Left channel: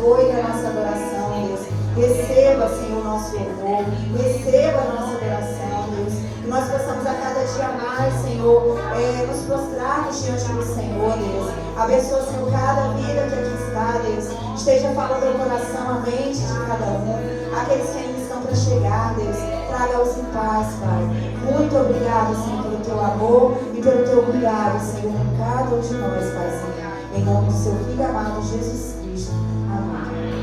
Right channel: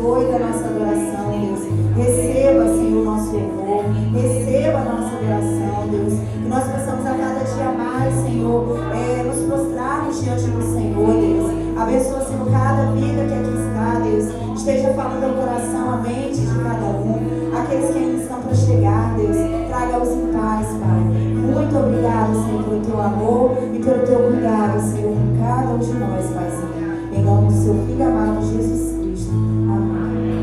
Senhor, da nossa adoração, Deus. Receba, Senhor, o nosso louvor. Receba a nossa adoração, Deus. Que nós possamos a cada dia mais, Senhor, nos prostrarmos diante do Senhor, Deus. Abençoa, Senhor, cada vida que aqui está, Deus. Esteja falando ao coração, a mente de cada um. Aqueles que ainda estão para chegar, Deus. Traga-os em paz, Pai. Muito obrigado, Senhor, pelo teu amor e pelo teu cuidado, Senhor, com cada um de nós, Paizinho. Em nome do seu Filho amado, Jesus Cristo. Amém.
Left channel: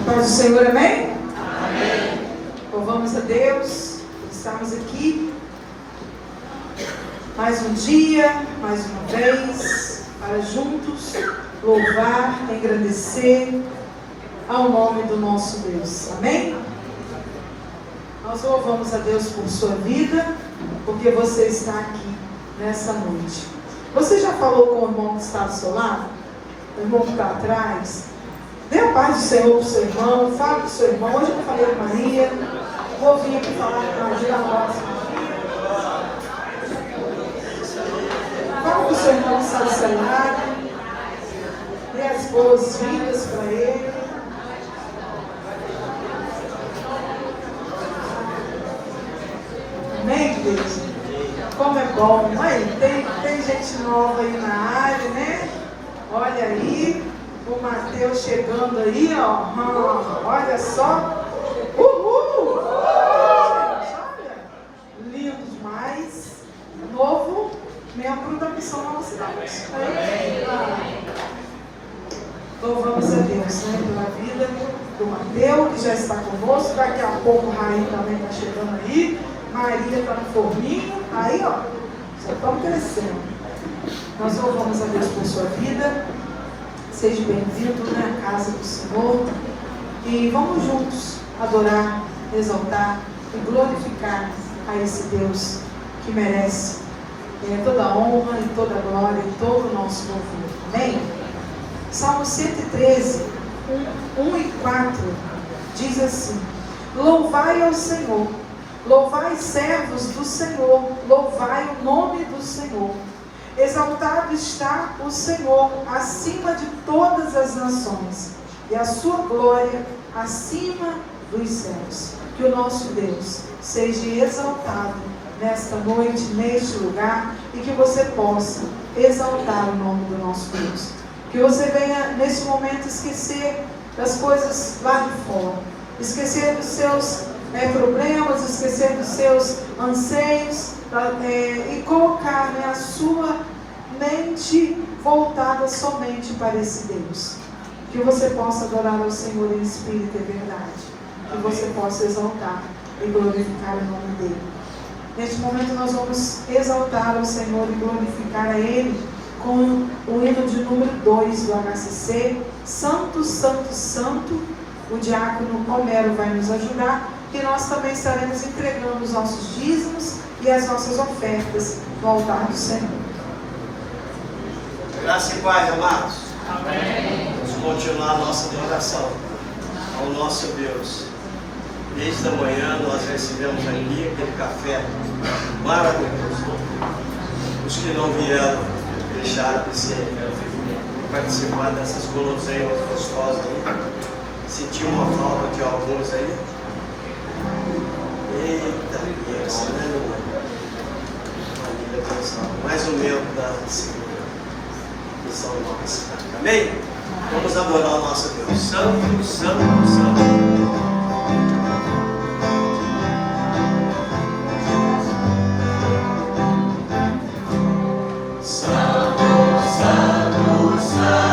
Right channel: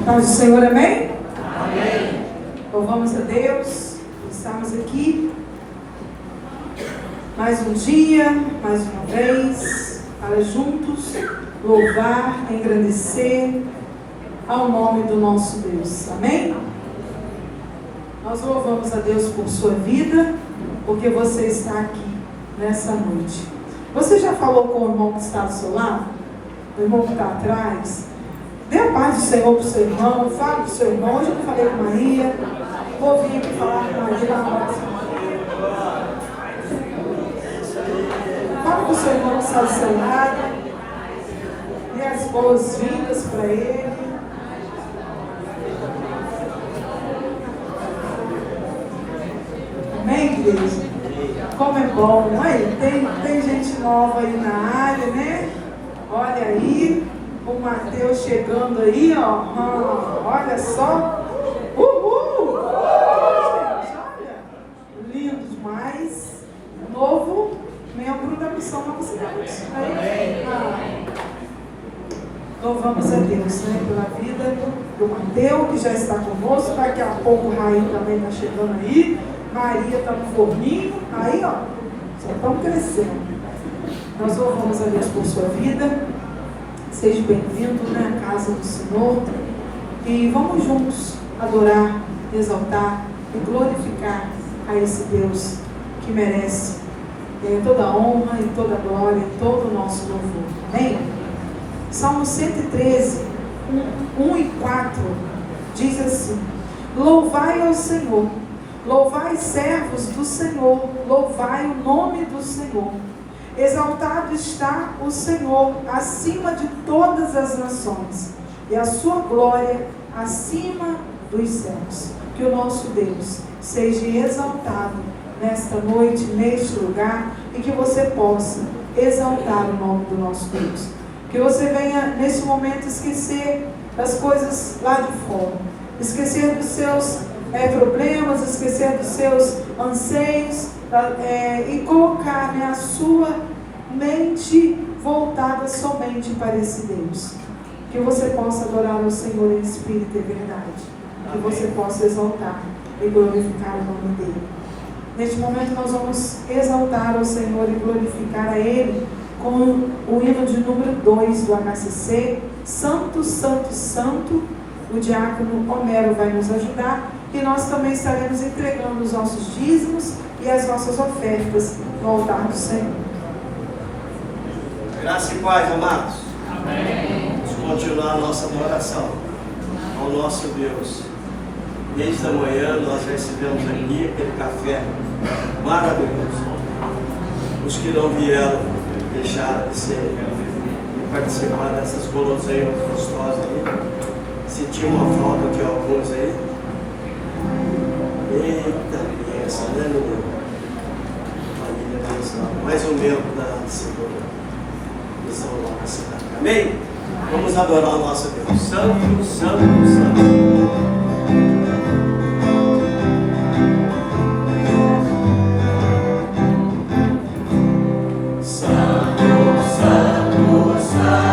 A paz do Senhor, amém? Amém. Louvamos a Deus por estarmos aqui mais um dia, mais uma vez, para juntos louvar, engrandecer ao nome do nosso Deus, amém? Nós louvamos a Deus por sua vida, porque você está aqui nessa noite. Você já falou com o irmão que está ao seu lado? O irmão que está atrás? Dê a paz do Senhor para o seu irmão, fale com o seu irmão. Hoje eu não falei com Maria, vou vir aqui falar com Maria na próxima. Fale com o seu irmão que está ao seu lado, dê as boas-vindas para ele. Amém, igreja? Como é bom. Aí, tem gente nova aí na área, né? Olha aí, o Mateus chegando aí, ó. Olha só. Uhul! Gente, olha. Lindo demais. Novo membro da Missão Nova Cidade. Louvamos a Deus, né, pela vida do Mateus, que já está conosco. Daqui a pouco o Raí também está chegando aí. Maria está no forninho, aí ó, já estão crescendo. Nós louvamos a Deus por sua vida. Seja bem-vindo na casa do Senhor. E vamos juntos adorar, exaltar e glorificar a esse Deus que merece toda a honra e toda a glória e todo o nosso louvor. Amém? Salmo 113, 1 e 4 diz assim: louvai ao Senhor. Louvai, servos do Senhor, louvai o nome do Senhor. Exaltado está o Senhor acima de todas as nações, e a sua glória acima dos céus. Que o nosso Deus seja exaltado nesta noite, neste lugar, e que você possa exaltar o nome do nosso Deus. Que você venha, nesse momento, esquecer das coisas lá de fora, esquecer dos seus problemas, esquecer dos seus anseios, e colocar a sua mente voltada somente para esse Deus. Que você possa adorar ao Senhor em espírito e verdade, que você possa exaltar e glorificar o nome dele. Neste momento nós vamos exaltar ao Senhor e glorificar a Ele com o hino de número 2 do HCC, Santo, Santo, Santo. O diácono Homero vai nos ajudar. E nós também estaremos entregando os nossos dízimos e as nossas ofertas no altar do Senhor. Graça e paz, amados. Amém. Vamos continuar a nossa adoração ao nosso Deus. Desde a manhã nós recebemos aqui aquele café maravilhoso. Os que não vieram deixaram de participar dessas guloseimas gostosas aí. Senti uma falta de alguns aí. Eita, criança, né, menina? Mais um membro da segunda Missão Nova Cidade. Amém? Vamos adorar o nosso Deus. Santo, Santo, Santo. Santo, Santo, Santo.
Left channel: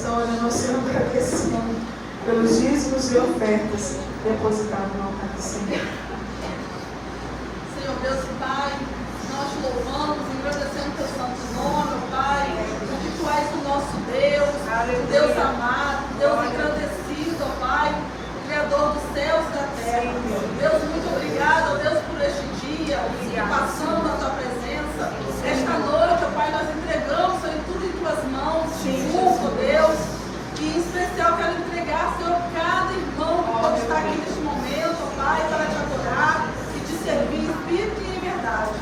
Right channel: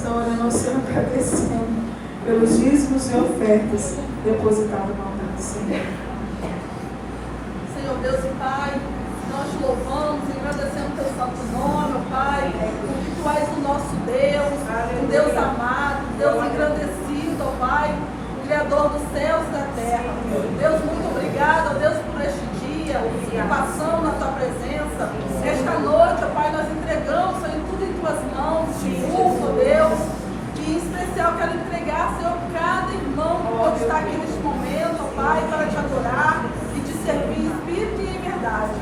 estão orando, sendo agradecendo pelos dízimos e ofertas depositados no altar do Senhor. Senhor Deus e Pai, nós te louvamos e agradecemos teu santo nome, ó Pai, porque tu és o nosso Deus, o Deus amado, Deus agradecido, ó Pai, o Criador dos céus e da terra. Deus, muito obrigado, ó Deus, por este dia, passando na tua presença. Esta noite, ó Pai, nós entregamos, Senhor, tudo em tuas mãos, ó Deus, e em especial quero entregar, Senhor, cada irmão que está aqui neste momento, ó Pai, para te adorar e te servir em espírito e em verdade.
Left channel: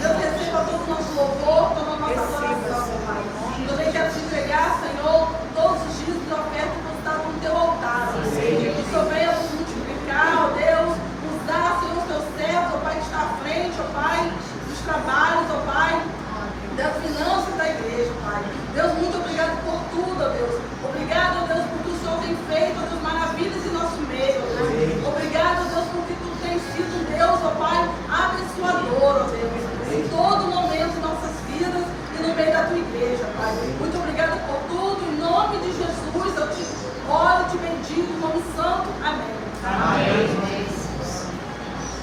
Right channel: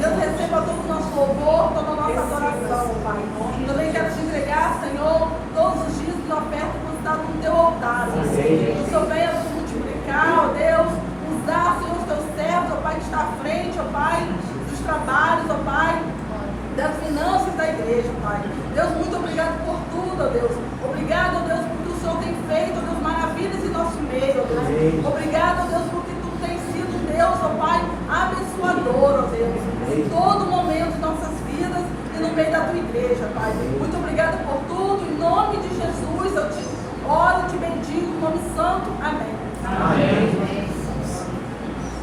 Deus, receba todo o nosso louvor, toda a nossa adoração, Pai. Também quero te entregar, Senhor, todos os dias de oferta que está no teu altar. Que o Senhor venha nos multiplicar, ó Deus, usar, Senhor, o teu servo, ó Pai, que está à frente, ó Pai, dos trabalhos, ó Pai, das finanças da igreja, Pai. Deus, muito obrigado por tudo, ó Deus. Obrigado, ó Deus, porque o Senhor tem feito as maravilhas em nosso meio, ó Deus. Obrigado, ó Deus, porque tu tens sido Deus, ó Pai, abençoador, ó Deus, em todo momento de nossas vidas e no meio da tua igreja, Pai. Muito obrigado por tudo, em nome de Jesus, eu te oro e te bendigo, no nome santo. Amém. Amém.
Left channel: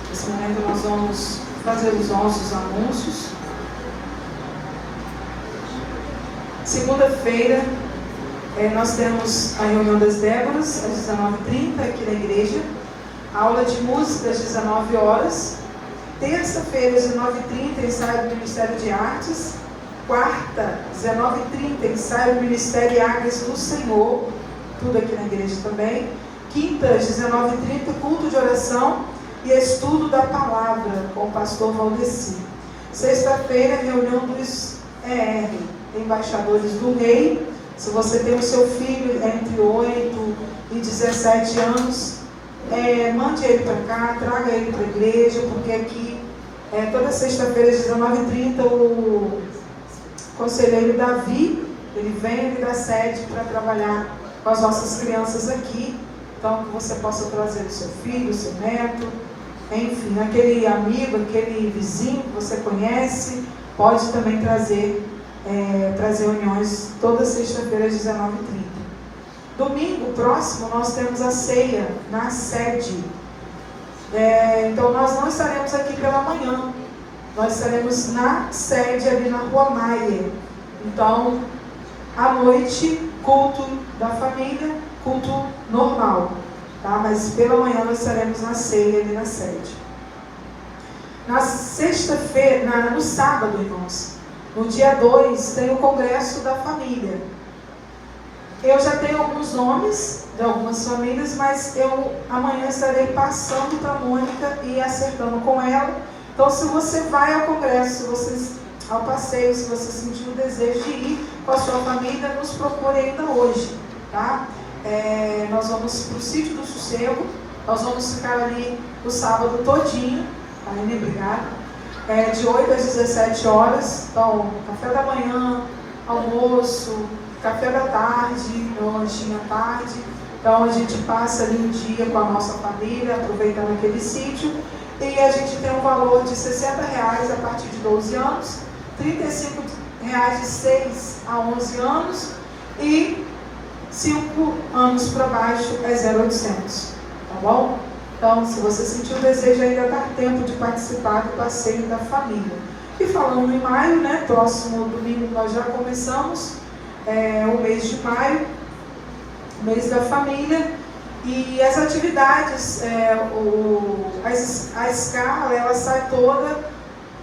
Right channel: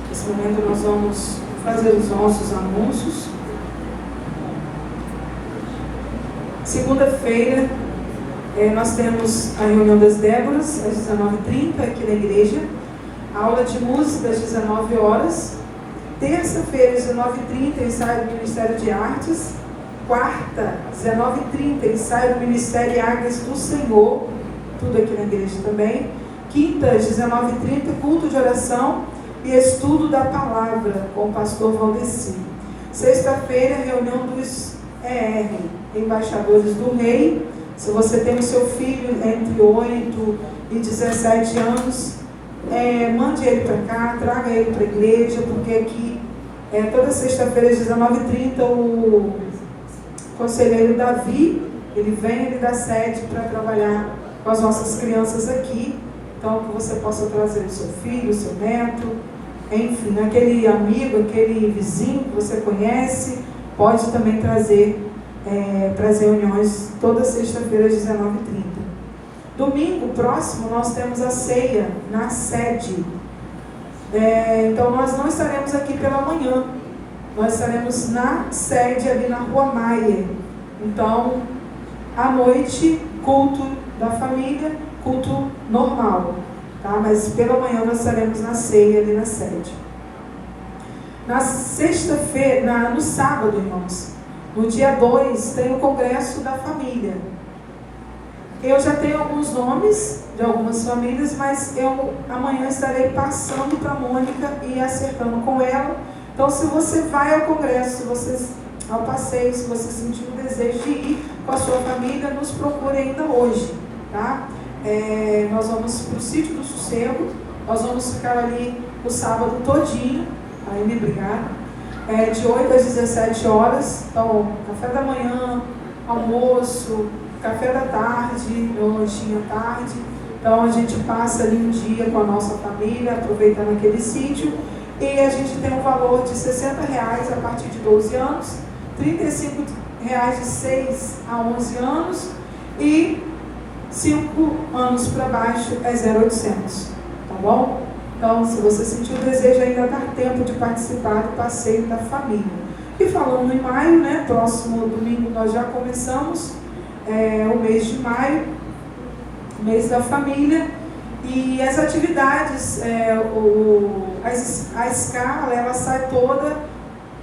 Nesse momento nós vamos fazer os nossos anúncios. Segunda-feira, nós temos a reunião das Déboras, às 19h30, aqui na igreja. Aula de música, às 19 horas. Terça-feira, às 19h30, ensaio do Ministério de Artes. Quarta, às 19h30, ensaio do Ministério de Águas do Senhor. Tudo aqui na igreja também. Quinta, às 19h30, culto de oração e estudo da palavra com o pastor Valdeci. Sexta-feira, reunião dos embaixadores do rei. Se você tem o seu filho entre 8 e 17 anos, mande ele para cá, traga ele para a igreja, porque aqui, toda sexta-feira, às 19h30, o conselheiro Davi, ele vem ali da sede para trabalhar com as nossas crianças aqui. Então, que você possa trazer o seu filho, o seu neto, enfim, aquele amigo, aquele vizinho que você conhece, pode também trazer para as reuniões toda sexta-feira às 19h30. Domingo próximo nós temos a ceia na sede. Então nós não estaremos aqui pela manhã, nós estaremos na sede ali na Rua Maia. Então, à noite, culto da família, culto normal, tá? Mas pela manhã nós estaremos na ceia ali na sede. Na sexta-feira, no sábado, irmãos, no dia 2, tem o Congresso da Família. Eu já tenho alguns nomes de algumas famílias, mas eu amanhã estarei passando para a Mônica e acertando com ela. Então, se você vai ao Congresso, ao passeio, se você sentir o desejo de ir com a sua família, nos procure ainda hoje, tá? Nós vamos para o Sítio do Sossego, nós vamos ficar ali o sábado todinho, aí, obrigada. De 8 às 17 horas, então, café da manhã, almoço, café da tarde, lanchinho à tarde. Então, a gente passa ali um dia com a nossa família, aproveitando aquele sítio, e a gente tem um valor de R$60 a partir de 12 anos, R$35 de 6 a 11 anos, e 5 anos para baixo é 0,800, tá bom? Então, se você sentir o desejo, ainda dá tempo de participar do passeio da família. E falando em maio, né, próximo domingo nós já começamos o mês de maio, mês da família, e as atividades, a escala, ela sai toda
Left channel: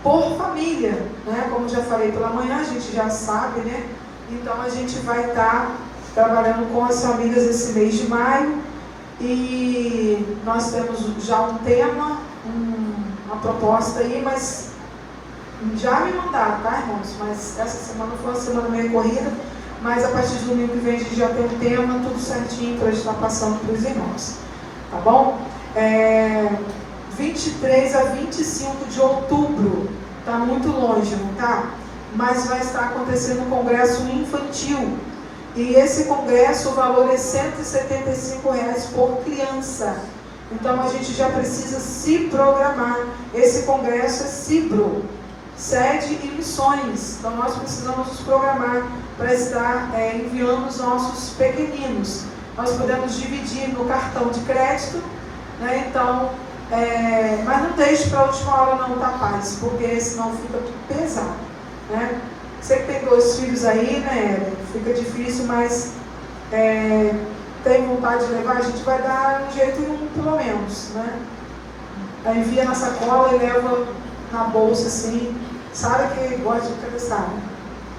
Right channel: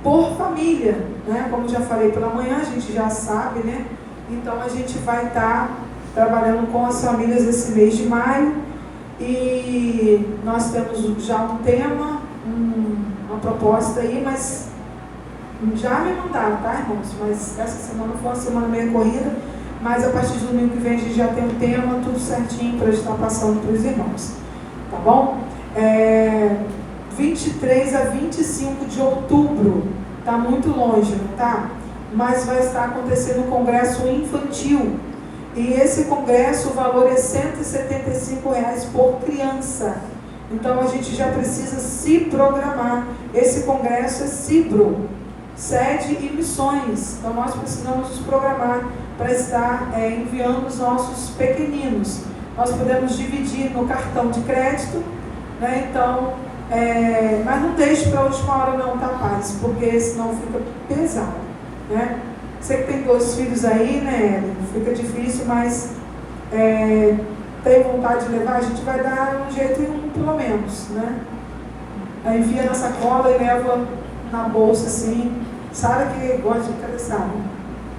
por família, né? Como já falei pela manhã, a gente já sabe, né? Então, a gente vai estar trabalhando com as famílias esse mês de maio. E nós temos já um tema, uma proposta aí, mas já me mandaram, tá, irmãos? Mas essa semana foi uma semana meio corrida, mas a partir do domingo que vem a gente já tem um tema, tudo certinho para estar passando para os irmãos, tá bom? 23 a 25 de outubro, tá muito longe, não tá? Mas vai estar acontecendo um congresso infantil. E esse congresso, o valor é R$175 por criança. Então, a gente já precisa se programar. Esse congresso é Cibro, sede e missões. Então, nós precisamos nos programar para estar enviando os nossos pequeninos. Nós podemos dividir no cartão de crédito, né? Então, mas não deixe para a última hora não, tá, paz? Porque senão fica pesado, né? Você que tem 2 filhos aí, né? Fica difícil, mas tem vontade de levar, a gente vai dar um jeito em um, pelo menos, né? Aí envia na sacola e leva na bolsa, assim. Sara que gosta de cabeçada.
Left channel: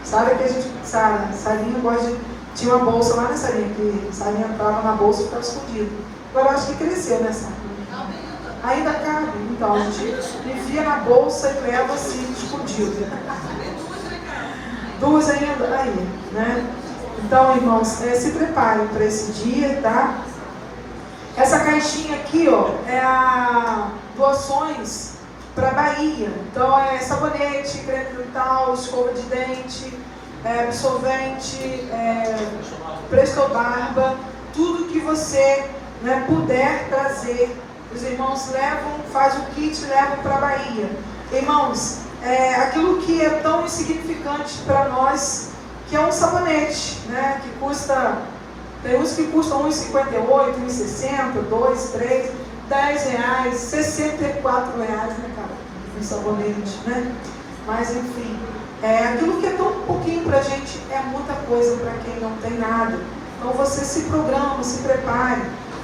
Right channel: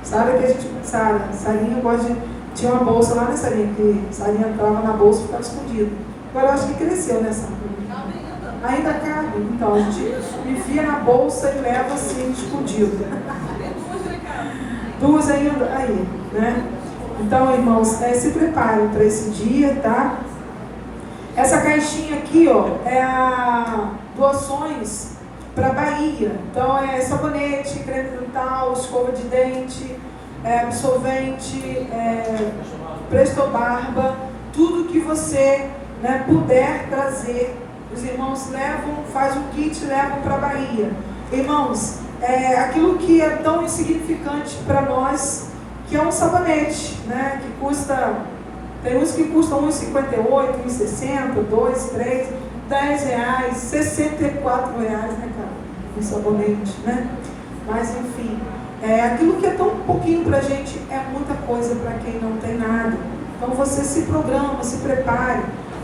Sara que a gente... Sarinha gosta de... Tinha uma bolsa lá, né, Sarinha? Que Sarinha entrava na bolsa e ficava escondida. Agora eu acho que cresceu, né, Sara? Ainda cabe. Então, a gente enfia na bolsa e leva assim, escondido. 2 ainda aí, né? Então, irmãos, se preparem para esse dia, tá? Essa caixinha aqui, ó, é a doações para Bahia. Então, é sabonete, creme dental, escova de dente, absorvente, Presto Barba, tudo que você, né, puder trazer. Os irmãos levam, faz o kit, levam para Bahia. Irmãos, aquilo que é tão insignificante para nós, que é um sabonete, né, que custa, tem uns que custam R$1,58, R$1,60, R$2, R$3, R$10, R$64, né, cara, um sabonete, né? Mas enfim, aquilo que é tão pouquinho para a gente é muita coisa para quem não tem nada. Então você se programa, se prepare.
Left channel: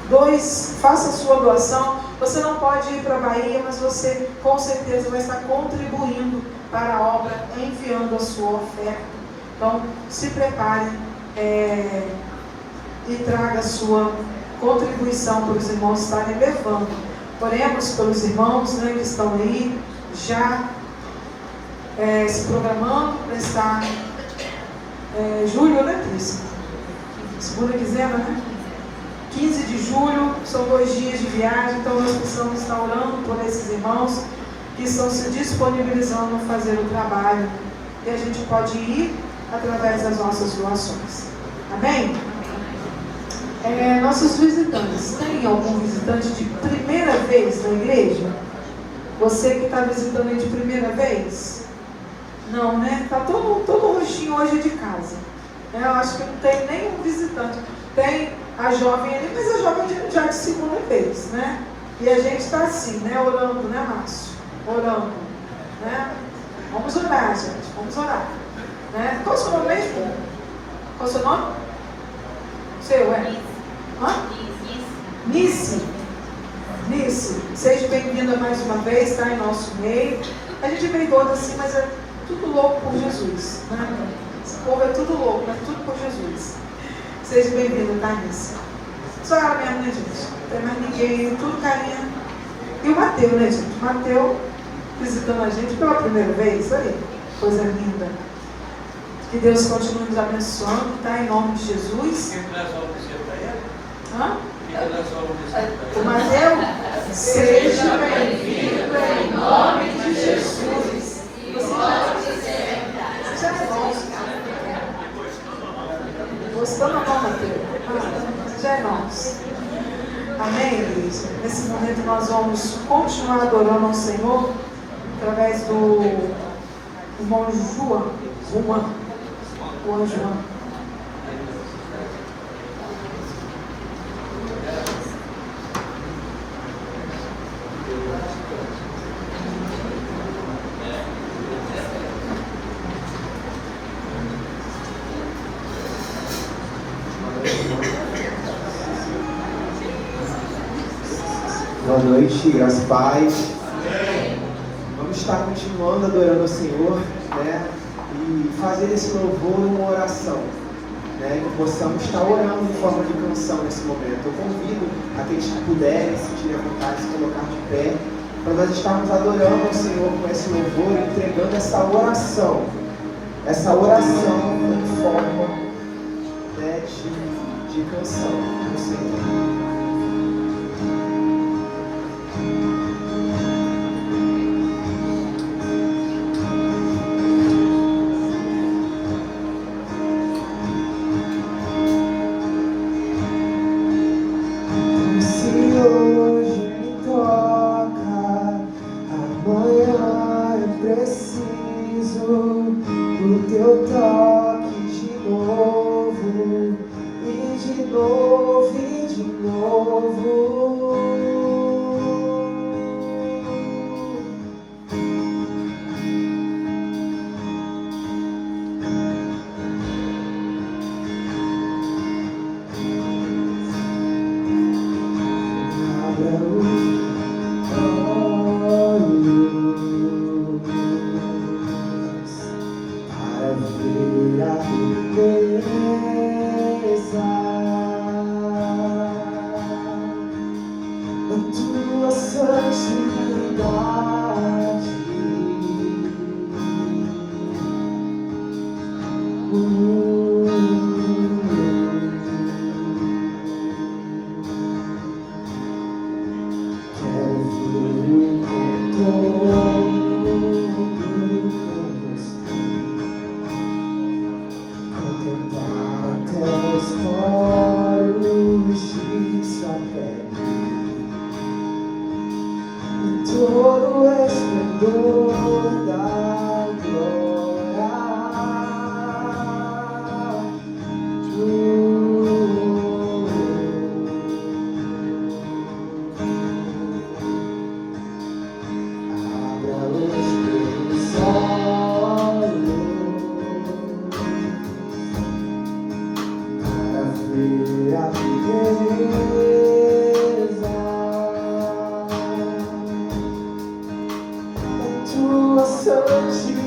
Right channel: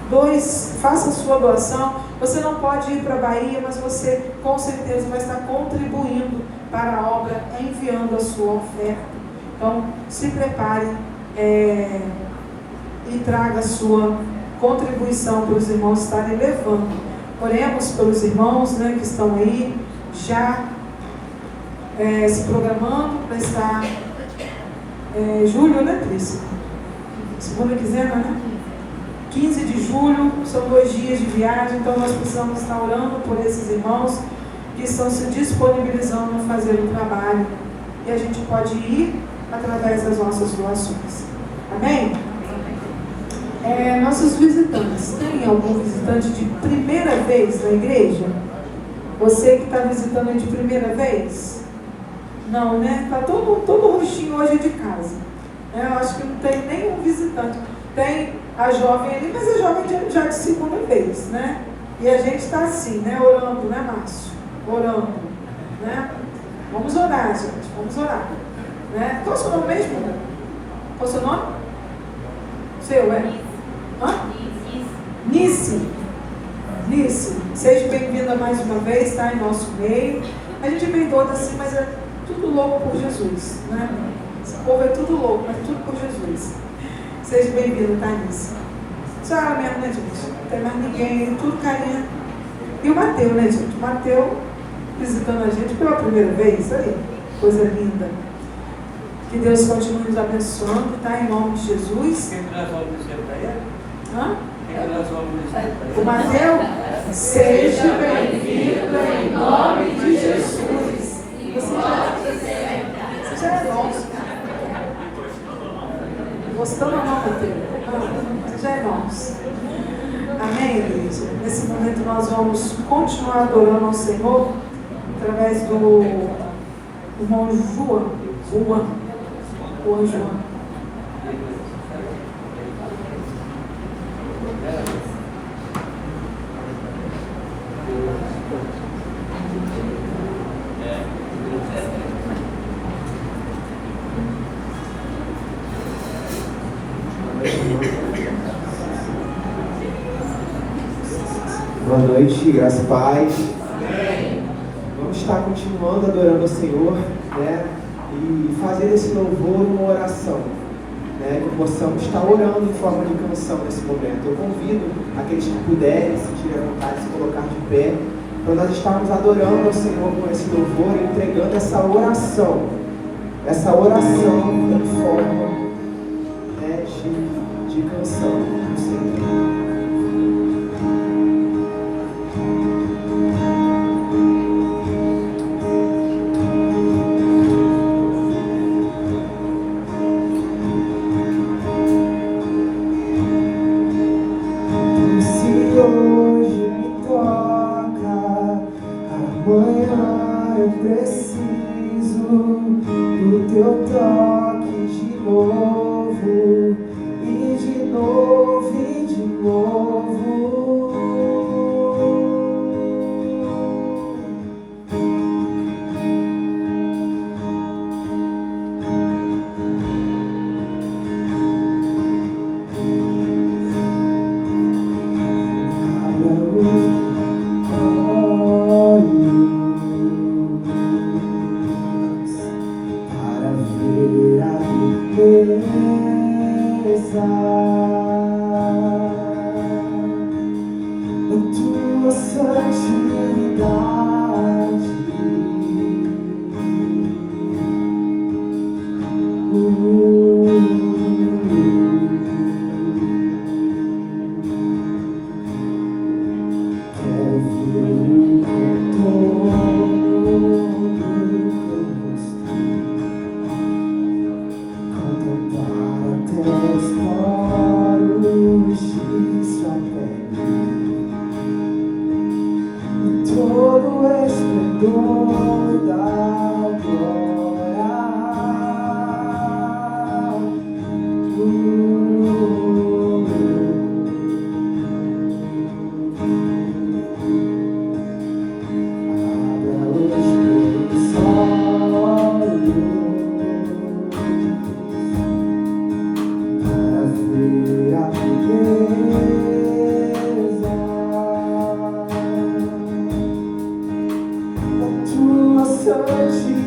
2, faça a sua doação. Você não pode ir para a Bahia, mas você com certeza vai estar contribuindo para a obra, enviando a sua oferta. Então, se prepare e traga a sua contribuição para os irmãos estarem levando. Oremos pelos irmãos, né, que estão aí, já se programando para estar julho, né, Trícia? Segunda quinzena, né? 15 de julho, são 2 dias de viagem, então nós precisamos estar orando por esses irmãos que estão se disponibilizando a fazer o trabalho. E a gente pode ir através das nossas doações. Amém? Nossos visitantes, tem algum visitante de primeira vez na igreja? Você que está visitando aí de primeira vez? Não, né? Está todo rostinho hoje de casa. Eu acho que não tem nenhum visitante. Tem a jovem ali, mas a jovem já de segunda vez, né? E a gente está assim, né? Orando, né, Márcio? Orando, né? Vamos orar, gente. Vamos orar. Né? Qual é o seu nome mesmo? Qual é o seu nome? Seu, Hã? Nice. Seja bem-vinda mais uma vez, está em nosso meio. A gente veio toda assim, mas é tudo louco por Jesus, né? Esse povo é tudo louco, mas tudo por Jesus. Seja bem-vindo, tá, Nice? Só ela mesmo, né, gente? Não tem mais ninguém, tudo carinha. E o Mateus, né, gente? O Mateus visitando a gente pela primeira vez, aí, coisa linda. Que Deus continue nos abençoando, tá? Em nome de Jesus. Hã? O Mateus, seja bem-vindo em nome de Jesus. Você é nosso. Gostando ou não, Mateus? Você já é nosso. Amém, igreja? Nesse momento nós vamos continuar adorando ao Senhor através do irmão Juan. Boa noite, graças a paz. Vamos estar continuando adorando ao Senhor, né? E fazer esse louvor uma oração, né? Que possamos estar orando em forma de canção nesse momento. Eu convido aqueles que puderem, se tiverem vontade de se colocar de pé, para nós estarmos adorando ao Senhor com esse louvor, entregando essa oração em forma, né, de canção do Senhor. Preciso do teu toque de novo. tua santidade.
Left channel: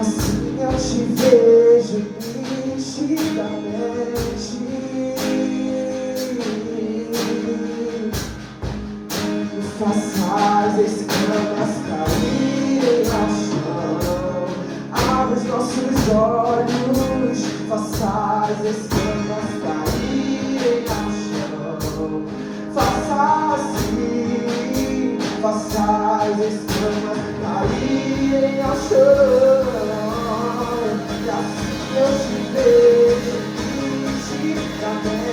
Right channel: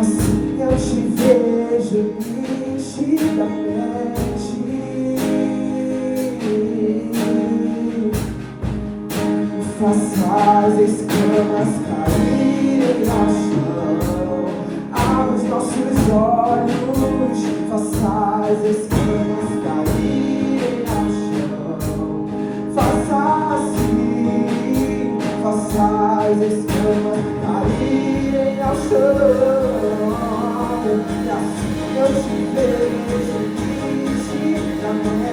Assim eu te vejo nitidamente. faças escamas caírem ao chão. Abre os nossos olhos, faças escamas caírem ao chão. Faça assim, faças escamas caírem ao chão. E assim eu te vejo nitidamente.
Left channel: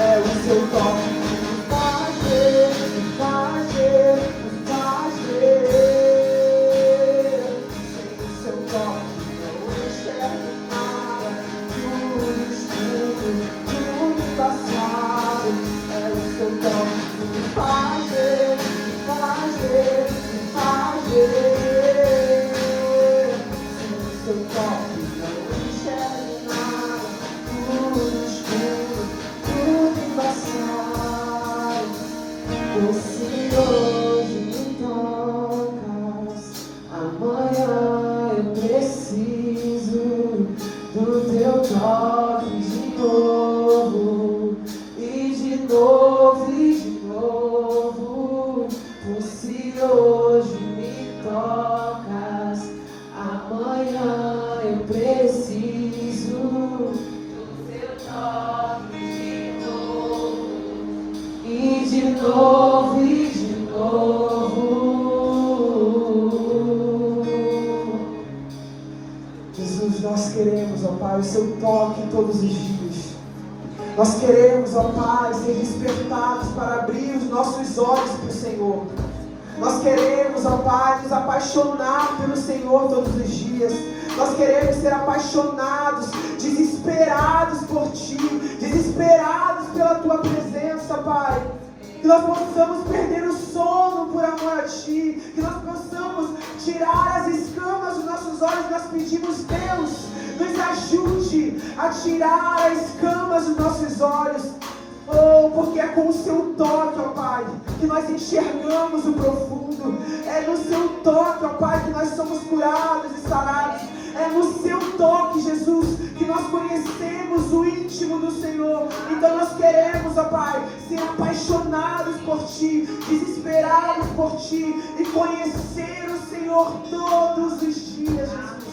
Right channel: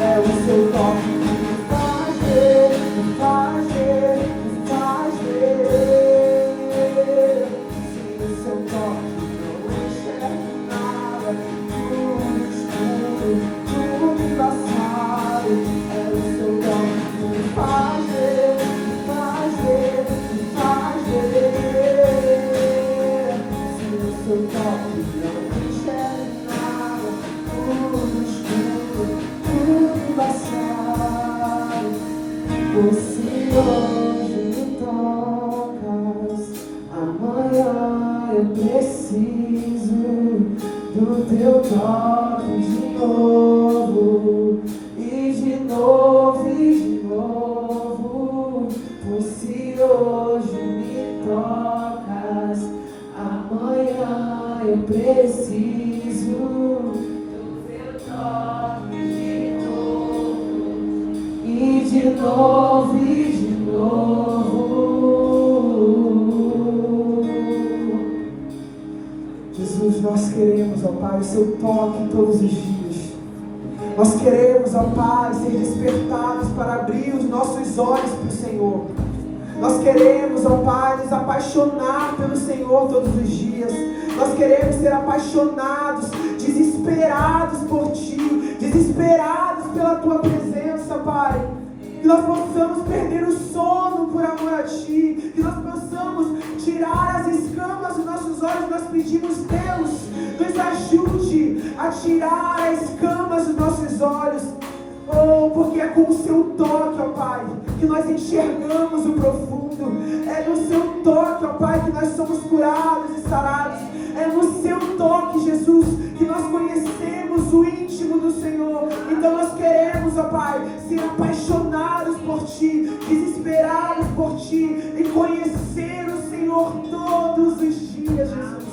É o seu toque que me faz ver, me faz ver, me faz ver. Sem o seu toque não enxergo nada, tudo escuro, tudo embaçado. É o seu toque que me faz ver, me faz ver, me faz ver. Sem o seu toque não enxergo nada, tudo escuro, tudo embaçado. Você hoje me tocas, amanhã eu preciso do teu toque de novo, e de novo, e de novo. Você hoje me tocas, amanhã eu preciso do teu toque de novo, e de novo, e de novo. Jesus, nós queremos, ó Pai, o seu toque todos os dias. Nós queremos, ó Pai, ser despertados para abrir os nossos olhos para o Senhor. Nós queremos, ó Pai, nos apaixonar pelo Senhor todos os dias. Nós queremos ser apaixonados, desesperados por Ti, desesperados pela Tua presença, Pai. Que nós possamos perder o sono por amor a Ti, que nós possamos tirar as escamas dos nossos olhos. Nós pedimos, Deus, nos ajude a tirar as escamas dos nossos olhos. Oh, porque é com o seu toque, ó Pai, que nós enxergamos o profundo. É no seu toque, ó Pai, que nós somos curados e sarados. É no seu toque, Jesus, que nós conhecemos o íntimo do Senhor. Então nós queremos, ó Pai, ser apaixonados por Ti, desesperados por Ti e conhecer o Senhor todos os dias, Jesus.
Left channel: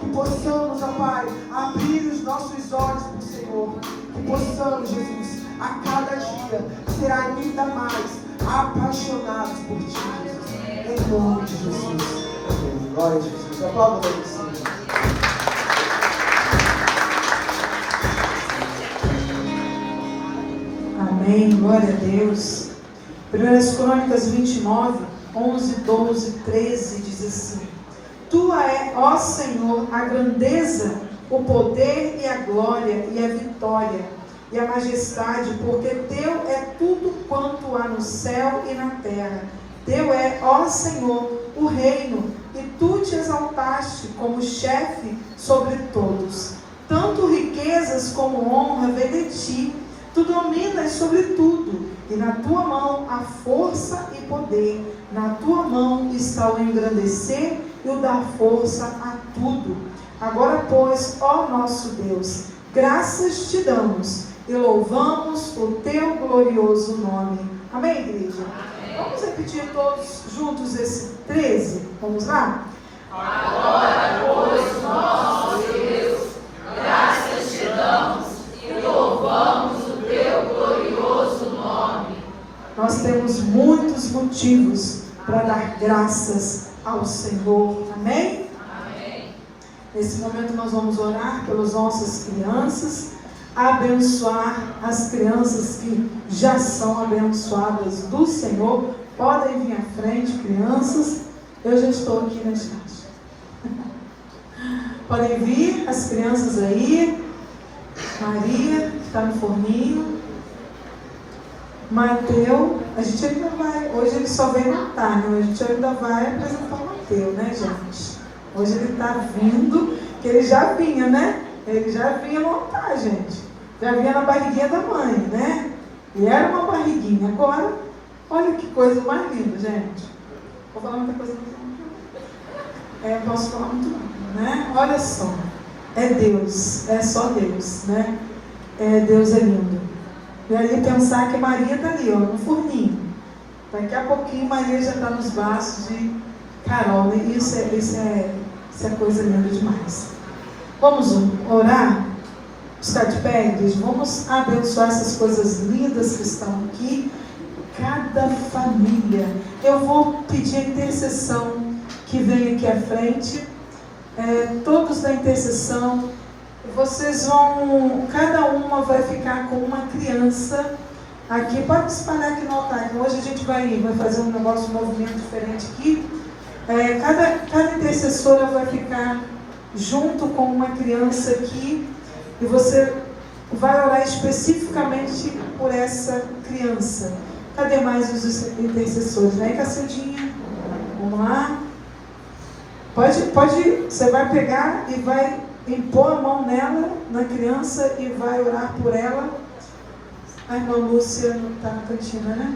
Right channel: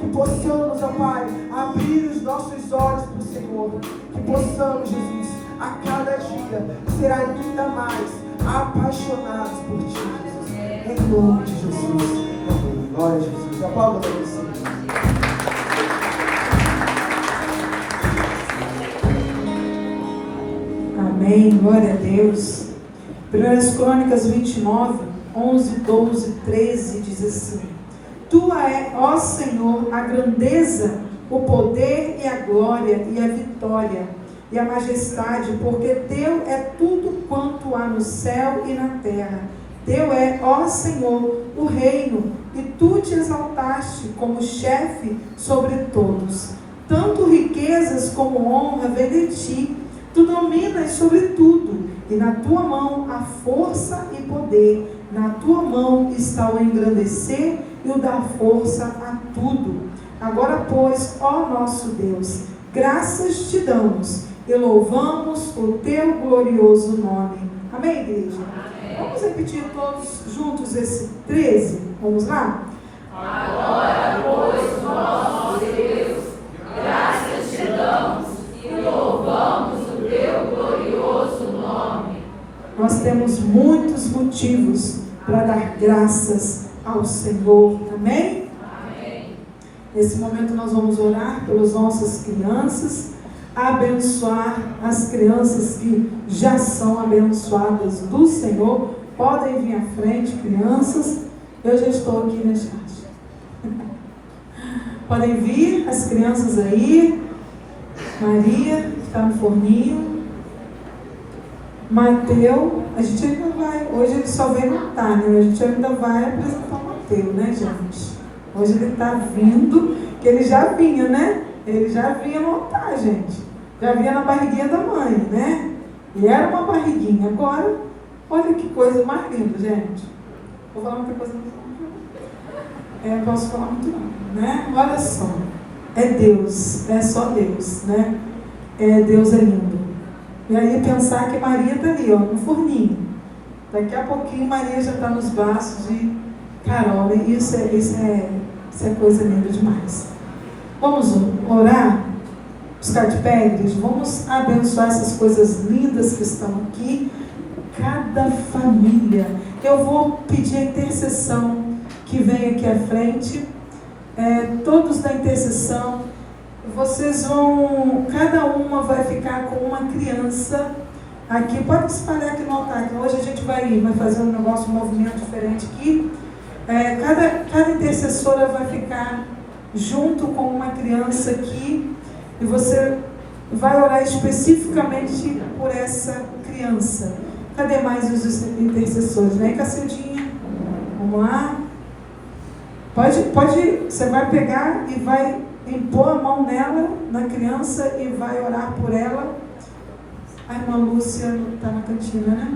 Que possamos, ó Pai, abrir os nossos olhos para o Senhor. Que possamos, Jesus, a cada dia ser ainda mais apaixonados por Ti, Jesus. Em nome de Jesus. Amém. Glória a Jesus. Aplauda para você. Amém. Glória a Deus. 1 Crônicas 29, 11, 12, 13 diz assim: Tua é, ó Senhor, a grandeza, o poder e a glória e a vitória e a majestade, porque Teu é tudo quanto há no céu e na terra. Teu é, ó Senhor, o reino, e Tu te exaltaste como chefe sobre todos. Tanto riquezas como honra vem de Ti. Tu dominas sobre tudo, e na Tua mão há força e poder. Na Tua mão está o engrandecer e o dar força a tudo. Agora, pois, ó nosso Deus, graças Te damos e louvamos o Teu glorioso nome. Amém, igreja? Amém. Vamos repetir todos juntos esse 13? Vamos lá? Agora, pois, nosso Deus, graças Te damos e louvamos o Teu glorioso nome. Nós temos muitos motivos para dar graças ao Senhor. Amém? Amém. Nesse momento nós vamos orar pelas nossas crianças, abençoar as crianças que já são abençoadas do Senhor. Podem vir à frente, crianças. Eu já estou aqui na chat. Podem vir as crianças aí. Maria, que está no forninho. Mateus, a gente ainda vai, hoje ele só veio montar, né? A gente ainda vai apresentar o Mateus, né, gente? Hoje ele está vindo, que ele já vinha, né? Ele já vinha montar, gente. Já vinha na barriguinha da mãe, né? E era uma barriguinha. Agora, olha que coisa mais linda, gente. Vou falar muita coisa não posso falar muito não, né? Olha só. É Deus, é só Deus, né? Deus é lindo. E aí pensar que Maria está ali, ó, no forninho. Daqui a pouquinho Maria já está nos braços de Carol. E isso é coisa linda demais. Vamos orar? Ficar de pé, igreja? Vamos abençoar essas coisas lindas que estão aqui. Cada família. Eu vou pedir a intercessão que vem aqui à frente. Todos da intercessão. Vocês vão, cada uma vai ficar com uma criança aqui. Pode espalhar aqui no altar. Hoje a gente vai fazer um negócio, um movimento diferente aqui. Cada intercessora vai ficar junto com uma criança aqui. E você vai orar especificamente por essa criança. Cadê mais os intercessores? Vem, Cacildinha. Vamos lá. Pode, você vai pegar e vai impor a mão nela, na criança, e vai orar por ela. A irmã Lúcia está na cantina, né?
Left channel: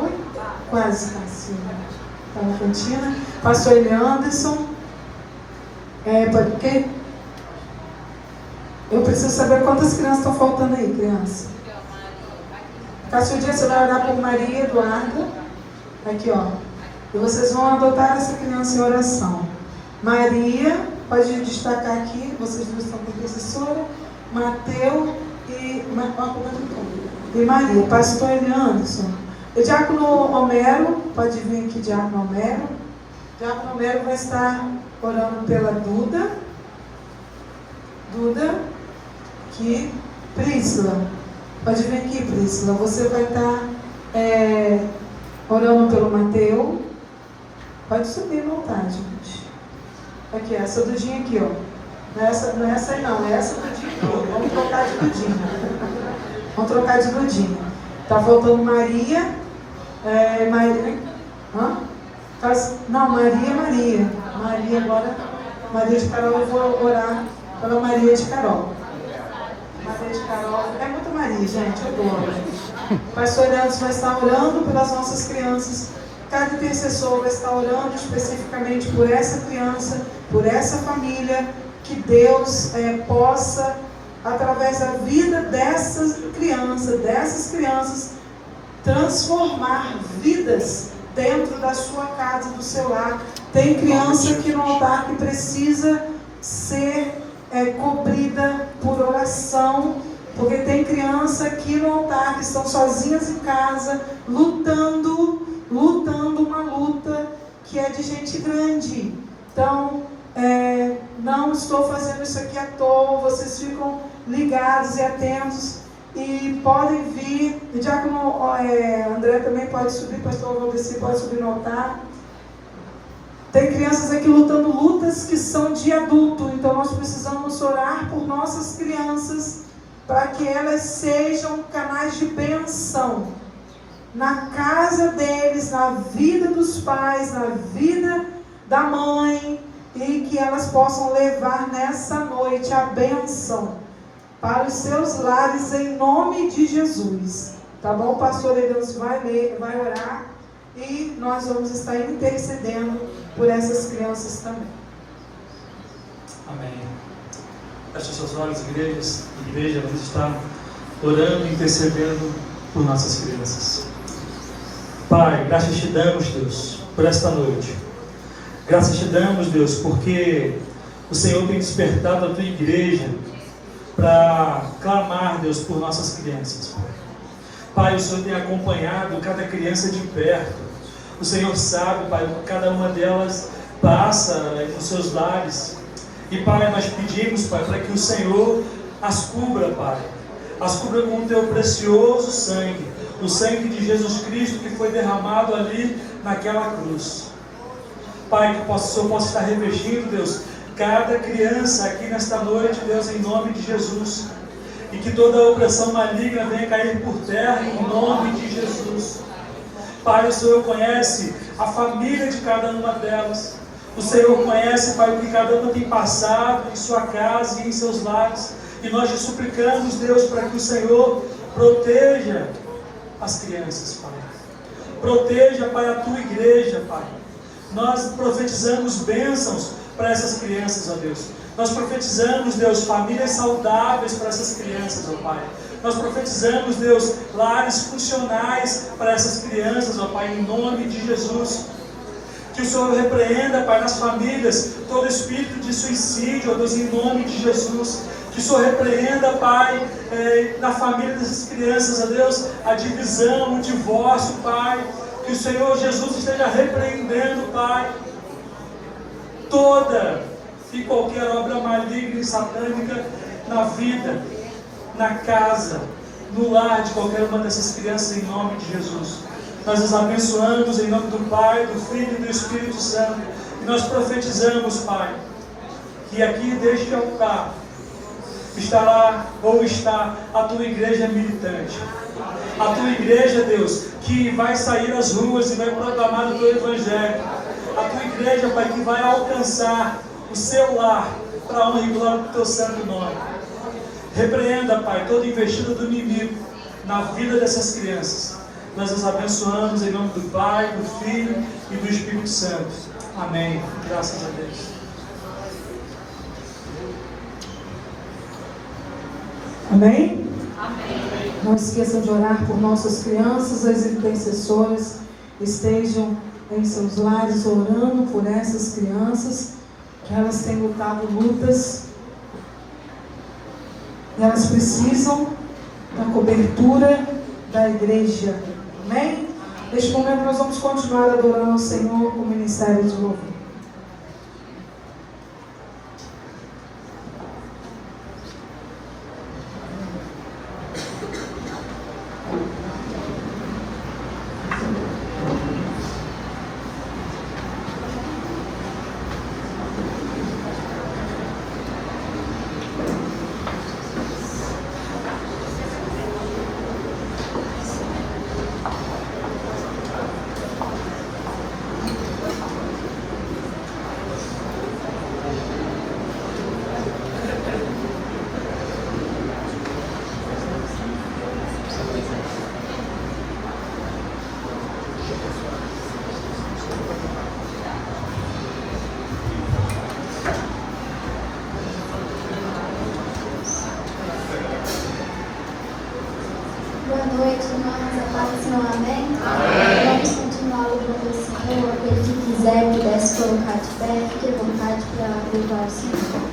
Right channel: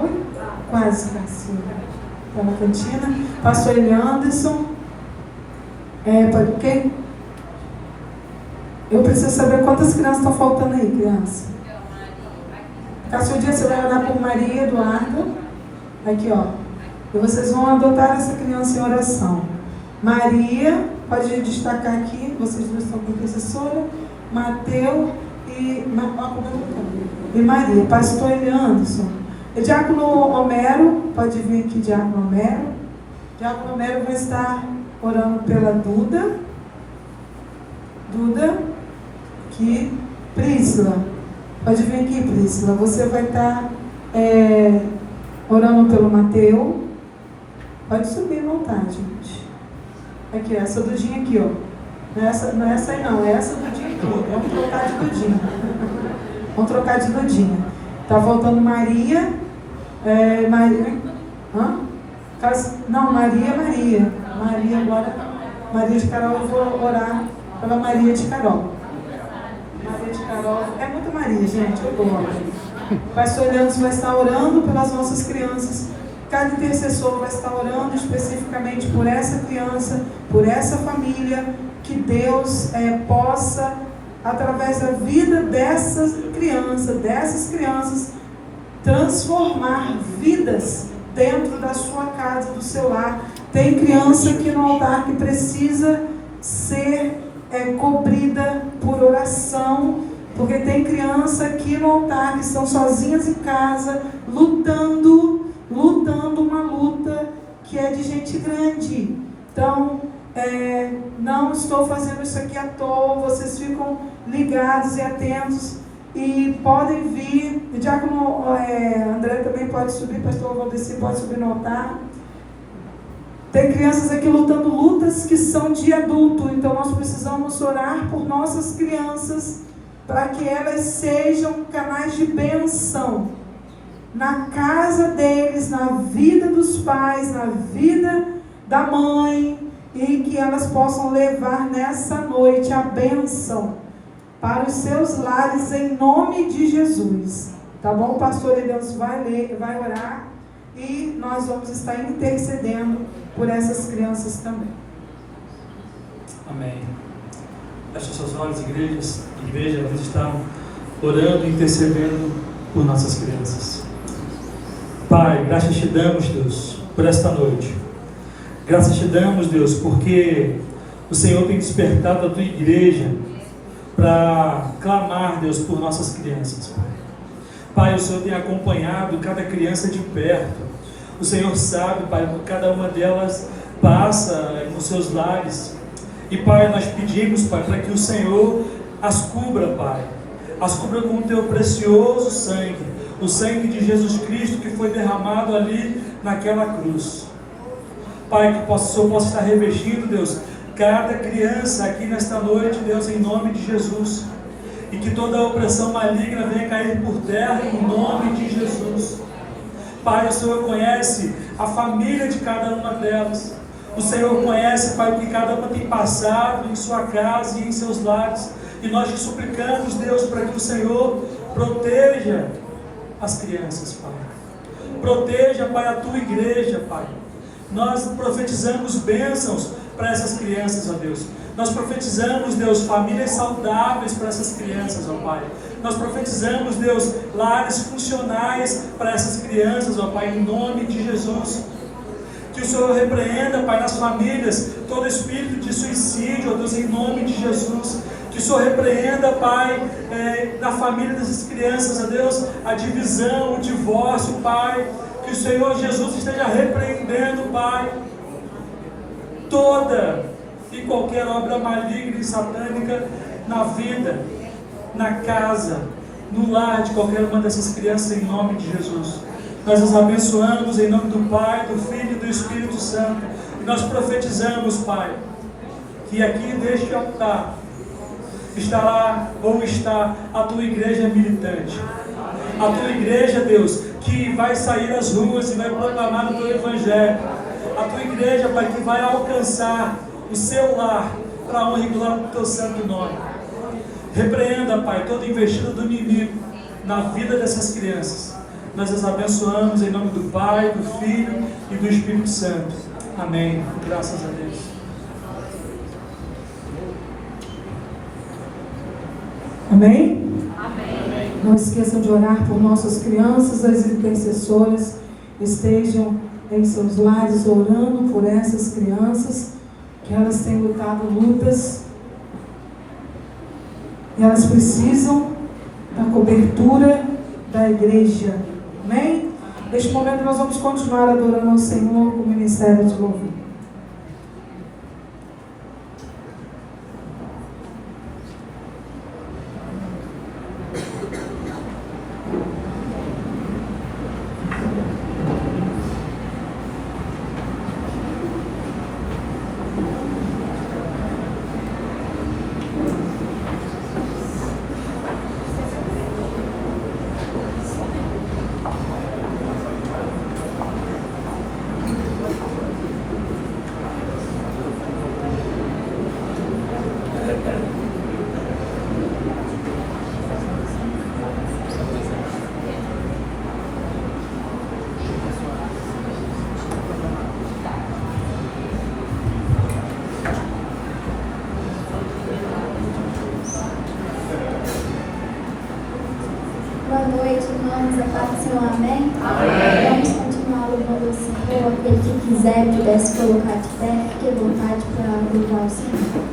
Oi? Quase, Cacilda. Está na cantina. Pastor Eli Anderson. Porque eu preciso saber quantas crianças estão faltando aí, criança. Cacildinha, você vai orar por Maria Eduarda. Aqui, ó. E vocês vão adotar essa criança em oração. Maria, pode destacar aqui, vocês não estão com intercessora. Mateus e Maria. Pastor Eli Anderson. E Diácono Homero, pode vir aqui, Diácono Homero. Diácono Homero vai estar orando pela Duda, aqui, Príscila, pode vir aqui, Príscila, você vai estar orando pelo Mateus, pode subir à vontade, gente. Aqui, essa Dudinha aqui, ó, não é essa aí não, é essa Dudinha aqui, vamos trocar de Dudinha, vamos trocar de Dudinha. Tá voltando Maria, Maria, não, Maria agora, Maria de Carol, eu vou orar pela Maria de Carol. Maria de Carol, é muito Maria, gente, eu gosto. O pastor Leandro vai estar orando pelas nossas crianças. Cada intercessor vai estar orando especificamente por essa criança, por essa família, que Deus possa, através da vida dessas crianças, transformar vidas dentro da sua casa, do seu lar. Tem criança aqui no altar que precisa ser cobrida por oração, porque tem criança aqui no altar que estão sozinhas em casa, lutando uma luta que é de gente grande. Então, não estou fazendo isso aqui à toa, vocês ficam ligados e atentos. E podem vir, o Diácono André também pode subir, pastor Valdeci pode subir no altar. Tem crianças aqui lutando lutas que são de adulto, então nós precisamos orar por nossas crianças, para que elas sejam canais de bênção na casa deles, na vida dos pais, na vida da mãe, e que elas possam levar nessa noite a bênção para os seus lares, em nome de Jesus. Tá bom? O pastor Elias vai orar, e nós vamos estar intercedendo por essas crianças também. Amém. Feche seus olhos, igreja, vamos estar orando e intercedendo por nossas crianças. Pai, graças te damos, Deus, por esta noite. Graças te damos, Deus, porque o Senhor tem despertado a tua igreja para clamar, Deus, por nossas crianças. Pai, o Senhor tem acompanhado cada criança de perto. O Senhor sabe, Pai, que cada uma delas passa nos seus lares. E, Pai, nós pedimos, Pai, para que o Senhor as cubra, Pai. As cubra com o teu precioso sangue. O sangue de Jesus Cristo que foi derramado ali naquela cruz. Pai, que o Senhor possa estar revestindo, Deus, cada criança aqui nesta noite, Deus, em nome de Jesus. E que toda opressão maligna venha cair por terra, em nome de Jesus. Pai, o Senhor conhece a família de cada uma delas. O Senhor conhece, Pai, o que cada uma tem passado em sua casa e em seus lares. E nós te suplicamos, Deus, para que o Senhor proteja as crianças, Pai. Proteja, Pai, a tua igreja, Pai. Nós profetizamos bênçãos para essas crianças, ó Deus. Nós profetizamos, Deus, famílias saudáveis para essas crianças, ó Pai. Nós profetizamos, Deus, lares funcionais para essas crianças, ó Pai, em nome de Jesus. Que o Senhor repreenda, Pai, nas famílias, todo espírito de suicídio, ó Deus, em nome de Jesus. Que o Senhor repreenda, Pai, na família dessas crianças, ó Deus, a divisão, o divórcio, Pai. Que o Senhor Jesus esteja repreendendo, Pai, toda e qualquer obra maligna e satânica na vida, na casa, no lar de qualquer uma dessas crianças, em nome de Jesus. Nós os abençoamos em nome do Pai, do Filho e do Espírito Santo. E nós profetizamos, Pai, que aqui deste altar estará ou está a tua igreja militante. A tua igreja, Deus, que vai sair às ruas e vai proclamar o teu evangelho. A tua igreja, Pai, que vai alcançar o seu lar para a honra e glória do teu santo nome. Repreenda, Pai, toda investida do inimigo na vida dessas crianças. Nós as abençoamos em nome do Pai, do Filho e do Espírito Santo. Amém. Graças a Deus. Amém? Não esqueçam de orar por nossas crianças. As intercessoras estejam em seus lares orando por essas crianças, que elas têm lutado lutas. Elas precisam da cobertura da igreja. Amém? Neste momento nós vamos continuar adorando o Senhor com o ministério de louvor. Boa noite, irmãos, a paz do Senhor, amém? Amém. Vamos continuar louvando o Senhor. Aquele que quiser, pudesse colocar de pé, fique à vontade para louvar o Senhor.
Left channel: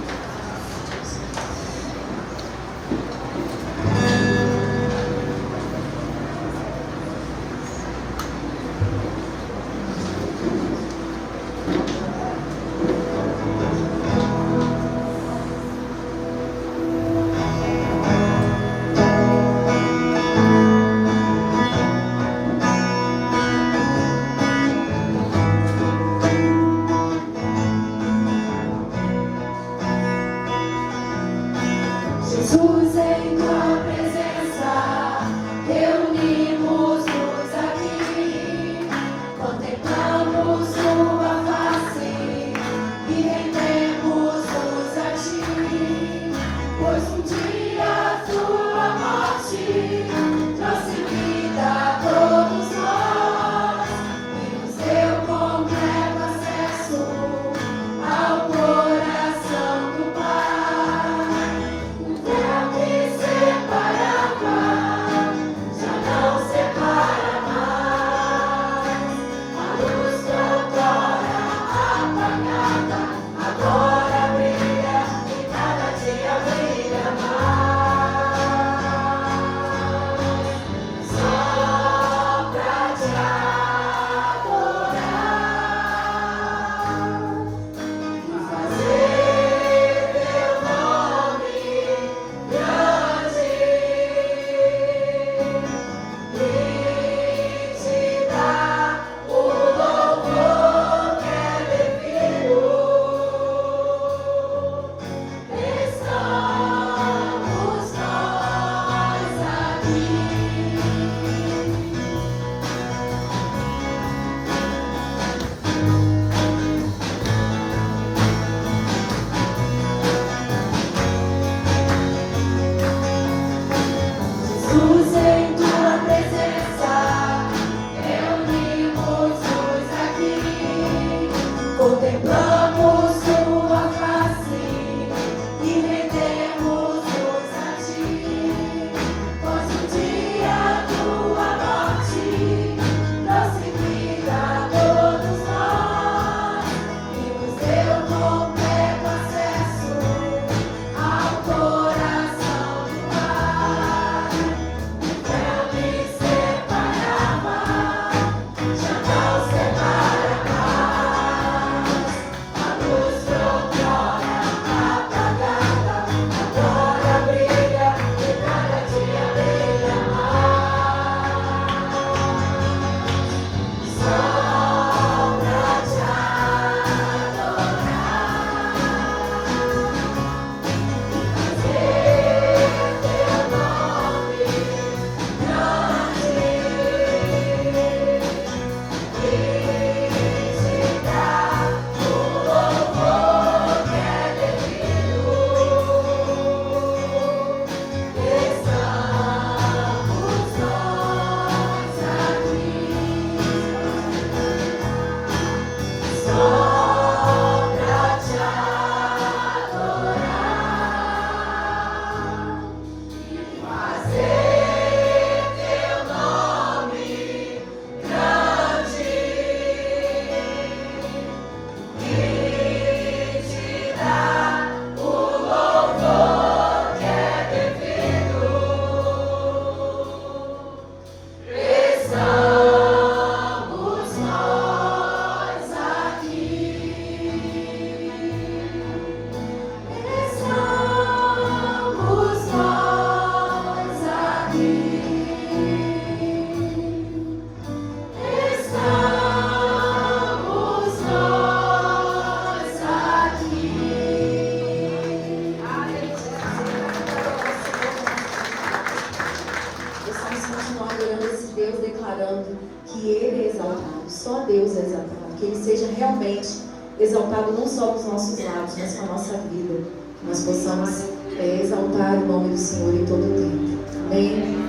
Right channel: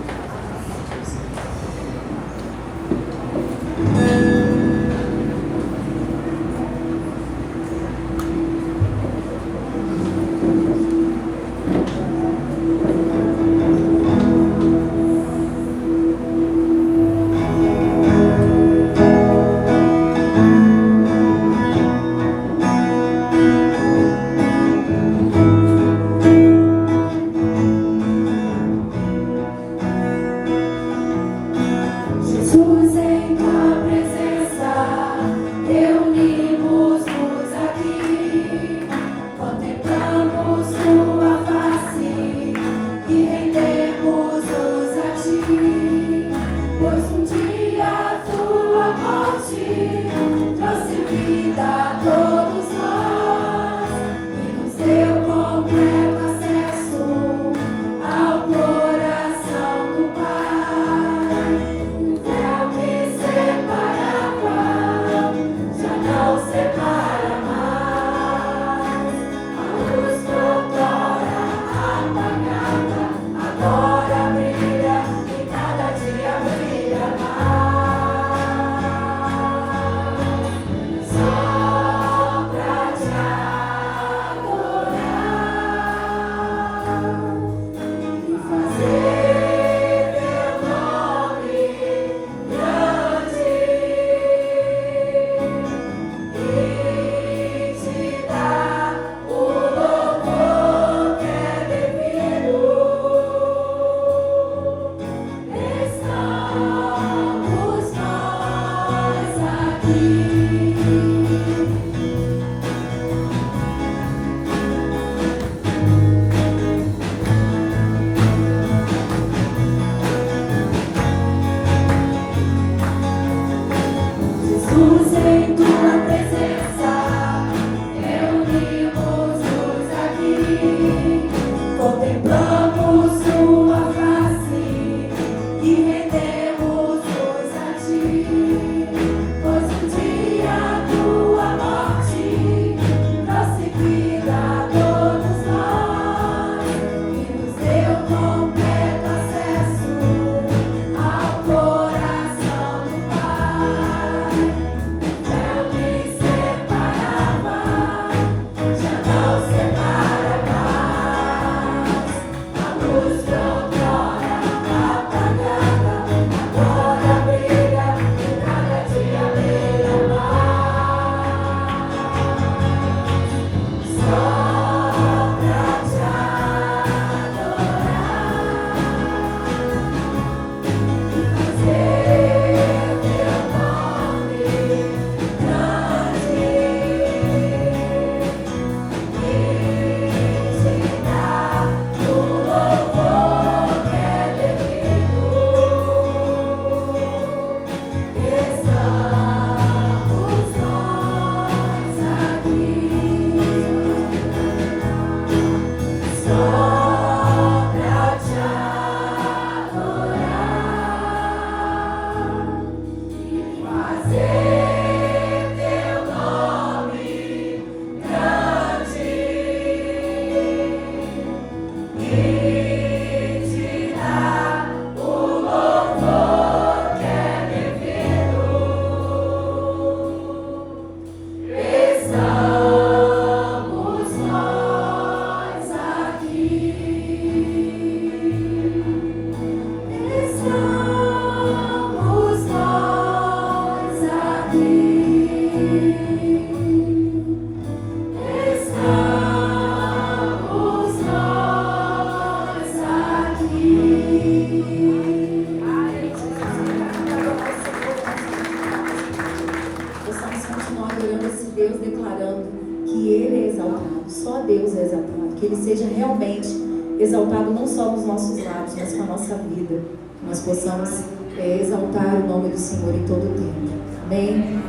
Exaltado não só nos nossos lábios, mas com a nossa vida. Que nós possamos exaltar o nome do Senhor em todo o tempo. Amém?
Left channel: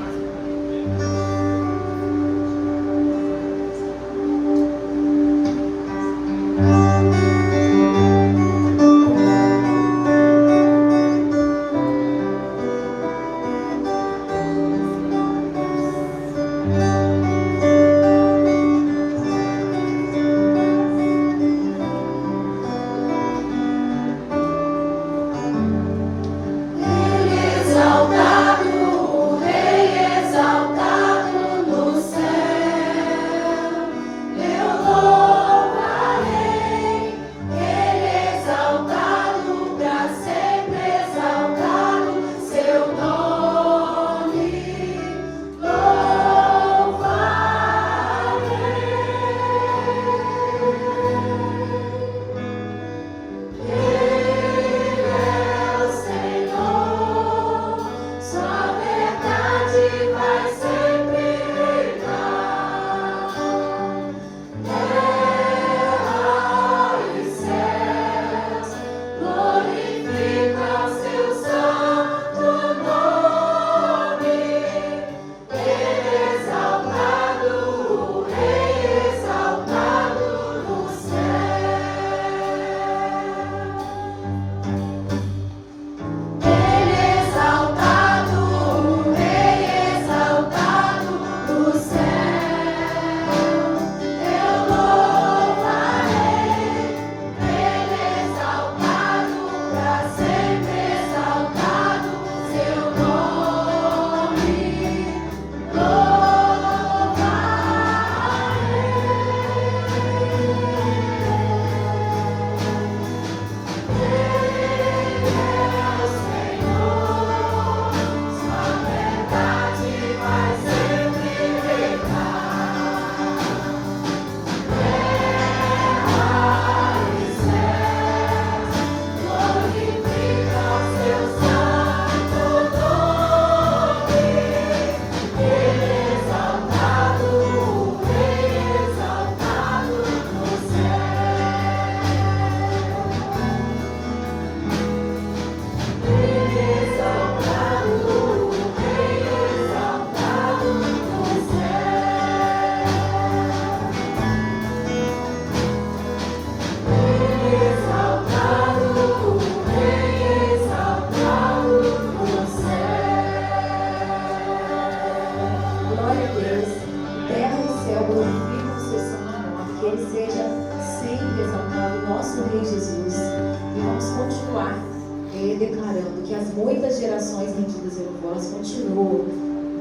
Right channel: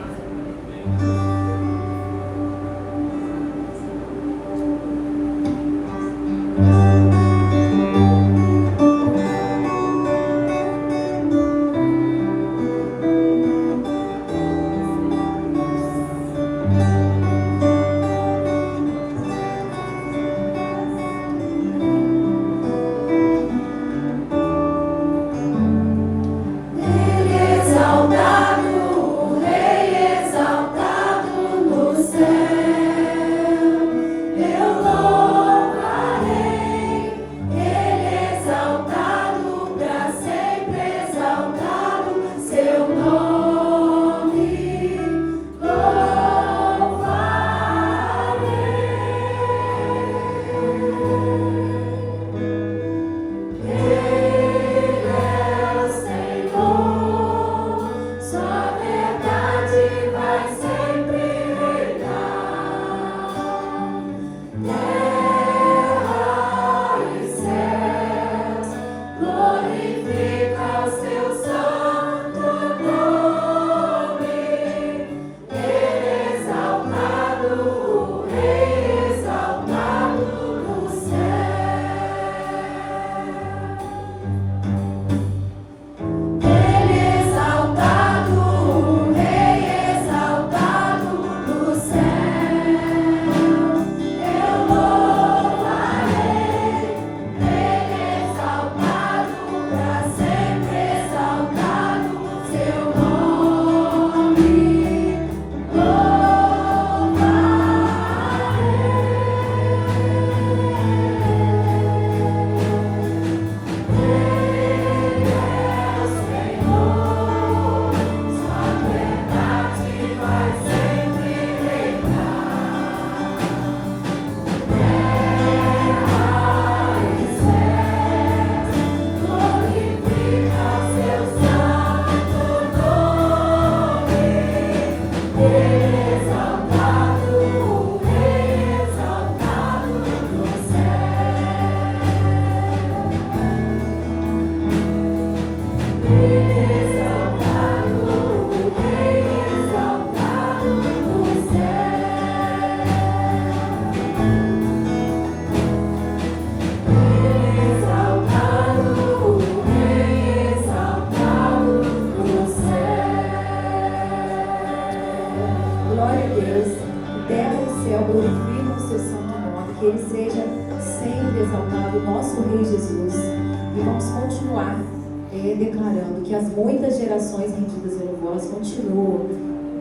Declarando que as muitas gerações rendidas em louvor continuam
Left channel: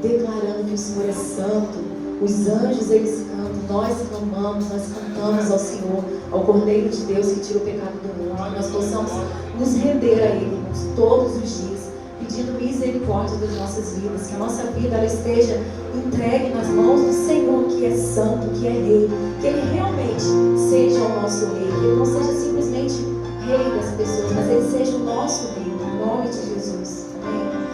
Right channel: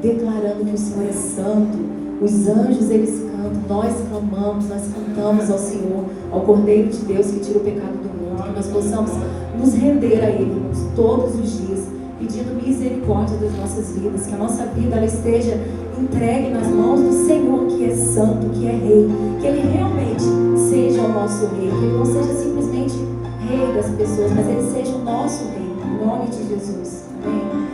declarando que o Senhor é santo. Os anjos eles cantam, nós clamamos, nós cantamos ao Senhor, ao Cordeiro de Deus que tira o pecado do mundo. Que nós possamos nos render a Ele todos os dias, pedindo misericórdia das nossas vidas, que a nossa vida ela esteja entregue nas mãos do Senhor, que é santo, que é Rei, que Ele realmente seja o nosso Rei, que Ele não seja simplesmente Rei das pessoas, mas Ele seja o nosso Rei. Em nome de Jesus. Amém.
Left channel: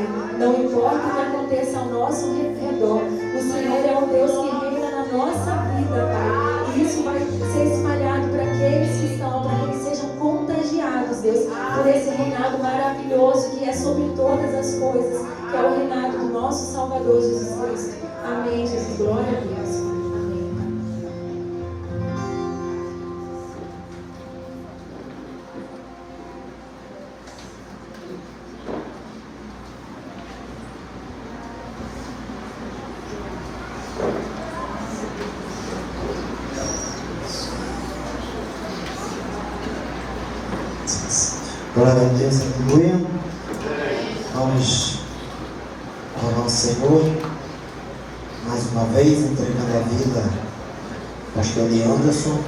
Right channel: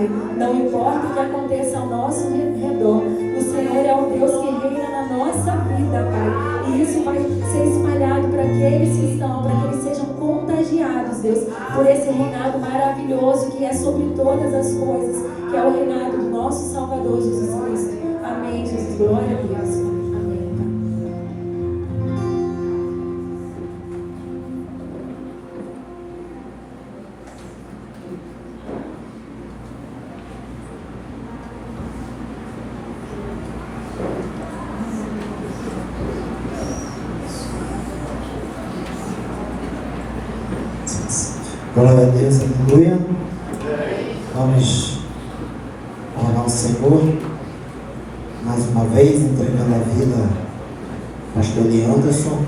Pai. Não importa o que aconteça ao nosso redor, o Senhor é o Deus que reina na nossa vida, Pai. E isso vai ser espalhado para aqueles que estão, para que eles sejam contagiados, Deus, por esse reinado maravilhoso que é sobre todas as coisas, que é o reinado do nosso Salvador Jesus Cristo. Amém, Jesus. Glória a Deus. Amém. Glória a Deus, aleluia. Vamos ao nosso Senhor. Mais uma vez, entregando a vida ao pastor Leanderson,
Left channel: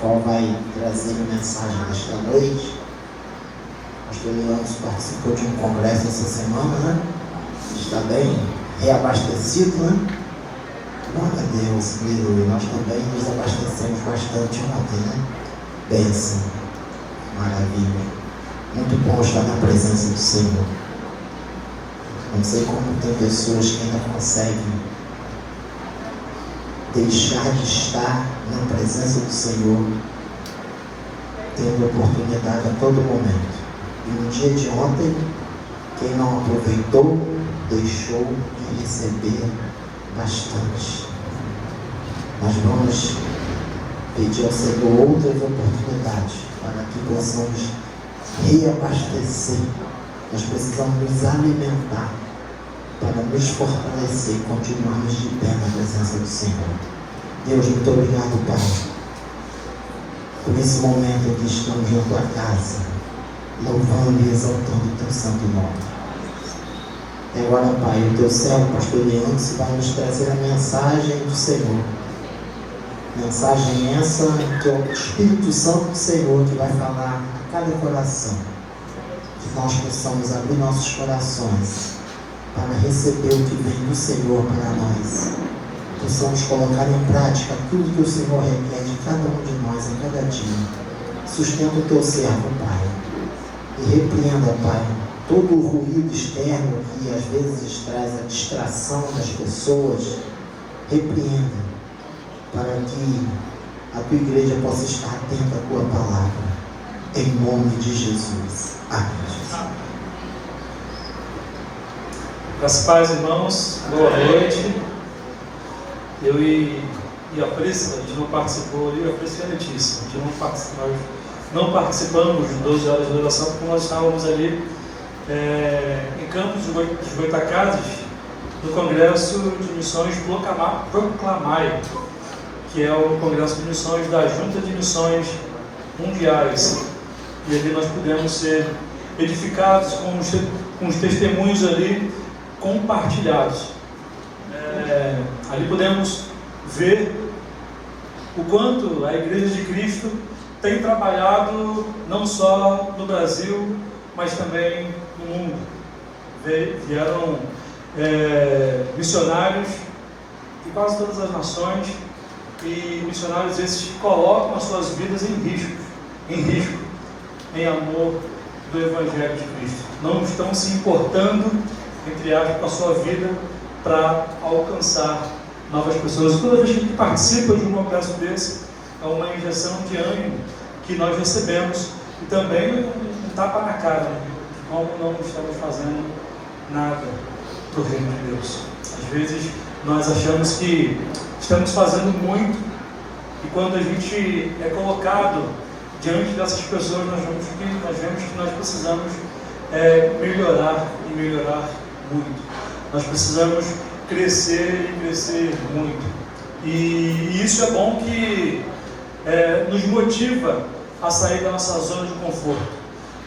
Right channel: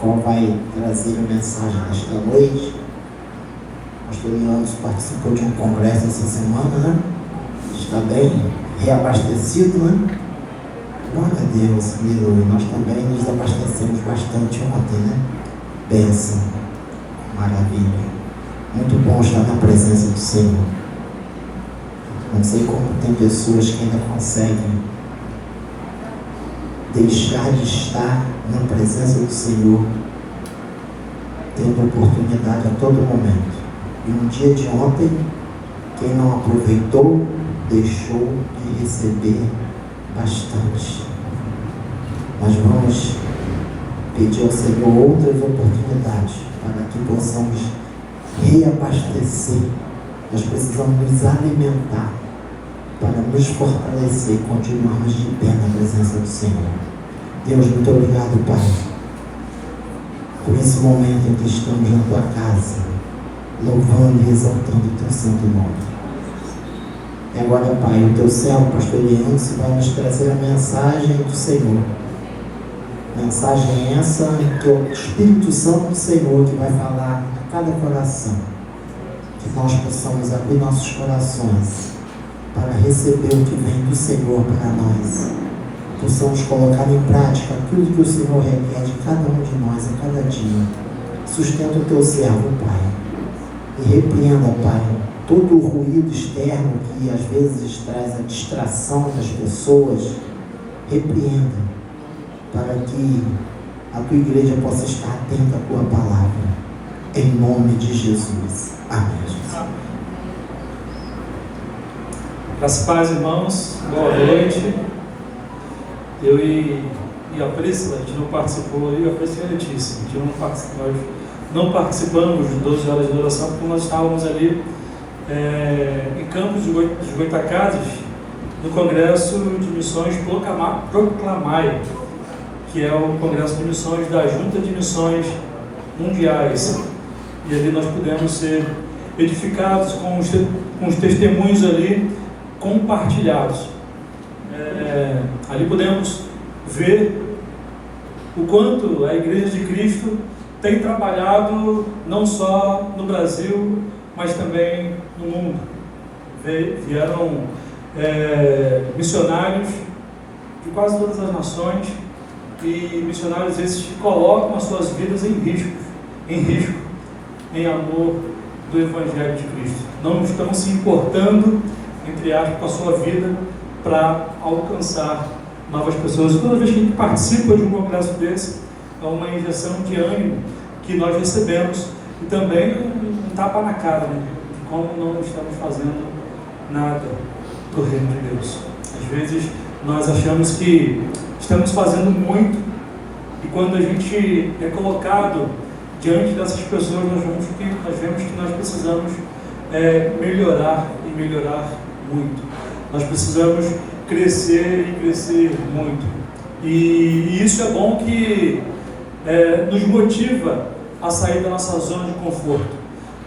qual vai trazer a mensagem desta noite. O pastor Leanderson participou de um congresso essa semana, né? Está bem reabastecido, né? Glória a Deus, aleluia. Nós também nos abastecemos bastante ontem, né? Bênção, maravilha. Muito bom estar na presença do Senhor. Não sei como tem pessoas que ainda conseguem deixar de estar na presença do Senhor, tendo oportunidade a todo momento. E no dia de ontem, quem não aproveitou, deixou de receber bastante. Nós vamos pedir ao Senhor outras oportunidades para que possamos reabastecer. Nós precisamos nos alimentar para nos fortalecer e continuarmos de pé na presença do Senhor. Deus, muito obrigado, Pai, por esse momento em que estamos na Tua casa, louvando e exaltando o Teu santo nome. E agora, Pai, o Teu servo, pastor Leandro, vai nos trazer a mensagem do Senhor. Mensagem essa que é o Espírito Santo do Senhor que vai falar a cada coração. Que nós possamos abrir nossos corações para receber o que vem do Senhor para nós. Possamos colocar em prática tudo que o Senhor requer de cada um de nós a cada dia. Sustenta o Teu servo, Pai. E repreenda, Pai, todo o ruído externo que às vezes traz a distração das pessoas. Repreenda, para que a Tua igreja possa estar atenta à Tua palavra. Em nome de Jesus. Amém. Graças a Deus, irmãos, boa noite. Eu e a Priscila, a gente não participou ali, a Priscila é notícia. Nós não participamos de 12 horas de oração porque nós estávamos ali em Campos dos Goitacazes, no Congresso de Missões Proclamai, que é o Congresso de Missões da Junta de Missões Mundiais. E ali nós pudemos ser edificados com os testemunhos ali compartilhados. Ali podemos ver o quanto a Igreja de Cristo tem trabalhado não só no Brasil, mas também no mundo. Vieram missionários de quase todas as nações, e missionários esses que colocam as suas vidas em risco, em amor do Evangelho de Cristo. Não estão se importando, entre aspas, com a sua vida para alcançar novas pessoas. E toda vez que a gente participa de um congresso desse, é uma injeção de ânimo que nós recebemos, e também um tapa na cara, né? Como não estamos fazendo nada para o reino de Deus. Às vezes nós achamos que estamos fazendo muito, e quando a gente é colocado diante dessas pessoas, nós vemos que nós precisamos melhorar e melhorar muito. Nós precisamos crescer e crescer muito. E isso é bom que nos motiva a sair da nossa zona de conforto.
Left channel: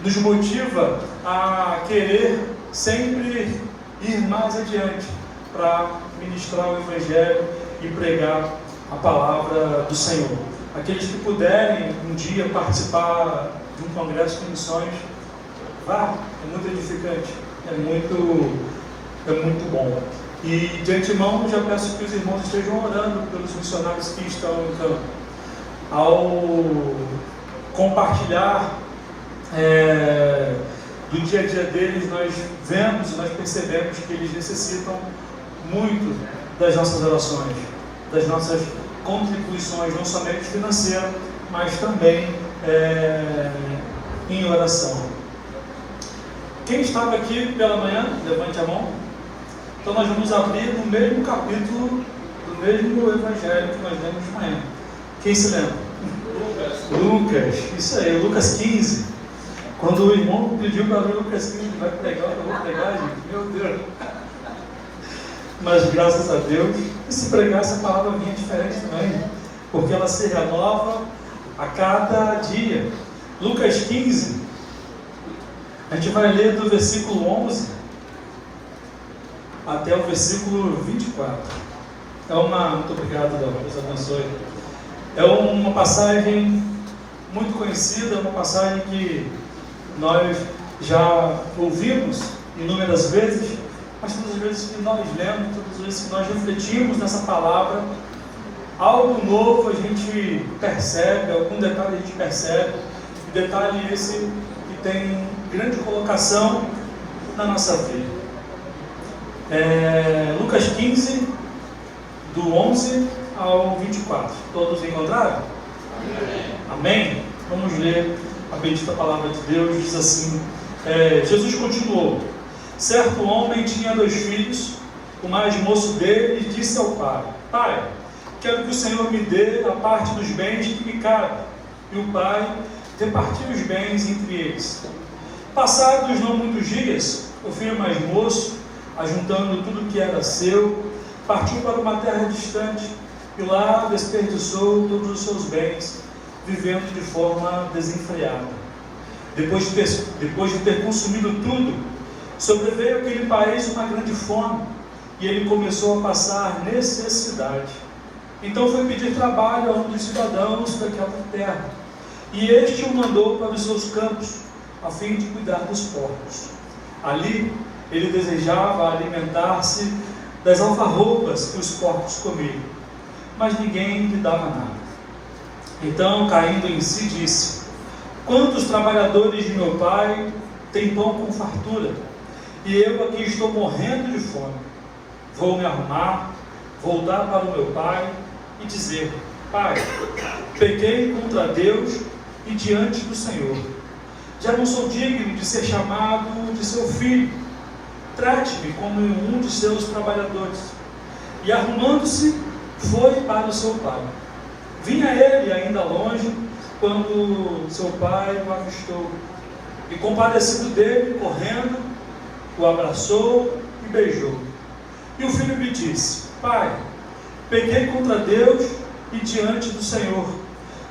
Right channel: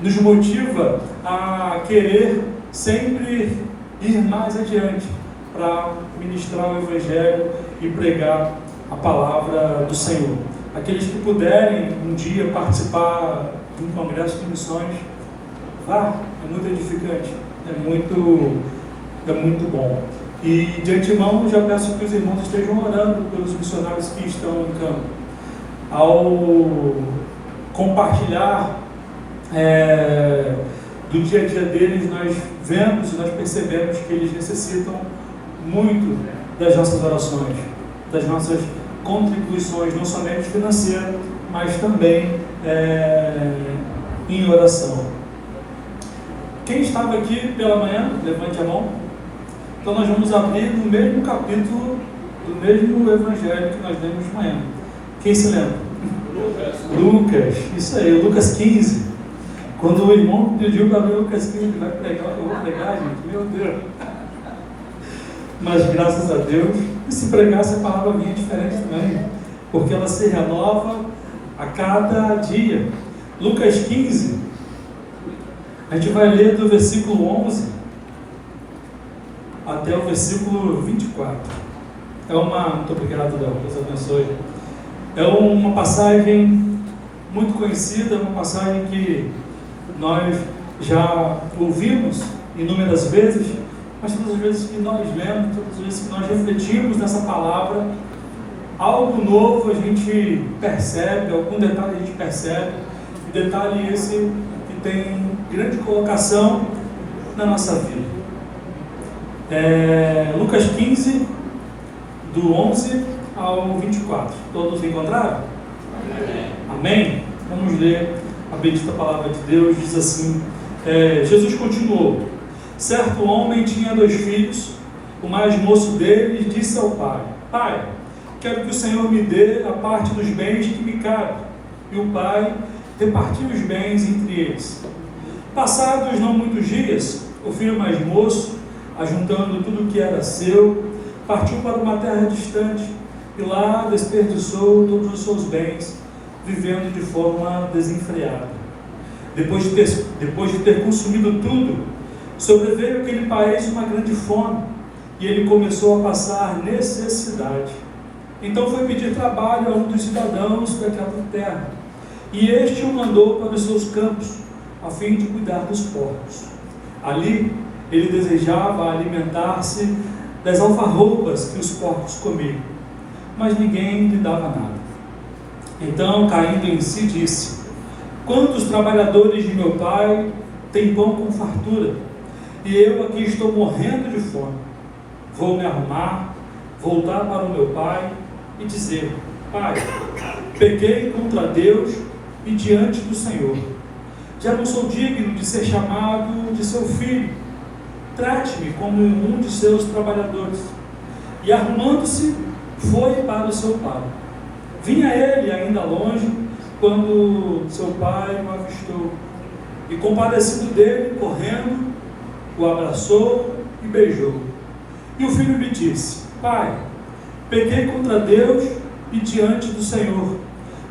Nos motiva a querer sempre ir mais adiante para ministrar o Evangelho e pregar a palavra do Senhor. Aqueles que puderem um dia participar de um congresso de missões, vá, é muito edificante, é muito bom. E de antemão já peço que os irmãos estejam orando pelos missionários que estão no campo. Ao compartilhar do dia a dia deles, nós vemos e nós percebemos que eles necessitam muito das nossas orações, das nossas contribuições, não somente financeiras, mas também em oração. Quem estava aqui pela manhã, levante a mão. Então nós vamos abrir no mesmo capítulo do mesmo evangelho que nós lemos de manhã. Quem se lembra? Lucas, isso aí, Lucas 15. Quando o irmão pediu para ler Lucas 15, vai pregar o que eu vou pregar, gente, meu Deus. Mas graças a Deus, e se pregasse a palavra vinha diferente também, porque ela se renova a cada dia. Lucas 15, a gente vai ler do versículo 11 até o versículo 24. Muito obrigado, Dom, Deus abençoe. É uma passagem muito conhecida, uma passagem que nós já ouvimos inúmeras vezes, mas todas as vezes que nós lemos, todas as vezes que nós refletimos nessa palavra, algo novo a gente percebe, algum detalhe a gente percebe, detalhe esse que tem grande colocação na nossa vida. Lucas 15, do 11 ao 24. Todos encontraram? Amém? Vamos ler a bendita palavra de Deus. Diz assim, Jesus continuou: certo homem tinha 2 filhos. O mais moço deles disse ao pai: Pai, quero que o Senhor me dê a parte dos bens que me cabe. E o pai repartiu os bens entre eles. Passados não muitos dias, o filho mais moço, ajuntando tudo que era seu, partiu para uma terra distante e lá desperdiçou todos os seus bens, vivendo de forma desenfreada. Depois de ter consumido tudo, sobreveio àquele país uma grande fome e ele começou a passar necessidade. Então foi pedir trabalho a um dos cidadãos daquela terra, e este o mandou para os seus campos, a fim de cuidar dos porcos. Ali ele desejava alimentar-se das alfarrobas que os porcos comiam, mas ninguém lhe dava nada. Então, caindo em si, disse: quantos trabalhadores de meu pai têm pão com fartura, e eu aqui estou morrendo de fome. Vou me arrumar, voltar para o meu pai e dizer: Pai, pequei contra Deus e diante do Senhor. Já não sou digno de ser chamado de seu filho. Trate-me como um de seus trabalhadores. E arrumando-se, foi para o seu pai. Vinha ele ainda longe, quando seu pai o avistou, e compadecido dele, correndo, o abraçou e beijou. E o filho lhe disse: Pai, pequei contra Deus e diante do Senhor.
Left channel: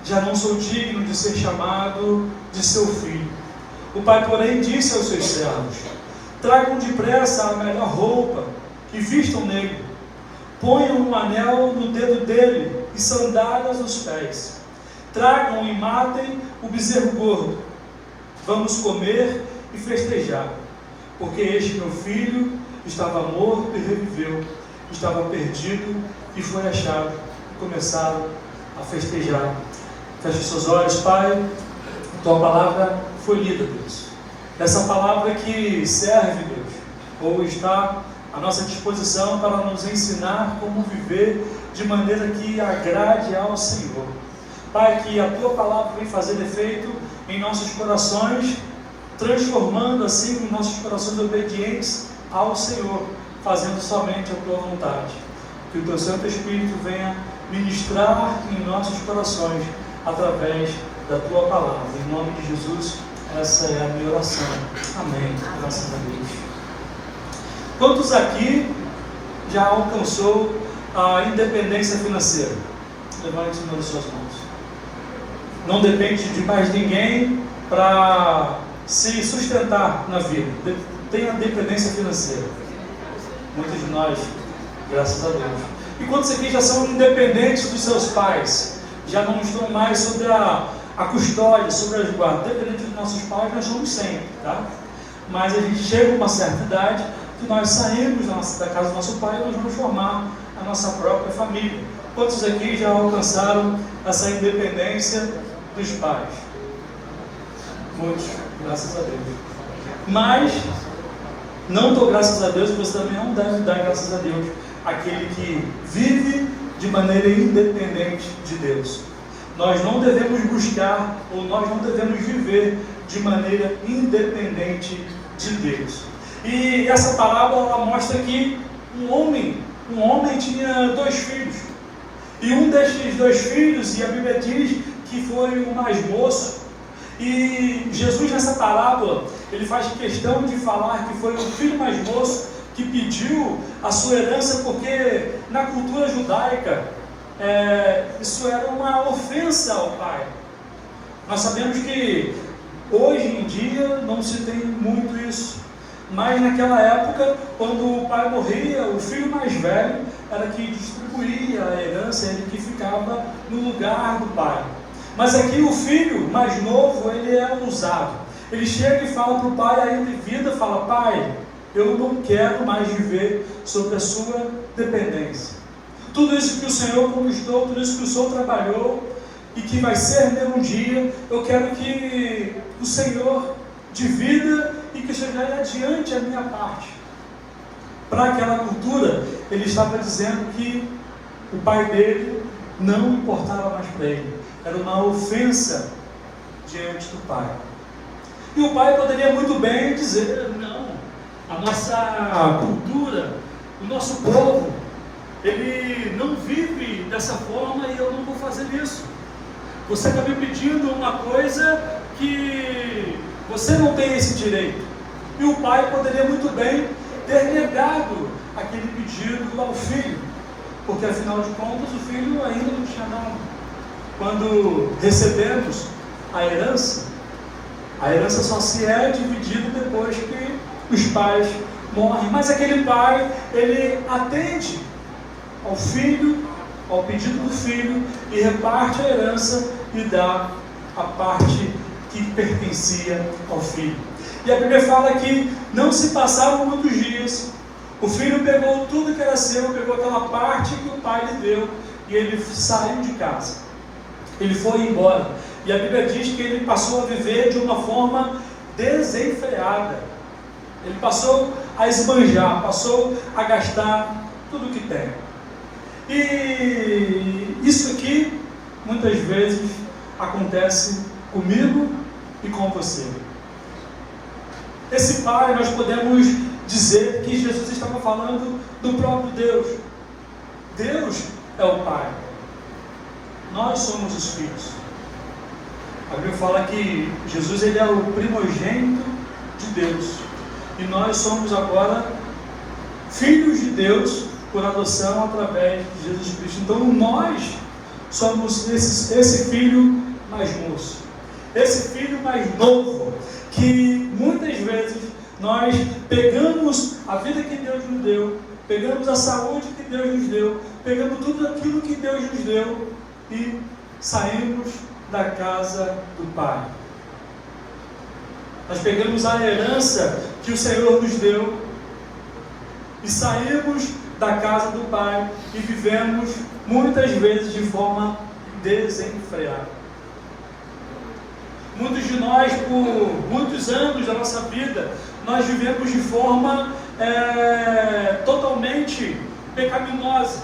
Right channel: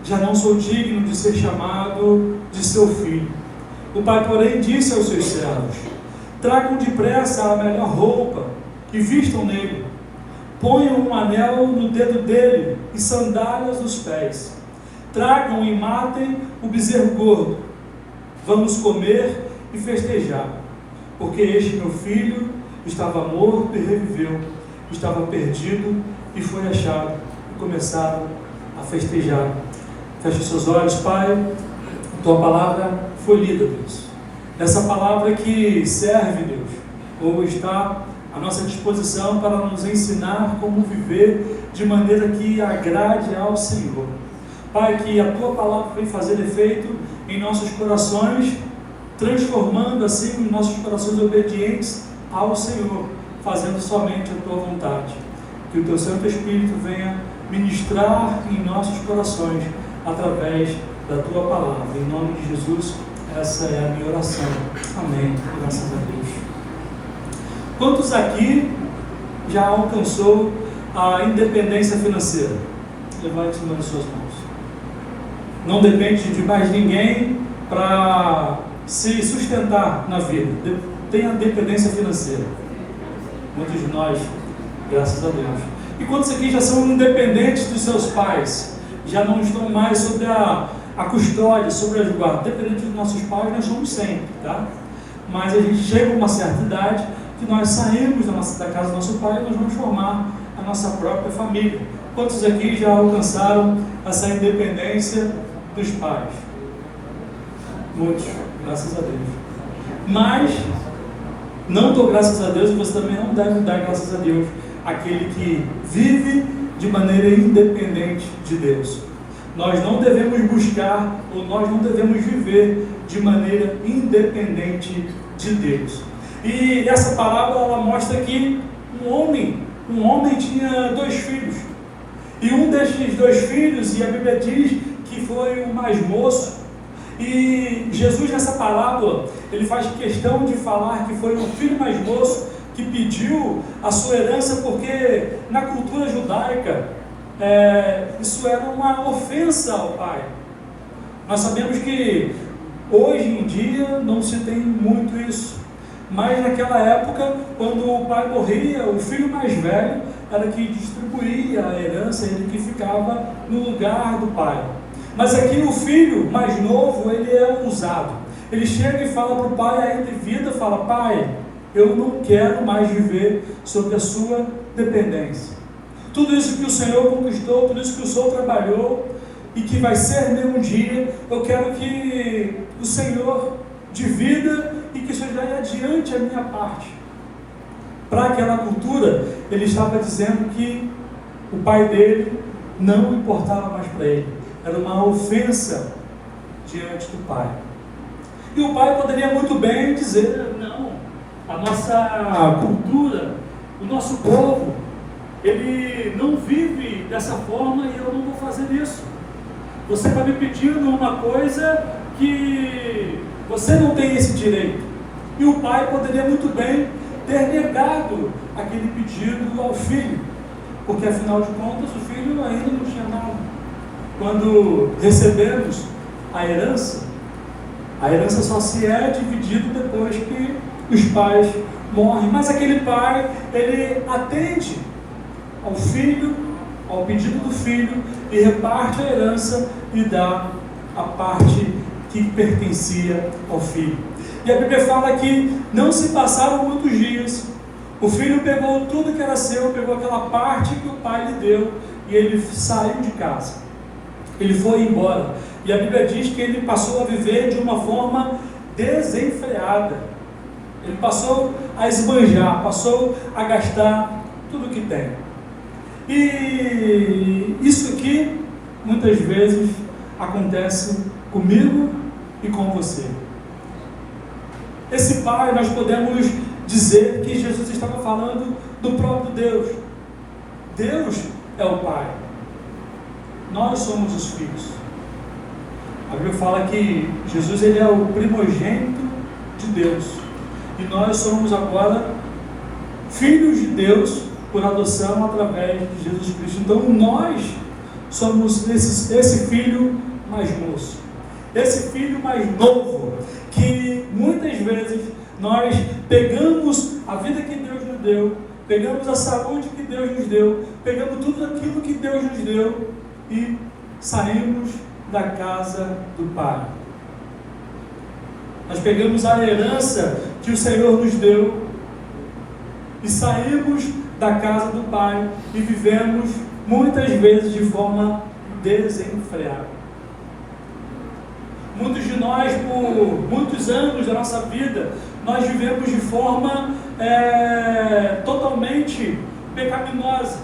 Já não sou digno de ser chamado de seu filho. O pai, porém, disse aos seus servos: tragam depressa a melhor roupa e vistam nele. Ponham um anel no dedo dele e sandálias nos pés. Tragam e matem o bezerro gordo. Vamos comer e festejar. Porque este meu filho estava morto e reviveu, estava perdido e foi achado. E começaram a festejar. Feche seus olhos, Pai. Tua palavra foi lida, Deus. Essa palavra que serve, Deus, ou está à nossa disposição para nos ensinar como viver de maneira que agrade ao Senhor. Pai, que a tua palavra vem fazer efeito em nossos corações, transformando assim os nossos corações obedientes ao Senhor, fazendo somente a tua vontade. Que o teu Santo Espírito venha ministrar em nossos corações através da tua palavra. Em nome de Jesus, essa é a minha oração. Amém. Graças a Deus. Quantos aqui já alcançou a independência financeira? Levante uma das suas mãos. Não depende de mais ninguém para se sustentar na vida. Tem a dependência financeira. Muitos de nós, graças a Deus. E quantos aqui já são independentes dos seus pais? Já não estão mais sobre a custódia, sobre a guarda. Dependente dos nossos pais, nós somos sempre, tá? Mas a gente chega a uma certa idade que nós saímos da casa do nosso pai e nós vamos formar a nossa própria família. Quantos aqui já alcançaram essa independência dos pais? Muitos, graças a Deus. Mas não dou graças a Deus, e você também não deve dar graças a Deus aquele que vive de maneira independente de Deus. Nós não devemos buscar, ou nós não devemos viver de maneira independente de Deus. E essa parábola, ela mostra que um homem tinha 2 filhos. E um destes 2 filhos, e a Bíblia diz que foi o mais moço. E Jesus, nessa parábola, ele faz questão de falar que foi o filho mais moço que pediu a sua herança, porque na cultura judaica isso era uma ofensa ao pai. Nós sabemos que hoje em dia não se tem muito isso, mas naquela época, quando o pai morria, o filho mais velho era que distribuía a herança, ele que ficava no lugar do pai. Mas aqui o filho mais novo, ele é ousado. Ele chega e fala para o pai ainda em vida, fala: pai, eu não quero mais viver sob a sua dependência. Tudo isso que o Senhor conquistou, tudo isso que o Senhor trabalhou e que vai ser meu um dia, eu quero que o Senhor divida e que o Senhor leve adiante a minha parte. Para aquela cultura, ele estava dizendo que o pai dele não importava mais para ele. Era uma ofensa diante do pai. E o pai poderia muito bem dizer: não, a nossa cultura, o nosso povo, ele não vive dessa forma e eu não vou fazer isso. Você está me pedindo uma coisa que você não tem esse direito. E o pai poderia muito bem ter negado aquele pedido ao filho, porque afinal de contas o filho ainda não tinha nada. Quando recebemos a herança só se é dividida depois que os pais morrem. Mas aquele pai, ele atende ao filho, ao pedido do filho, e reparte a herança e dá a parte que pertencia ao filho. E a Bíblia fala que não se passaram muitos dias, o filho pegou tudo que era seu, pegou aquela parte que o pai lhe deu, e ele saiu de casa. Ele foi embora. E a Bíblia diz que ele passou a viver de uma forma desenfreada. Ele passou a esbanjar, passou a gastar tudo que tem. E isso aqui, muitas vezes, acontece comigo e com você. Esse pai, nós podemos dizer que Jesus estava falando do próprio Deus. Deus é o pai. Nós somos os filhos. A Bíblia fala que Jesus, ele é o primogênito de Deus. E nós somos agora filhos de Deus por adoção através de Jesus Cristo. Então nós somos esse filho mais moço. Esse filho mais novo, que muitas vezes nós pegamos a vida que Deus nos deu, pegamos a saúde que Deus nos deu, pegamos tudo aquilo que Deus nos deu e saímos da casa do Pai. Nós pegamos a herança que o Senhor nos deu e saímos da casa do Pai e vivemos muitas vezes de forma desenfreada. Muitos de nós, por muitos anos da nossa vida, nós vivemos de forma totalmente pecaminosa,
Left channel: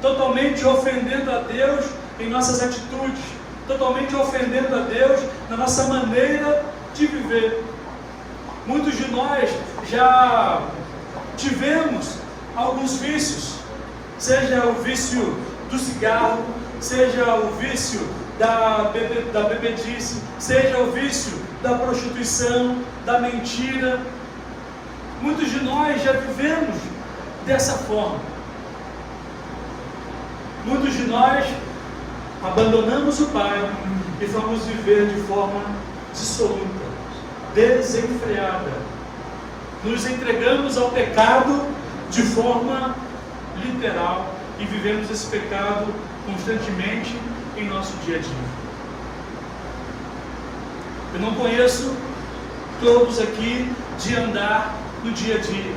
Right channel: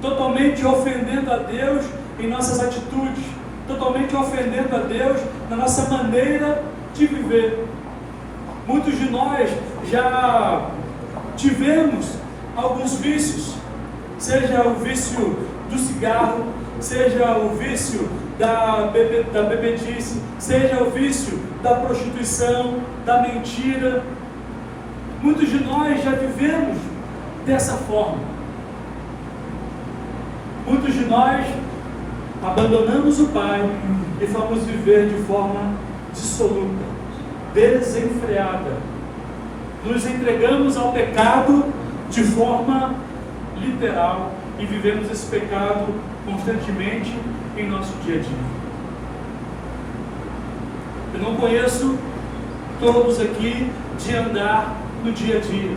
totalmente ofendendo a Deus em nossas atitudes, totalmente ofendendo a Deus na nossa maneira de viver. Muitos de nós já tivemos alguns vícios, seja o vício do cigarro, seja o vício da bebedice, seja o vício da prostituição, da mentira. Muitos de nós já vivemos dessa forma. Muitos de nós abandonamos o Pai e fomos viver de forma dissoluta, desenfreada. Nos entregamos ao pecado de forma literal e vivemos esse pecado constantemente em nosso dia a dia. Eu não conheço todos aqui de andar no dia a dia.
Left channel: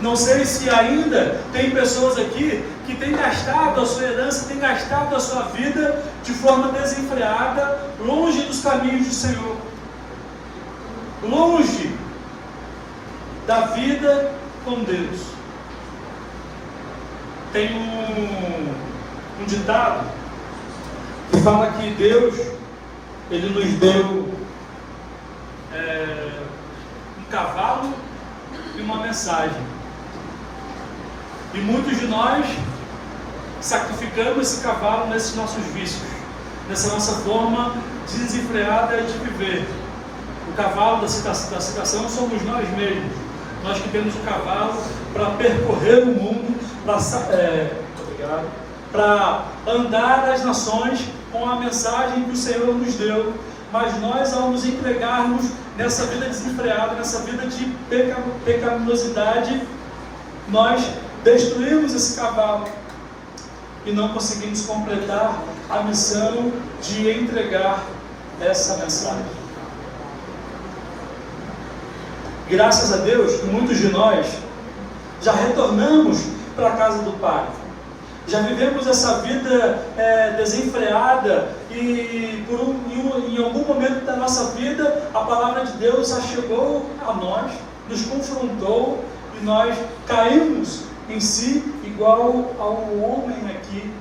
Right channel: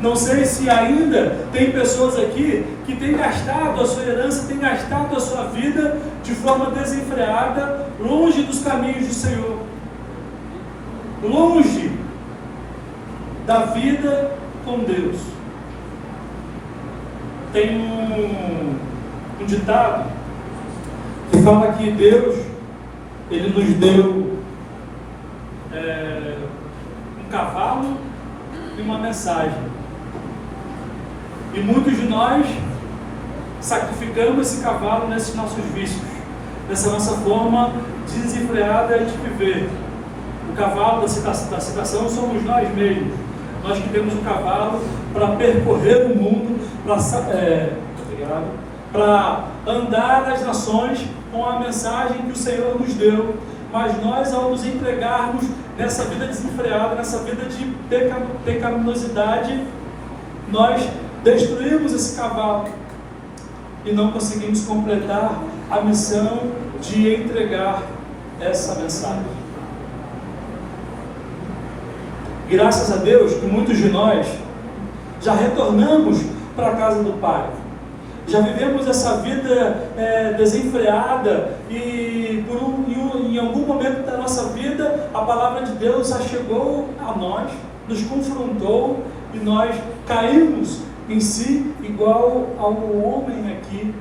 Não sei se ainda tem pessoas aqui que têm gastado a sua herança, têm gastado a sua vida de forma desenfreada, longe dos caminhos do Senhor. longe da vida com Deus. Tem um ditado que fala que Deus, Ele nos deu um cavalo e uma mensagem. E muitos de nós sacrificamos esse cavalo nesses nossos vícios, nessa nossa forma desenfreada de viver. O cavalo da citação somos nós mesmos. Nós que temos o cavalo para percorrer o mundo, para andar as nações com a mensagem que o Senhor nos deu. Mas nós, ao nos entregarmos nessa vida desenfreada, nessa vida de pecaminosidade, nós destruímos esse cavalo e não conseguimos completar a missão de entregar essa mensagem. Graças a Deus que muitos de nós já retornamos para a casa do Pai. Já vivemos essa vida desenfreada e em algum momento da nossa vida a palavra de Deus já chegou a nós, nos confrontou e nós caímos em si igual ao homem aqui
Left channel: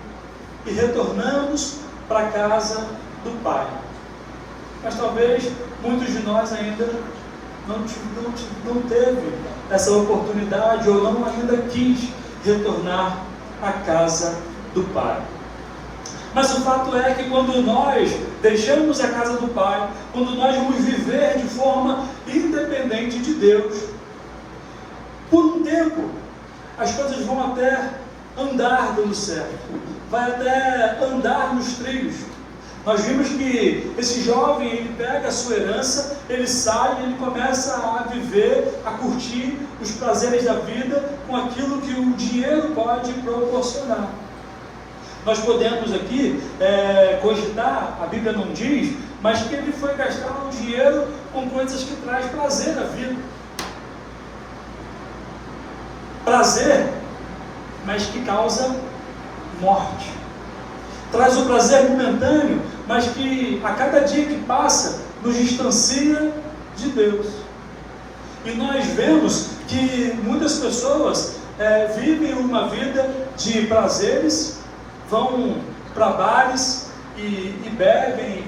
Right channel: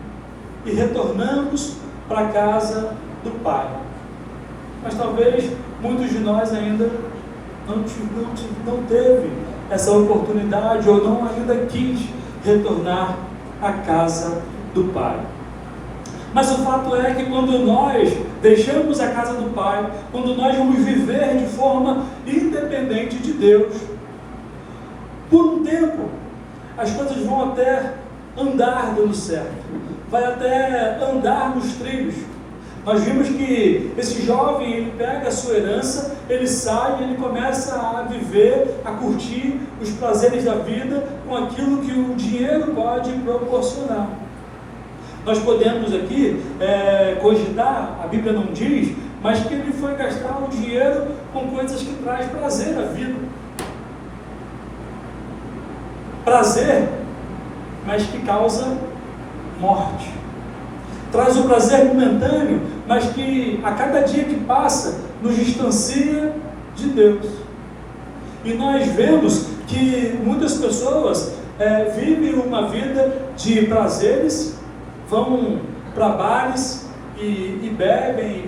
e retornamos para a casa do Pai. Mas talvez muitos de nós ainda não teve essa oportunidade ou não ainda quis retornar à casa do Pai. Mas o fato é que quando nós deixamos a casa do Pai, quando nós vamos viver de forma independente de Deus, por um tempo as coisas vão até andar dando certo, vai até andar nos trilhos. Nós vimos que esse jovem, ele pega a sua herança, ele sai e ele começa a viver, a curtir os prazeres da vida com aquilo que o dinheiro pode proporcionar. Nós podemos aqui cogitar, a Bíblia não diz, mas que ele foi gastar o dinheiro com coisas que traz prazer à vida. Prazer, mas que causa morte. Traz o prazer momentâneo, mas que a cada dia que passa nos distancia de Deus. E nós vemos que muitas pessoas vivem uma vida de prazeres, vão para bares e bebem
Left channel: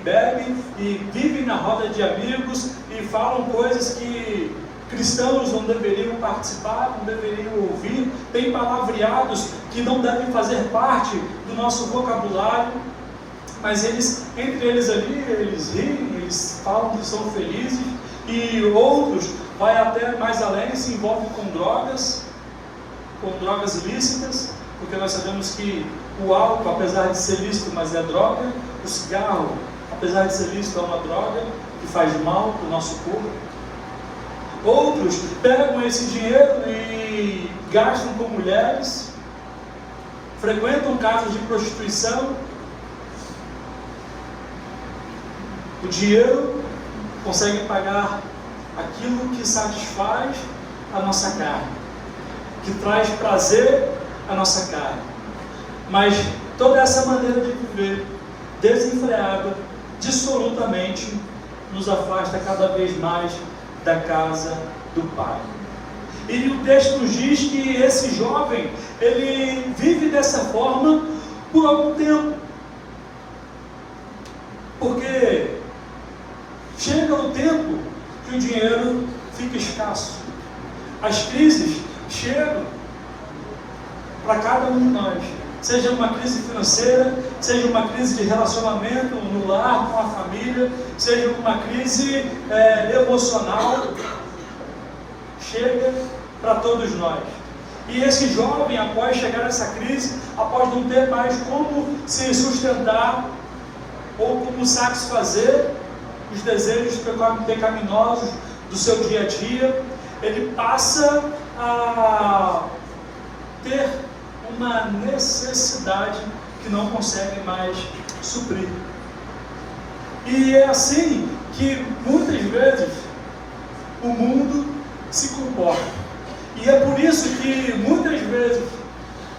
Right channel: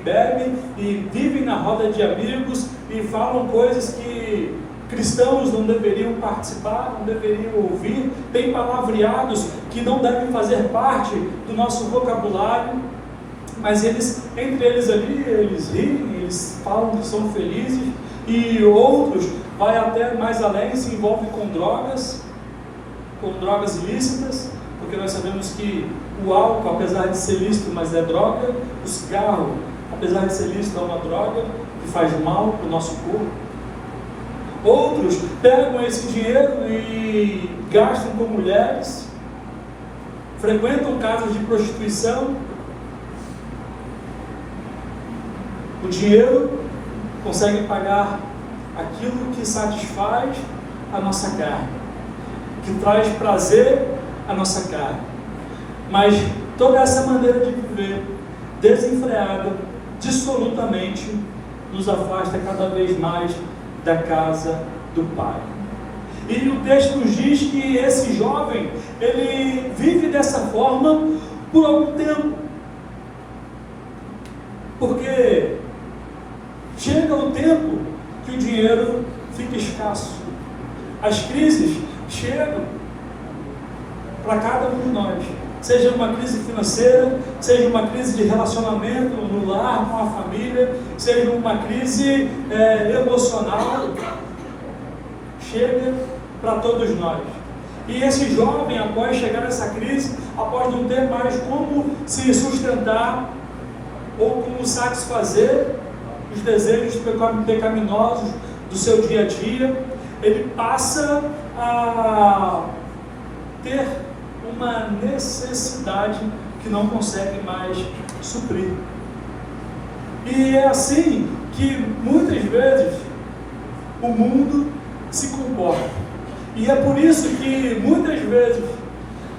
e vivem na roda de amigos e falam coisas que cristãos não deveriam participar, não deveriam ouvir, tem palavreados que não devem fazer parte do nosso vocabulário, mas entre eles ali, eles riem, eles falam que são felizes, e outros vai até mais além, se envolvem com drogas ilícitas, porque nós sabemos que o álcool, apesar de ser lícito, mas é droga, o cigarro, apesar de ser lícito, é uma droga que faz mal para o nosso corpo. Outros pegam esse dinheiro e gastam com mulheres, frequentam casos de prostituição. O dinheiro consegue pagar aquilo que satisfaz a nossa carne, que traz prazer à nossa carne. Mas toda essa maneira de viver desenfreada, dissolutamente, nos afasta cada vez mais da casa do Pai. E o texto nos diz que esse jovem, ele vive dessa forma por algum tempo. Porque chega o tempo que o dinheiro fica escasso. As crises chegam para cada um de nós. Seja uma crise financeira, seja uma crise de relacionamento no lar, com a família, seja uma crise emocional, chega para todos nós. E esse jovem, após chegar nessa crise, após não ter mais como se sustentar ou como satisfazer os desejos pecaminosos do seu dia a dia, ele passa a ter uma necessidade que não consegue mais suprir. E é assim que muitas vezes o mundo se comporta. E é por isso que muitas vezes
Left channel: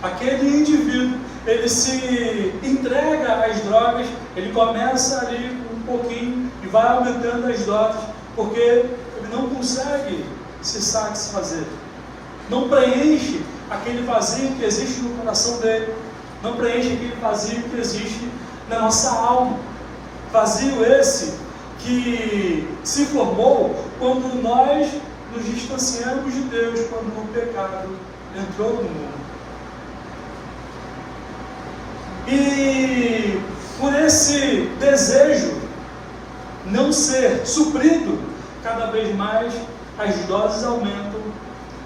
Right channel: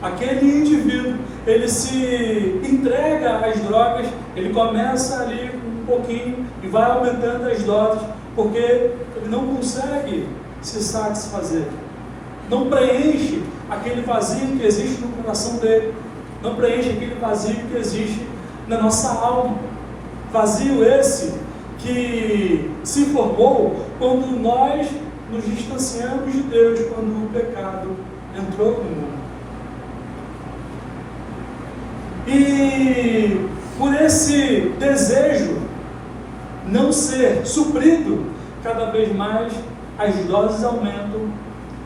aquele indivíduo, ele se entrega às drogas, ele começa ali um pouquinho e vai aumentando as doses, porque ele não consegue se satisfazer, não preenche aquele vazio que existe no coração dele, não preenche aquele vazio que existe na nossa alma. Vazio esse que se formou quando nós nos distanciamos de Deus, quando o pecado entrou no mundo. E por esse desejo não ser suprido, cada vez mais as doses aumentam,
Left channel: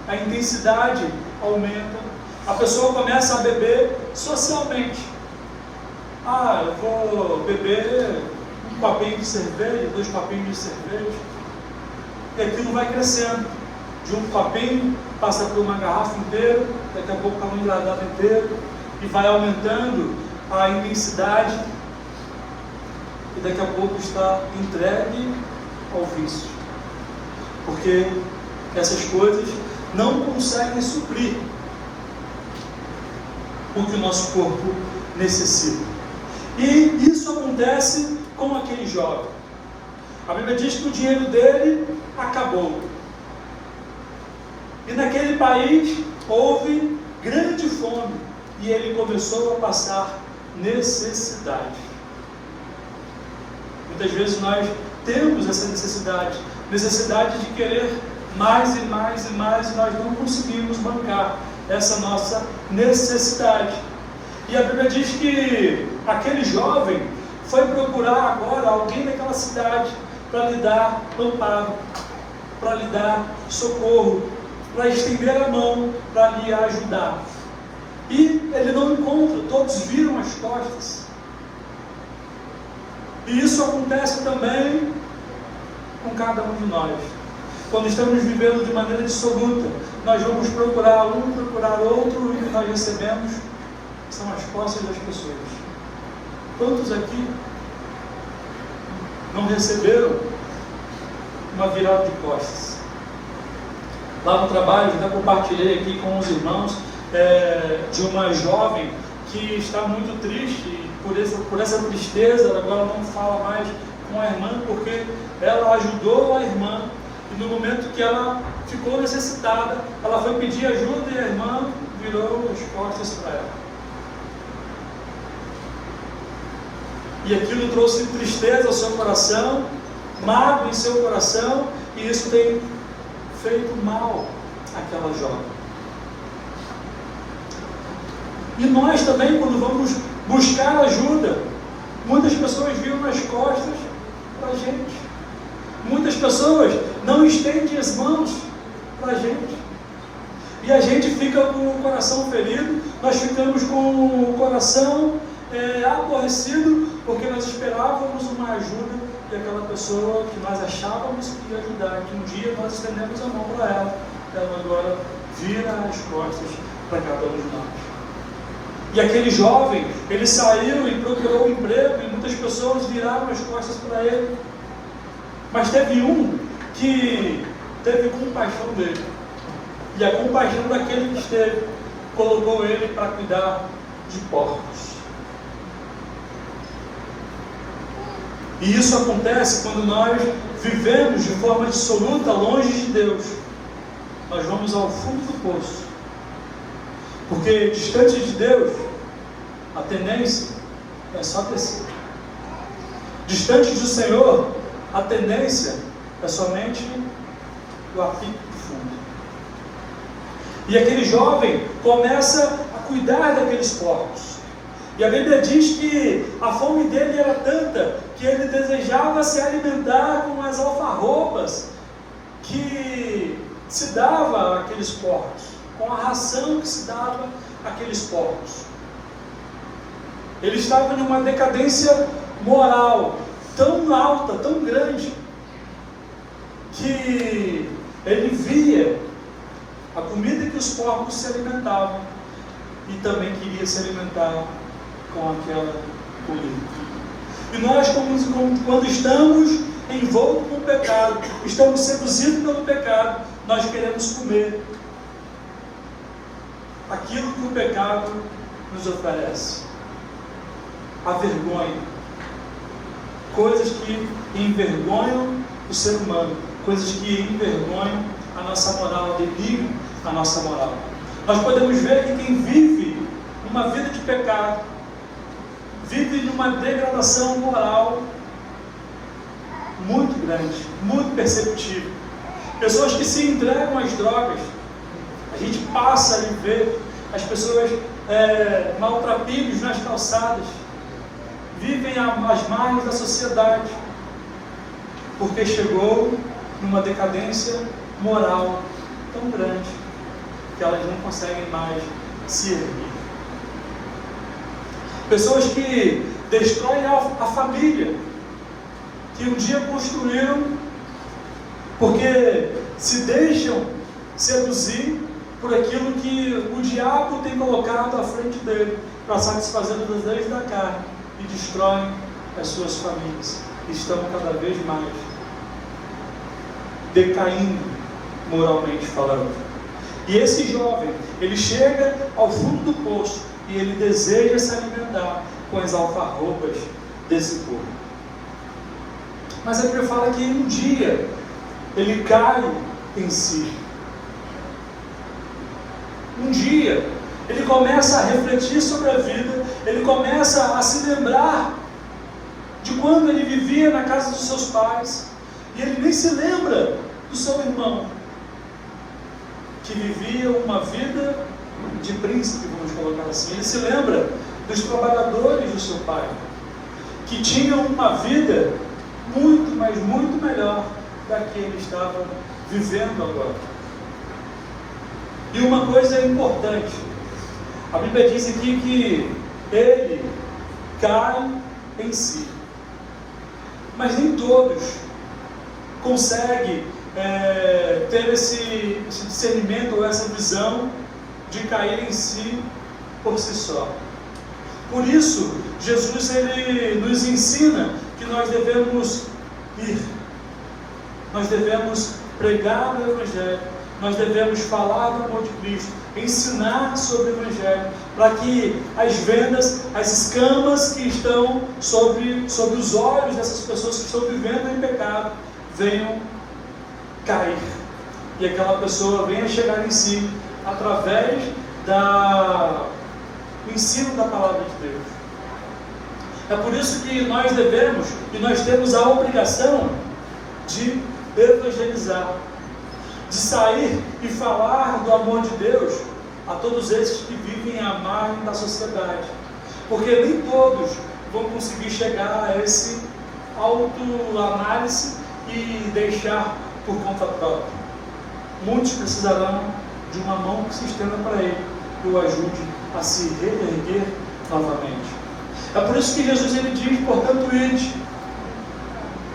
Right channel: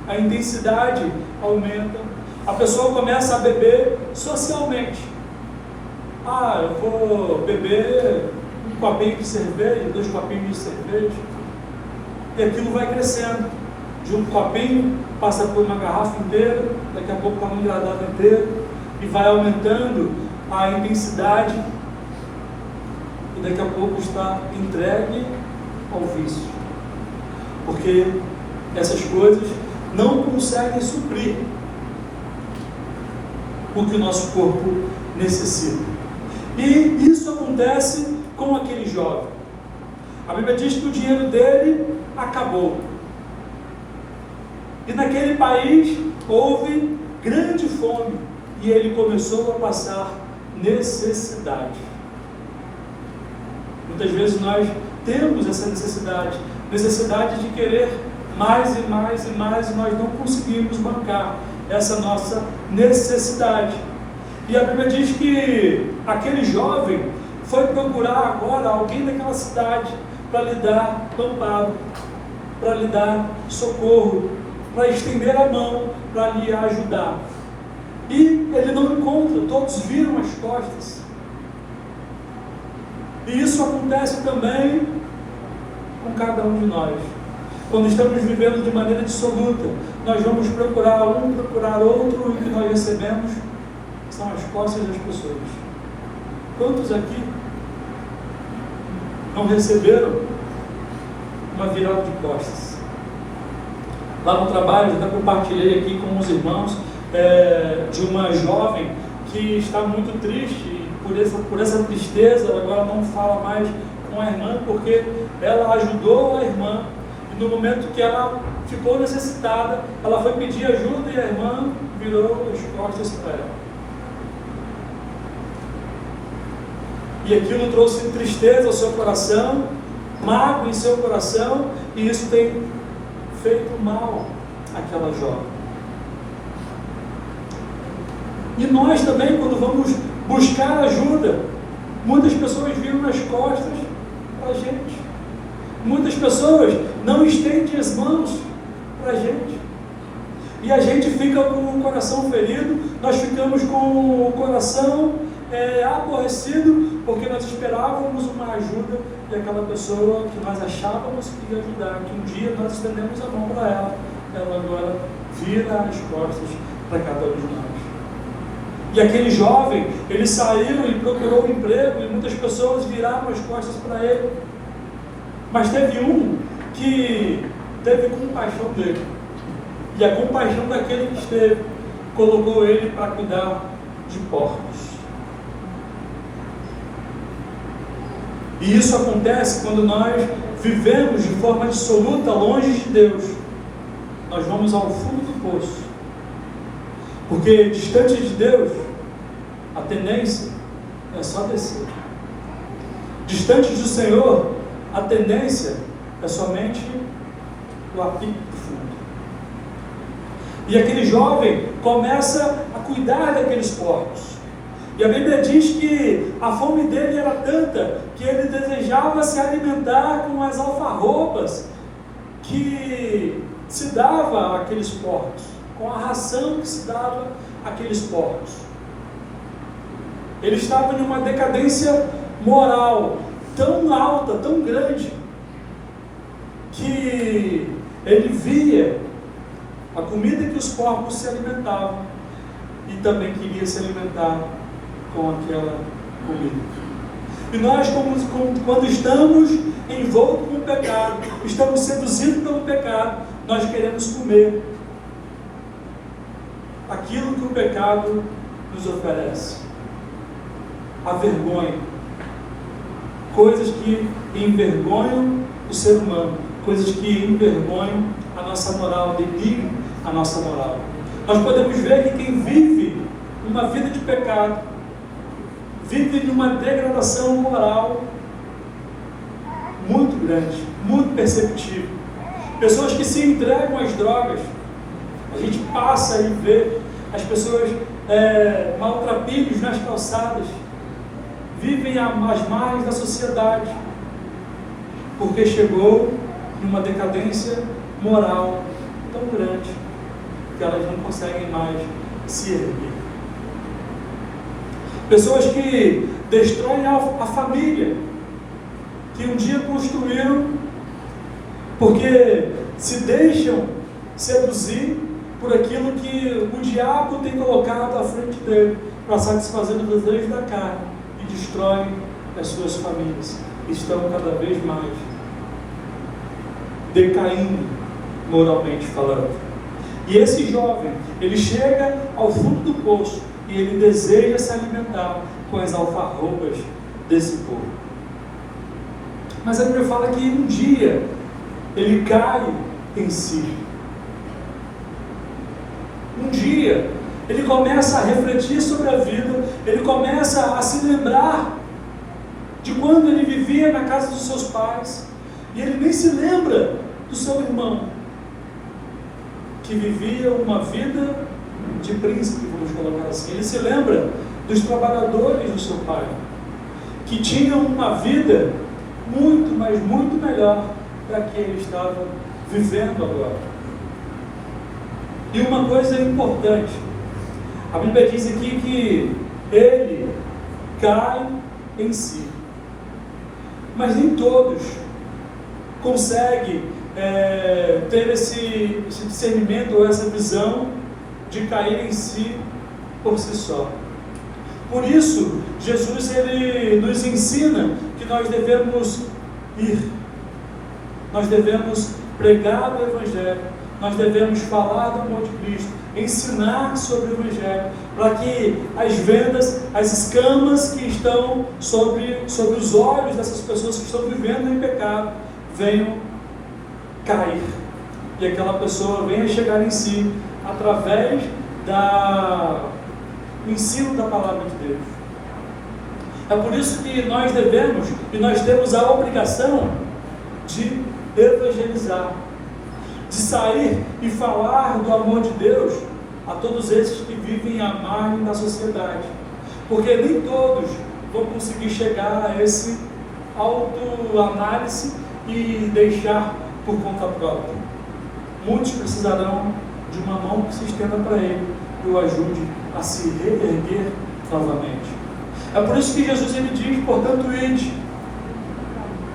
a intensidade aumenta, a pessoa começa a beber socialmente. Eu vou beber um copinho de cerveja, 2 copinhos de cerveja, e aquilo vai crescendo. De um copinho, passa por uma garrafa inteira, daqui a pouco está um granado inteiro, e vai aumentando a intensidade, e daqui a pouco está entregue ao vício. Porque essas coisas não conseguem suprir o que o nosso corpo necessita. E isso acontece com aquele jovem. A Bíblia diz que o dinheiro dele acabou. E naquele país houve grande fome e ele começou a passar necessidade. Muitas vezes nós temos essa necessidade de querer mais e mais e mais, e nós não conseguimos bancar essa nossa necessidade. E a Bíblia diz que aquele jovem foi procurar agora alguém naquela cidade para lhe dar amparo, para lhe dar socorro, para estender a mão, para lhe ajudar. E ele não encontra, todos viram as costas. E isso acontece também com cada um de nós. Quando estamos vivendo de maneira dissoluta, nós vamos procurar um, procurar outro, e o que nós recebemos são as costas das pessoas. Quantos aqui não receberam uma virada de costas? Lá no trabalho, eu já compartilhei aqui com os irmãos de uma jovem que está muito triste, e por essa tristeza ela agora não fala mais com a irmã, porque ela ajudou a irmã, e no momento que ela ficou necessitada, ela foi pedir ajuda e a irmã virou as costas para ela. E aquilo trouxe tristeza ao seu coração, mágoa em seu coração, e isso tem feito mal àquela jovem. E nós também, quando vamos buscar ajuda, muitas pessoas viram nas costas para a gente. Muitas pessoas não estendem as mãos para a gente. E a gente fica com o coração ferido, nós ficamos com o coração aborrecido, porque nós esperávamos uma ajuda e aquela pessoa que nós achávamos que ia ajudar, que um dia nós estendemos a mão para ela, ela agora vira as costas para cada um de nós. E aquele jovem, ele saiu e procurou um emprego, e muitas pessoas viraram as costas para ele. Mas teve um que teve compaixão dele. E a compaixão daquele que esteve, colocou ele para cuidar de porcos. E isso acontece quando nós vivemos de forma dissoluta, longe de Deus. Nós vamos ao fundo do poço. Porque distante de Deus, a tendência é só descer. Distante do Senhor, a tendência é somente o apito do fundo. E aquele jovem começa a cuidar daqueles porcos. E a Bíblia diz que a fome dele era tanta que ele desejava se alimentar com as alfarrobas que se dava àqueles porcos, com a ração que se dava àqueles porcos. Ele estava em uma decadência moral tão alta, tão grande, que ele via a comida que os porcos se alimentavam e também queria se alimentar com aquela comida. E nós, quando estamos envoltos com o pecado, estamos seduzidos pelo pecado, nós queremos comer aquilo que o pecado nos oferece. A vergonha. Coisas que envergonham do ser humano, coisas que envergonham a nossa moral, denigram a nossa moral. Nós podemos ver que quem vive uma vida de pecado, vive numa degradação moral muito grande, muito perceptível. Pessoas que se entregam às drogas, a gente passa e vê as pessoas maltrapilhos nas calçadas, vivem às margens da sociedade, porque chegou numa decadência moral tão grande que elas não conseguem mais se erguer. Pessoas que destroem a família que um dia construíram, porque se deixam seduzir por aquilo que o diabo tem colocado à frente dele, para satisfazer os desejos da carne, e destroem as suas famílias. Estão cada vez mais decaindo moralmente falando. E esse jovem, ele chega ao fundo do poço e ele deseja se alimentar com as alfarrobas desse povo. Mas a Bíblia fala que um dia ele cai em si. Um dia ele começa a refletir sobre a vida, ele começa a se lembrar de quando ele vivia na casa dos seus pais, e ele nem se lembra do seu irmão, que vivia uma vida de príncipe, vamos colocar assim. Ele se lembra dos trabalhadores do seu pai, que tinham uma vida muito, mas muito melhor da que ele estava vivendo agora. E uma coisa importante, a Bíblia diz aqui que ele cai em si, mas nem todos conseguem ter esse discernimento ou essa visão de cair em si por si só. Por isso, Jesus ele nos ensina que nós devemos ir, nós devemos pregar o Evangelho, nós devemos falar do amor de Cristo, ensinar sobre o Evangelho, para que as vendas, as escamas que estão sobre os olhos dessas pessoas que estão vivendo em pecado venham cair, e aquela pessoa venha chegar em si através do ensino da palavra de Deus. É por isso que nós devemos e nós temos a obrigação de evangelizar, de sair e falar do amor de Deus a todos esses que vivem à margem da sociedade, porque nem todos vão conseguir chegar a esse autoanálise e deixar por conta própria. Muitos precisarão de uma mão que se estenda para ele, que o ajude a se reerguer novamente. É por isso que Jesus ele diz: portanto ide,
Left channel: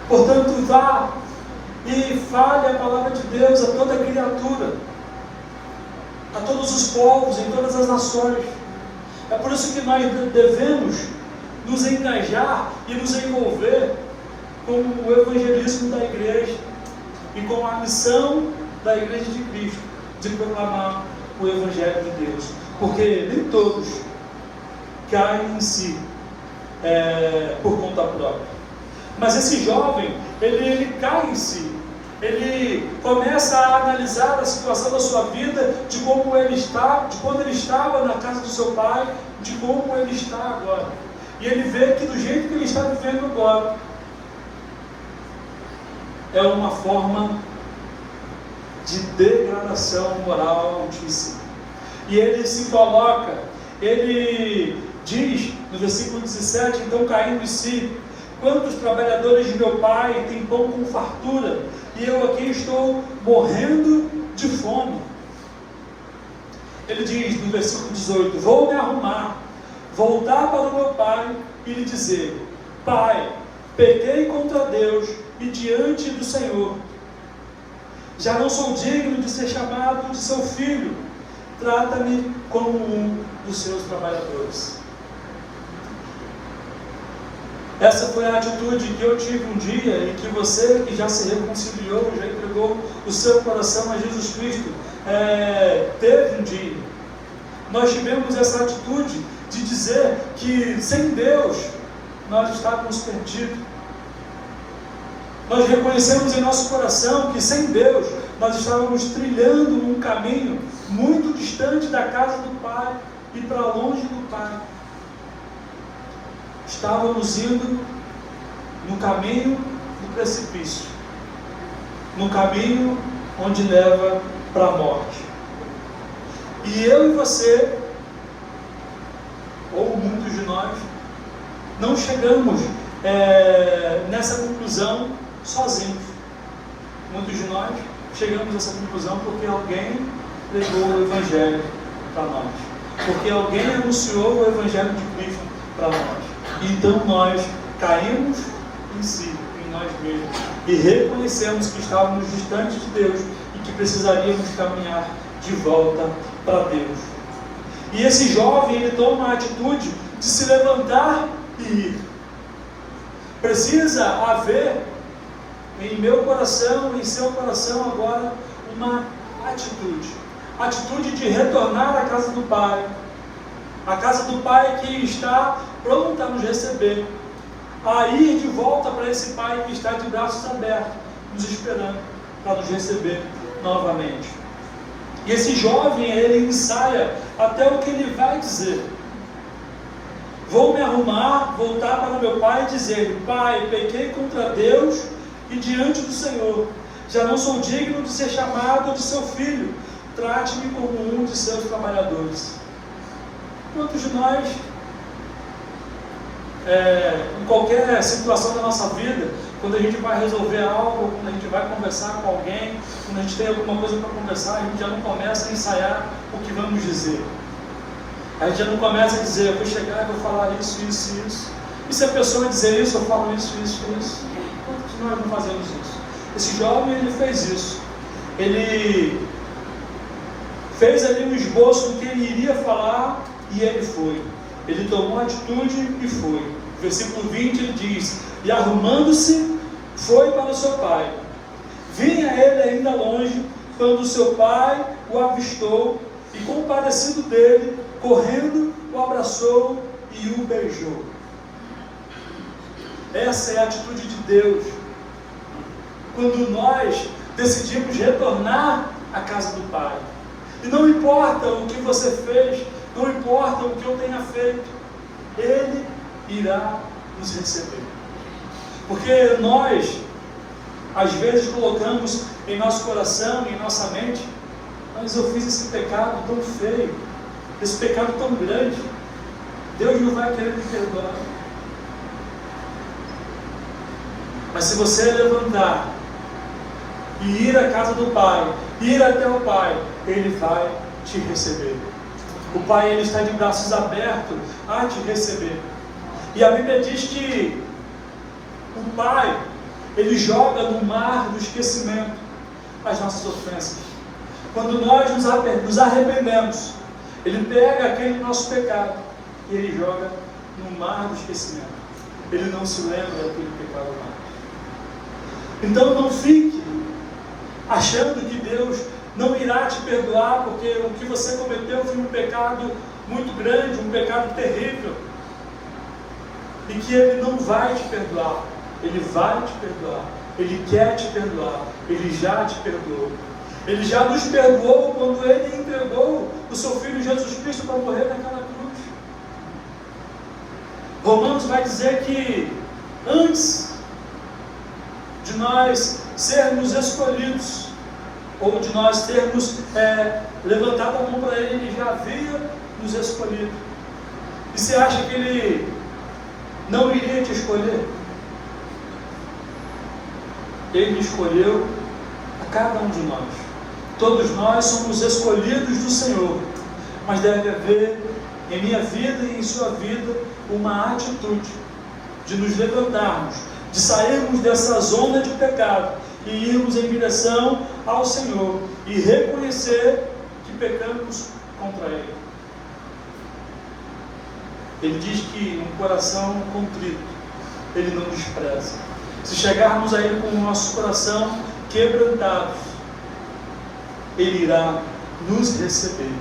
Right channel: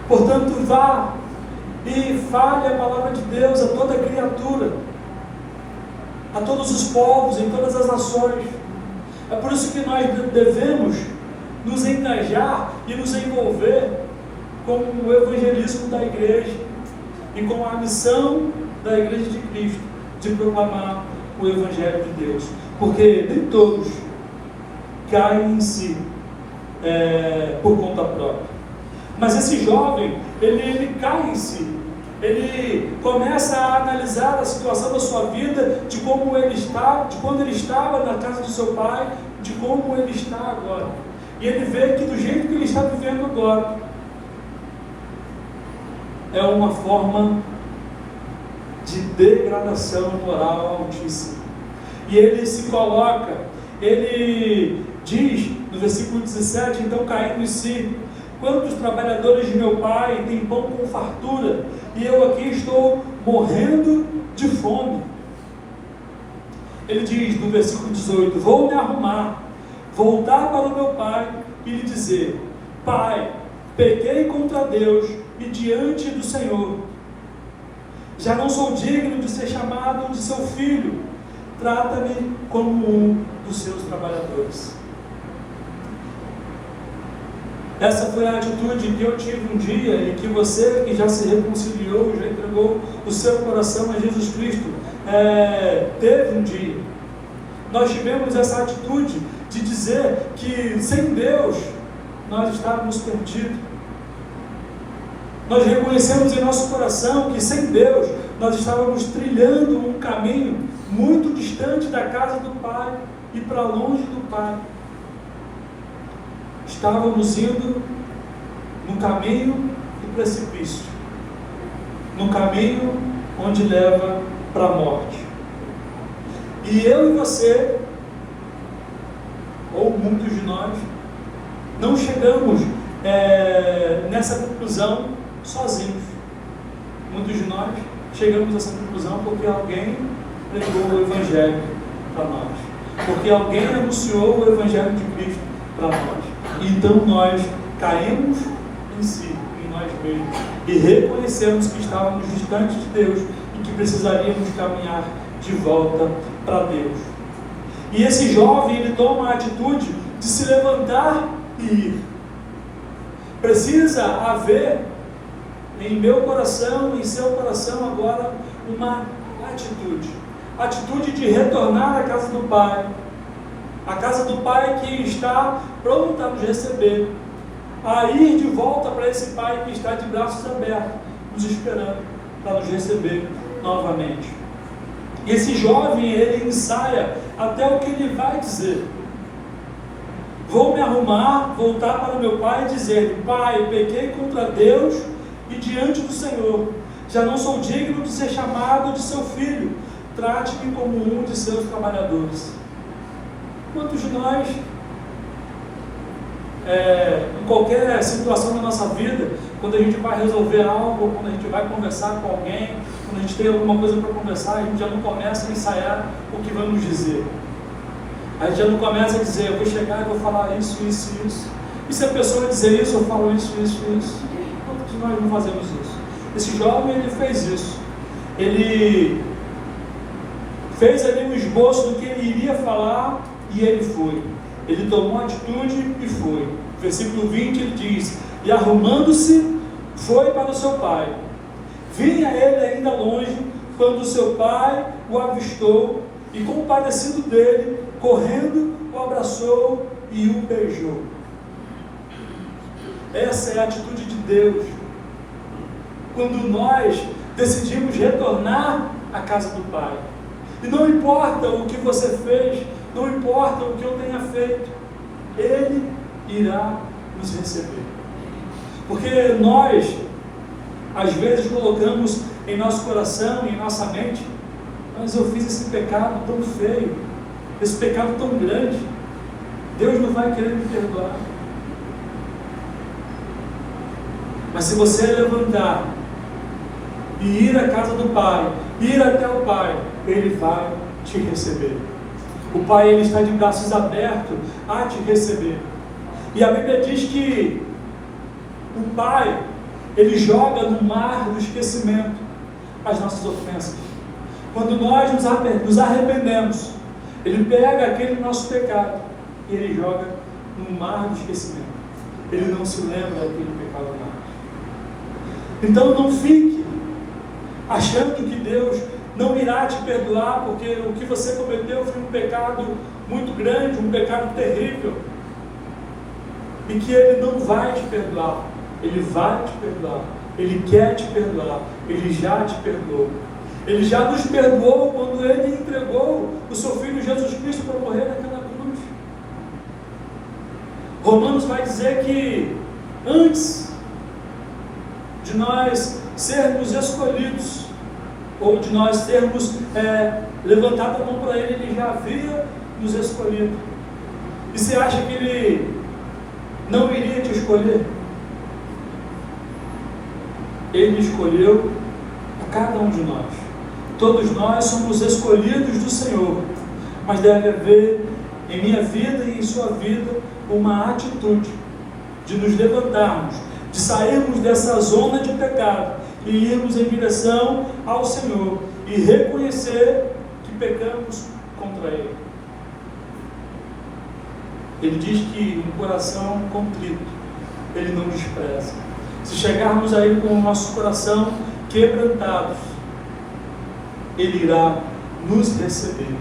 portanto vá e fale a palavra de Deus a toda criatura, a todos os povos, em todas as nações. É por isso que nós devemos nos engajar e nos envolver com o evangelismo da igreja e com a missão da igreja de Cristo, de proclamar o evangelho de Deus, porque nem todos caem em si por conta própria. Mas esse jovem, ele cai em si, ele começa a analisar a situação da sua vida, de como ele está, de quando ele estava na casa do seu pai, de como ele está agora, e ele vê que do jeito que ele está vivendo agora é uma forma de degradação moral altíssima. E ele se coloca, ele diz no versículo 17: então caindo em si, quantos trabalhadores de meu pai têm pão com fartura, e eu aqui estou morrendo de fome. Ele diz no versículo 18: vou me arrumar, voltar para o meu pai e lhe dizer: Pai, pequei contra Deus e diante do Senhor, já não sou digno de ser chamado de seu filho, trata-me como um dos seus trabalhadores. Essa foi a atitude que eu tive um dia, e que você que já se reconciliou, já entregou o seu coração a Jesus Cristo, teve um dia. Nós tivemos essa atitude de dizer que sem Deus nós estávamos perdidos. Nós reconhecemos em nosso coração que sem Deus nós estávamos trilhando um caminho muito distante da casa do Pai e para longe do Pai. Estávamos indo no caminho do precipício, no caminho onde leva para a morte. E eu e você, ou muitos de nós, não chegamos nessa conclusão sozinhos. Muitos de nós chegamos a essa conclusão porque alguém pregou o Evangelho para nós, porque alguém anunciou o Evangelho de Cristo para nós. Então nós caímos em si, em nós mesmos, e reconhecemos que estávamos distantes de Deus e que precisaríamos caminhar de volta para Deus. E esse jovem, ele toma a atitude de se levantar e ir. Precisa haver em meu coração, em seu coração agora, uma atitude de retornar à casa do Pai, a casa do Pai que está pronta a nos receber, a ir de volta para esse Pai que está de braços abertos, nos esperando para nos receber novamente. E esse jovem, ele ensaia até o que ele vai dizer. Vou me arrumar, voltar para meu pai e dizer: Pai, pequei contra Deus e diante do Senhor. Já não sou digno de ser chamado de seu filho. Trate-me como um de seus trabalhadores. Quantos de nós, em qualquer situação da nossa vida, quando a gente vai resolver algo, quando a gente vai conversar com alguém, quando a gente tem alguma coisa para conversar, a gente já não começa a ensaiar o que vamos dizer. A gente já não começa a dizer: eu vou chegar e vou falar isso, isso e isso. E se a pessoa dizer isso, eu falo isso, isso e isso. Quantos de nós não fazemos isso? Esse jovem, ele fez isso. Ele fez ali um esboço do que ele iria falar e ele foi. Ele tomou atitude e foi. Versículo 20 ele diz: e arrumando-se, foi para o seu pai. Vinha ele ainda longe, quando o seu pai o avistou, e compadecido dele, correndo, o abraçou e o beijou. Essa é a atitude de Deus. Quando nós decidimos retornar à casa do Pai. E não importa o que você fez, não importa o que eu tenha feito, Ele irá nos receber. Porque nós, às vezes, colocamos em nosso coração e em nossa mente: mas eu fiz esse pecado tão feio, esse pecado tão grande, Deus não vai querer me perdoar. Mas se você levantar e ir à casa do Pai, ir até o Pai, Ele vai te receber. O Pai, Ele está de braços abertos a te receber. E a Bíblia diz que o Pai, Ele joga no mar do esquecimento as nossas ofensas. Quando nós nos arrependemos, Ele pega aquele nosso pecado e Ele joga no mar do esquecimento. Ele não se lembra daquele pecado mais. Então não fique achando que Deus não irá te perdoar, porque o que você cometeu foi um pecado muito grande, um pecado terrível, e que Ele não vai te perdoar. Ele vai te perdoar, Ele quer te perdoar, Ele já te perdoou. Ele já nos perdoou quando Ele entregou o seu Filho Jesus Cristo para morrer naquela cruz. Romanos vai dizer que antes de nós sermos escolhidos, ou de nós termos levantado a mão para Ele, Ele já havia nos escolhido. E você acha que Ele não iria te escolher? Ele escolheu a cada um de nós. Todos nós somos escolhidos do Senhor, mas deve haver em minha vida e em sua vida uma atitude de nos levantarmos, de sairmos dessa zona de pecado e irmos em direção ao Senhor e reconhecer que pecamos contra Ele. Ele diz que um coração contrito Ele não despreza. Se chegarmos a Ele com o nosso coração quebrantado, Ele irá nos receber.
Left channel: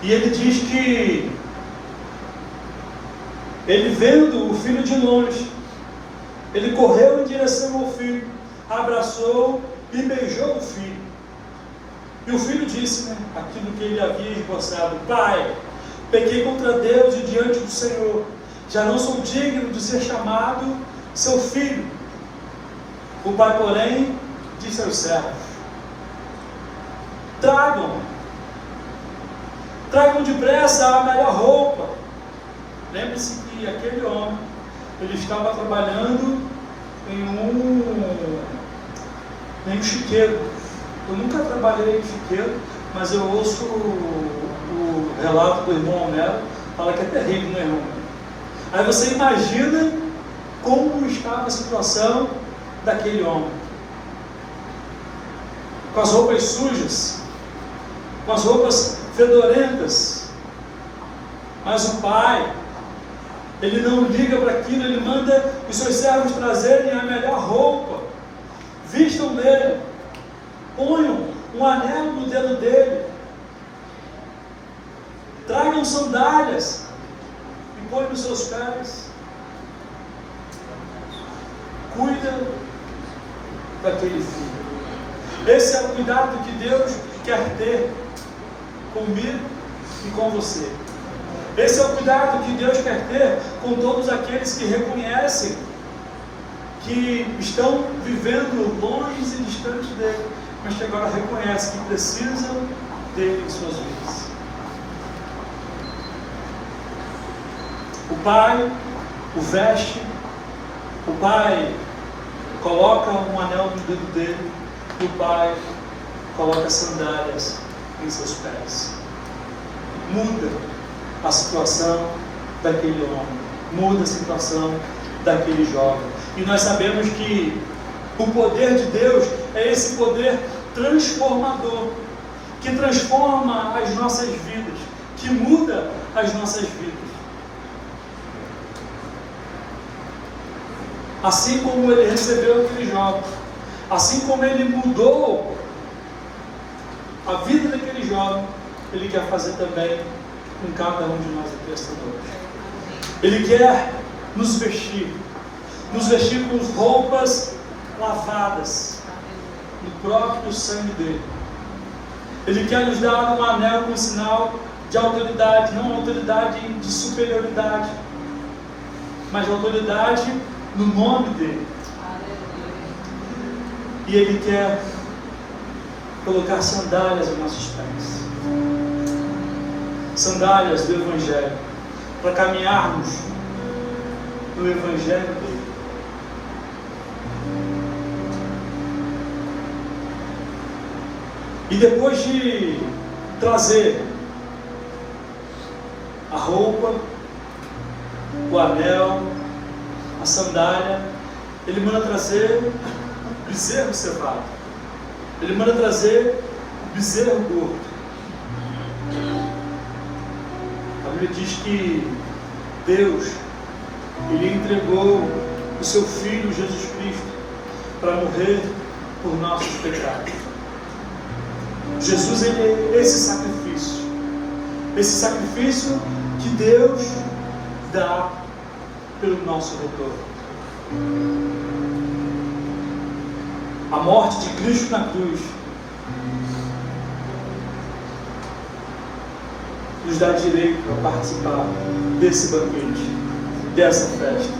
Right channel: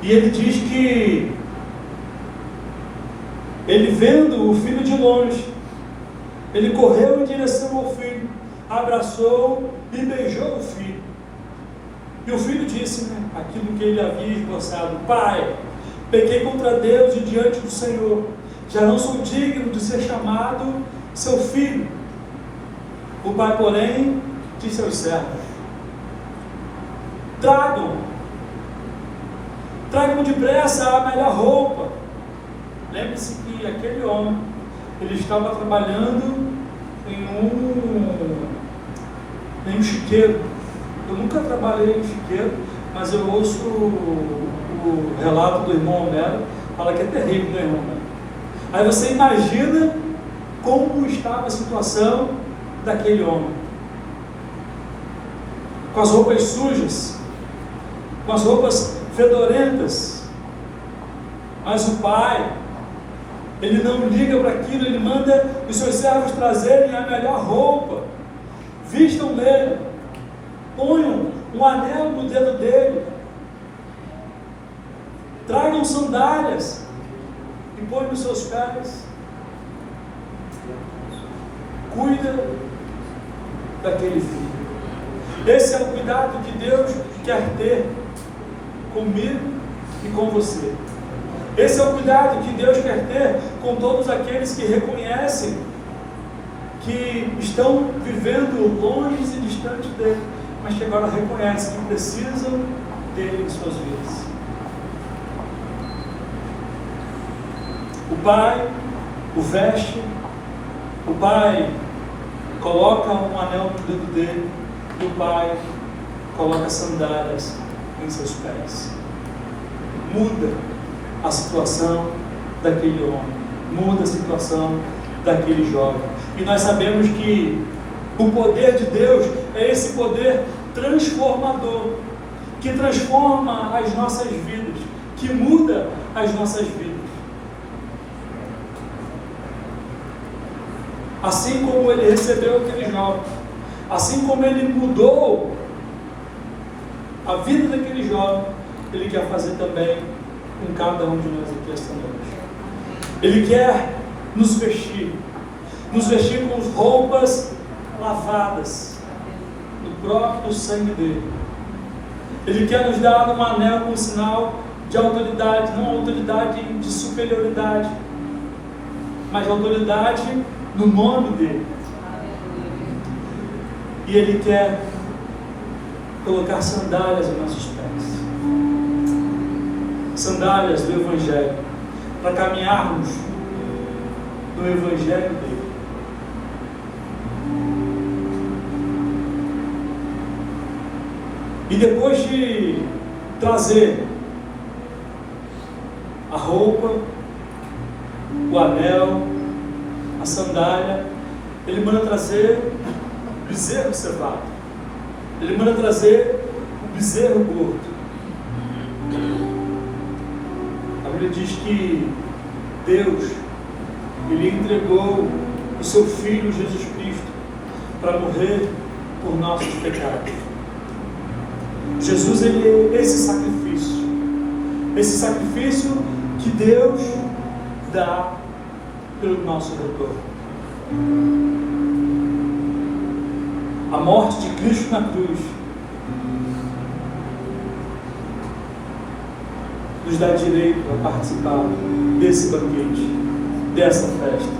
E Ele diz que Ele, vendo o filho de longe, Ele correu em direção ao filho, abraçou e beijou o filho. E o filho disse, aquilo que ele havia esboçado: Pai, pequei contra Deus e diante do Senhor, já não sou digno de ser chamado seu filho. O pai, porém, disse aos servos: tragam depressa a melhor roupa. Lembre-se que aquele homem, ele estava trabalhando em um chiqueiro. Eu nunca trabalhei em chiqueiro, mas eu ouço o relato do irmão Homero, fala que é terrível, né, irmão Homero? Aí você imagina como estava a situação daquele homem, com as roupas sujas, com as roupas fedorentas. Mas o pai, ele não liga para aquilo, ele manda os seus servos trazerem a melhor roupa, vistam nele, ponham um anel no dedo dele, tragam sandálias e põem nos seus pés. Cuida daquele filho. Esse é o cuidado que Deus quer ter comigo e com você. Esse é o cuidado que Deus quer ter com todos aqueles que reconhecem que estão vivendo longe e distantes dele, mas que agora reconhecem que precisam dele em suas vidas. O pai o veste, o pai coloca um anel no dedo dele, o pai coloca sandálias em seus pés. Muda a situação daquele homem, muda a situação daquele jovem. E nós sabemos que o poder de Deus é esse poder transformador, que transforma as nossas vidas, que muda as nossas vidas. Assim como ele recebeu aquele jovem, assim como ele mudou a vida daquele jovem, ele quer fazer também com cada um de nós aqui esta noite. Ele quer nos vestir com roupas lavadas no próprio sangue dele. Ele quer nos dar um anel com sinal de autoridade, não autoridade de superioridade, mas autoridade no nome dele. E ele quer colocar sandálias em nossos pés, sandálias do Evangelho, para caminharmos no Evangelho dele. E depois de trazer a roupa, o anel, a sandália, ele manda trazer o bezerro cevado. Ele manda trazer o bezerro gordo. A Bíblia diz que Deus, ele entregou o seu Filho Jesus Cristo para morrer por nossos pecados. Jesus, ele é esse sacrifício que Deus dá pelo nosso retorno. A morte de Cristo na cruz nos dá direito a participar desse banquete, dessa festa.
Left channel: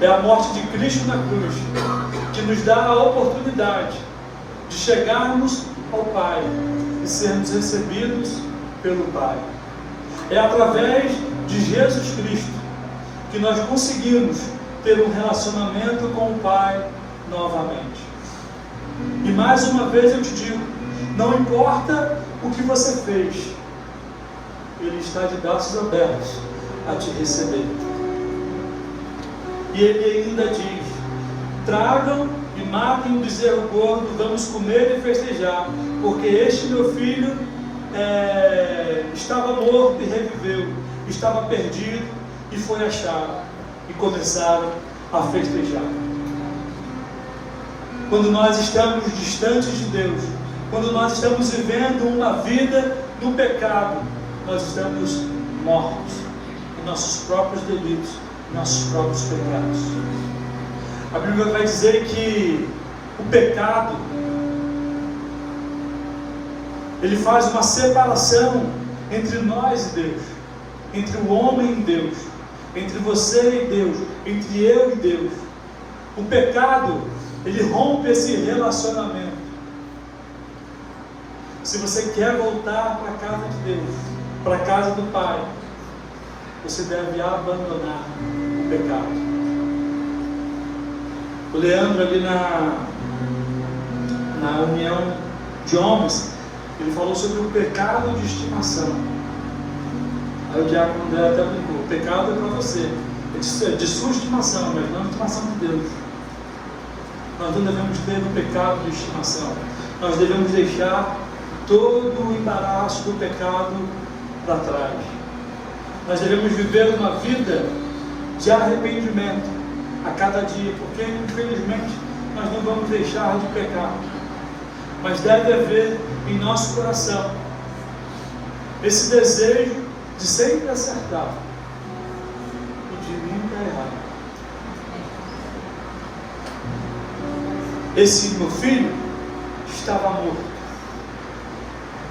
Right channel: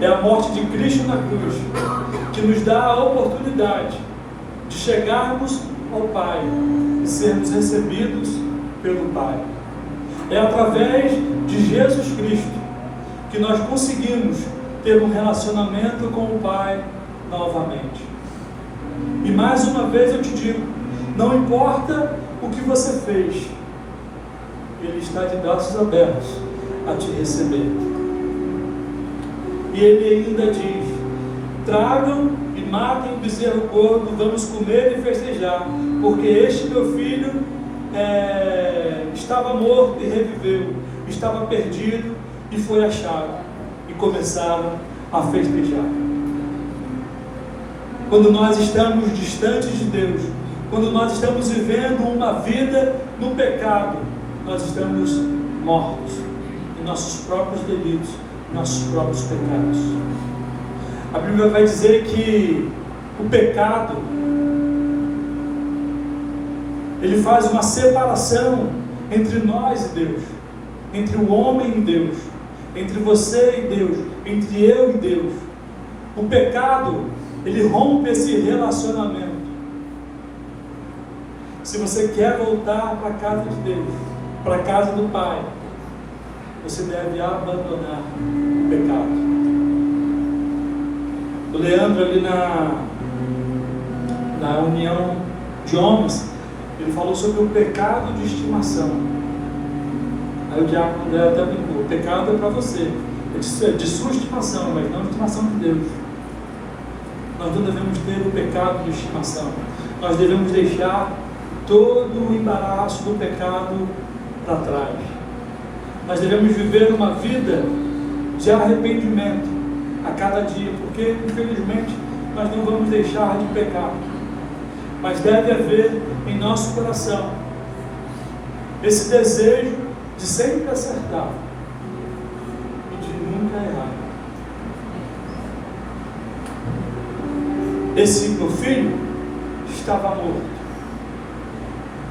É a morte de Cristo na cruz que nos dá a oportunidade de chegarmos ao Pai e sermos recebidos pelo Pai. É através de Jesus Cristo que nós conseguimos ter um relacionamento com o Pai novamente. E mais uma vez eu te digo, não importa o que você fez, Ele está de braços abertos a te receber. E Ele ainda diz: tragam e matem o bezerro gordo, vamos comer e festejar, porque este meu filho estava morto e reviveu, estava perdido e foi achado. E começaram a festejar. Quando nós estamos distantes de Deus, quando nós estamos vivendo uma vida no pecado, nós estamos mortos em nossos próprios delitos, em nossos próprios pecados. A Bíblia vai dizer que o pecado, ele faz uma separação entre nós e Deus, entre o homem e Deus, entre você e Deus, entre eu e Deus. O pecado, ele rompe esse relacionamento. Se você quer voltar para a casa de Deus, para a casa do Pai, você deve abandonar o pecado. O Leandro ali na união de homens, ele falou sobre o pecado de estimação. Aí o diácono André até brincou: o pecado é para você, é de sua estimação, mas não de estimação de Deus. Nós não devemos ter o pecado de estimação. Nós devemos deixar todo o embaraço do pecado para trás. Nós devemos viver uma vida de arrependimento a cada dia, porque infelizmente nós não vamos deixar de pecar, mas deve haver em nosso coração esse desejo de sempre acertar e de nunca errar. Esse meu filho estava morto.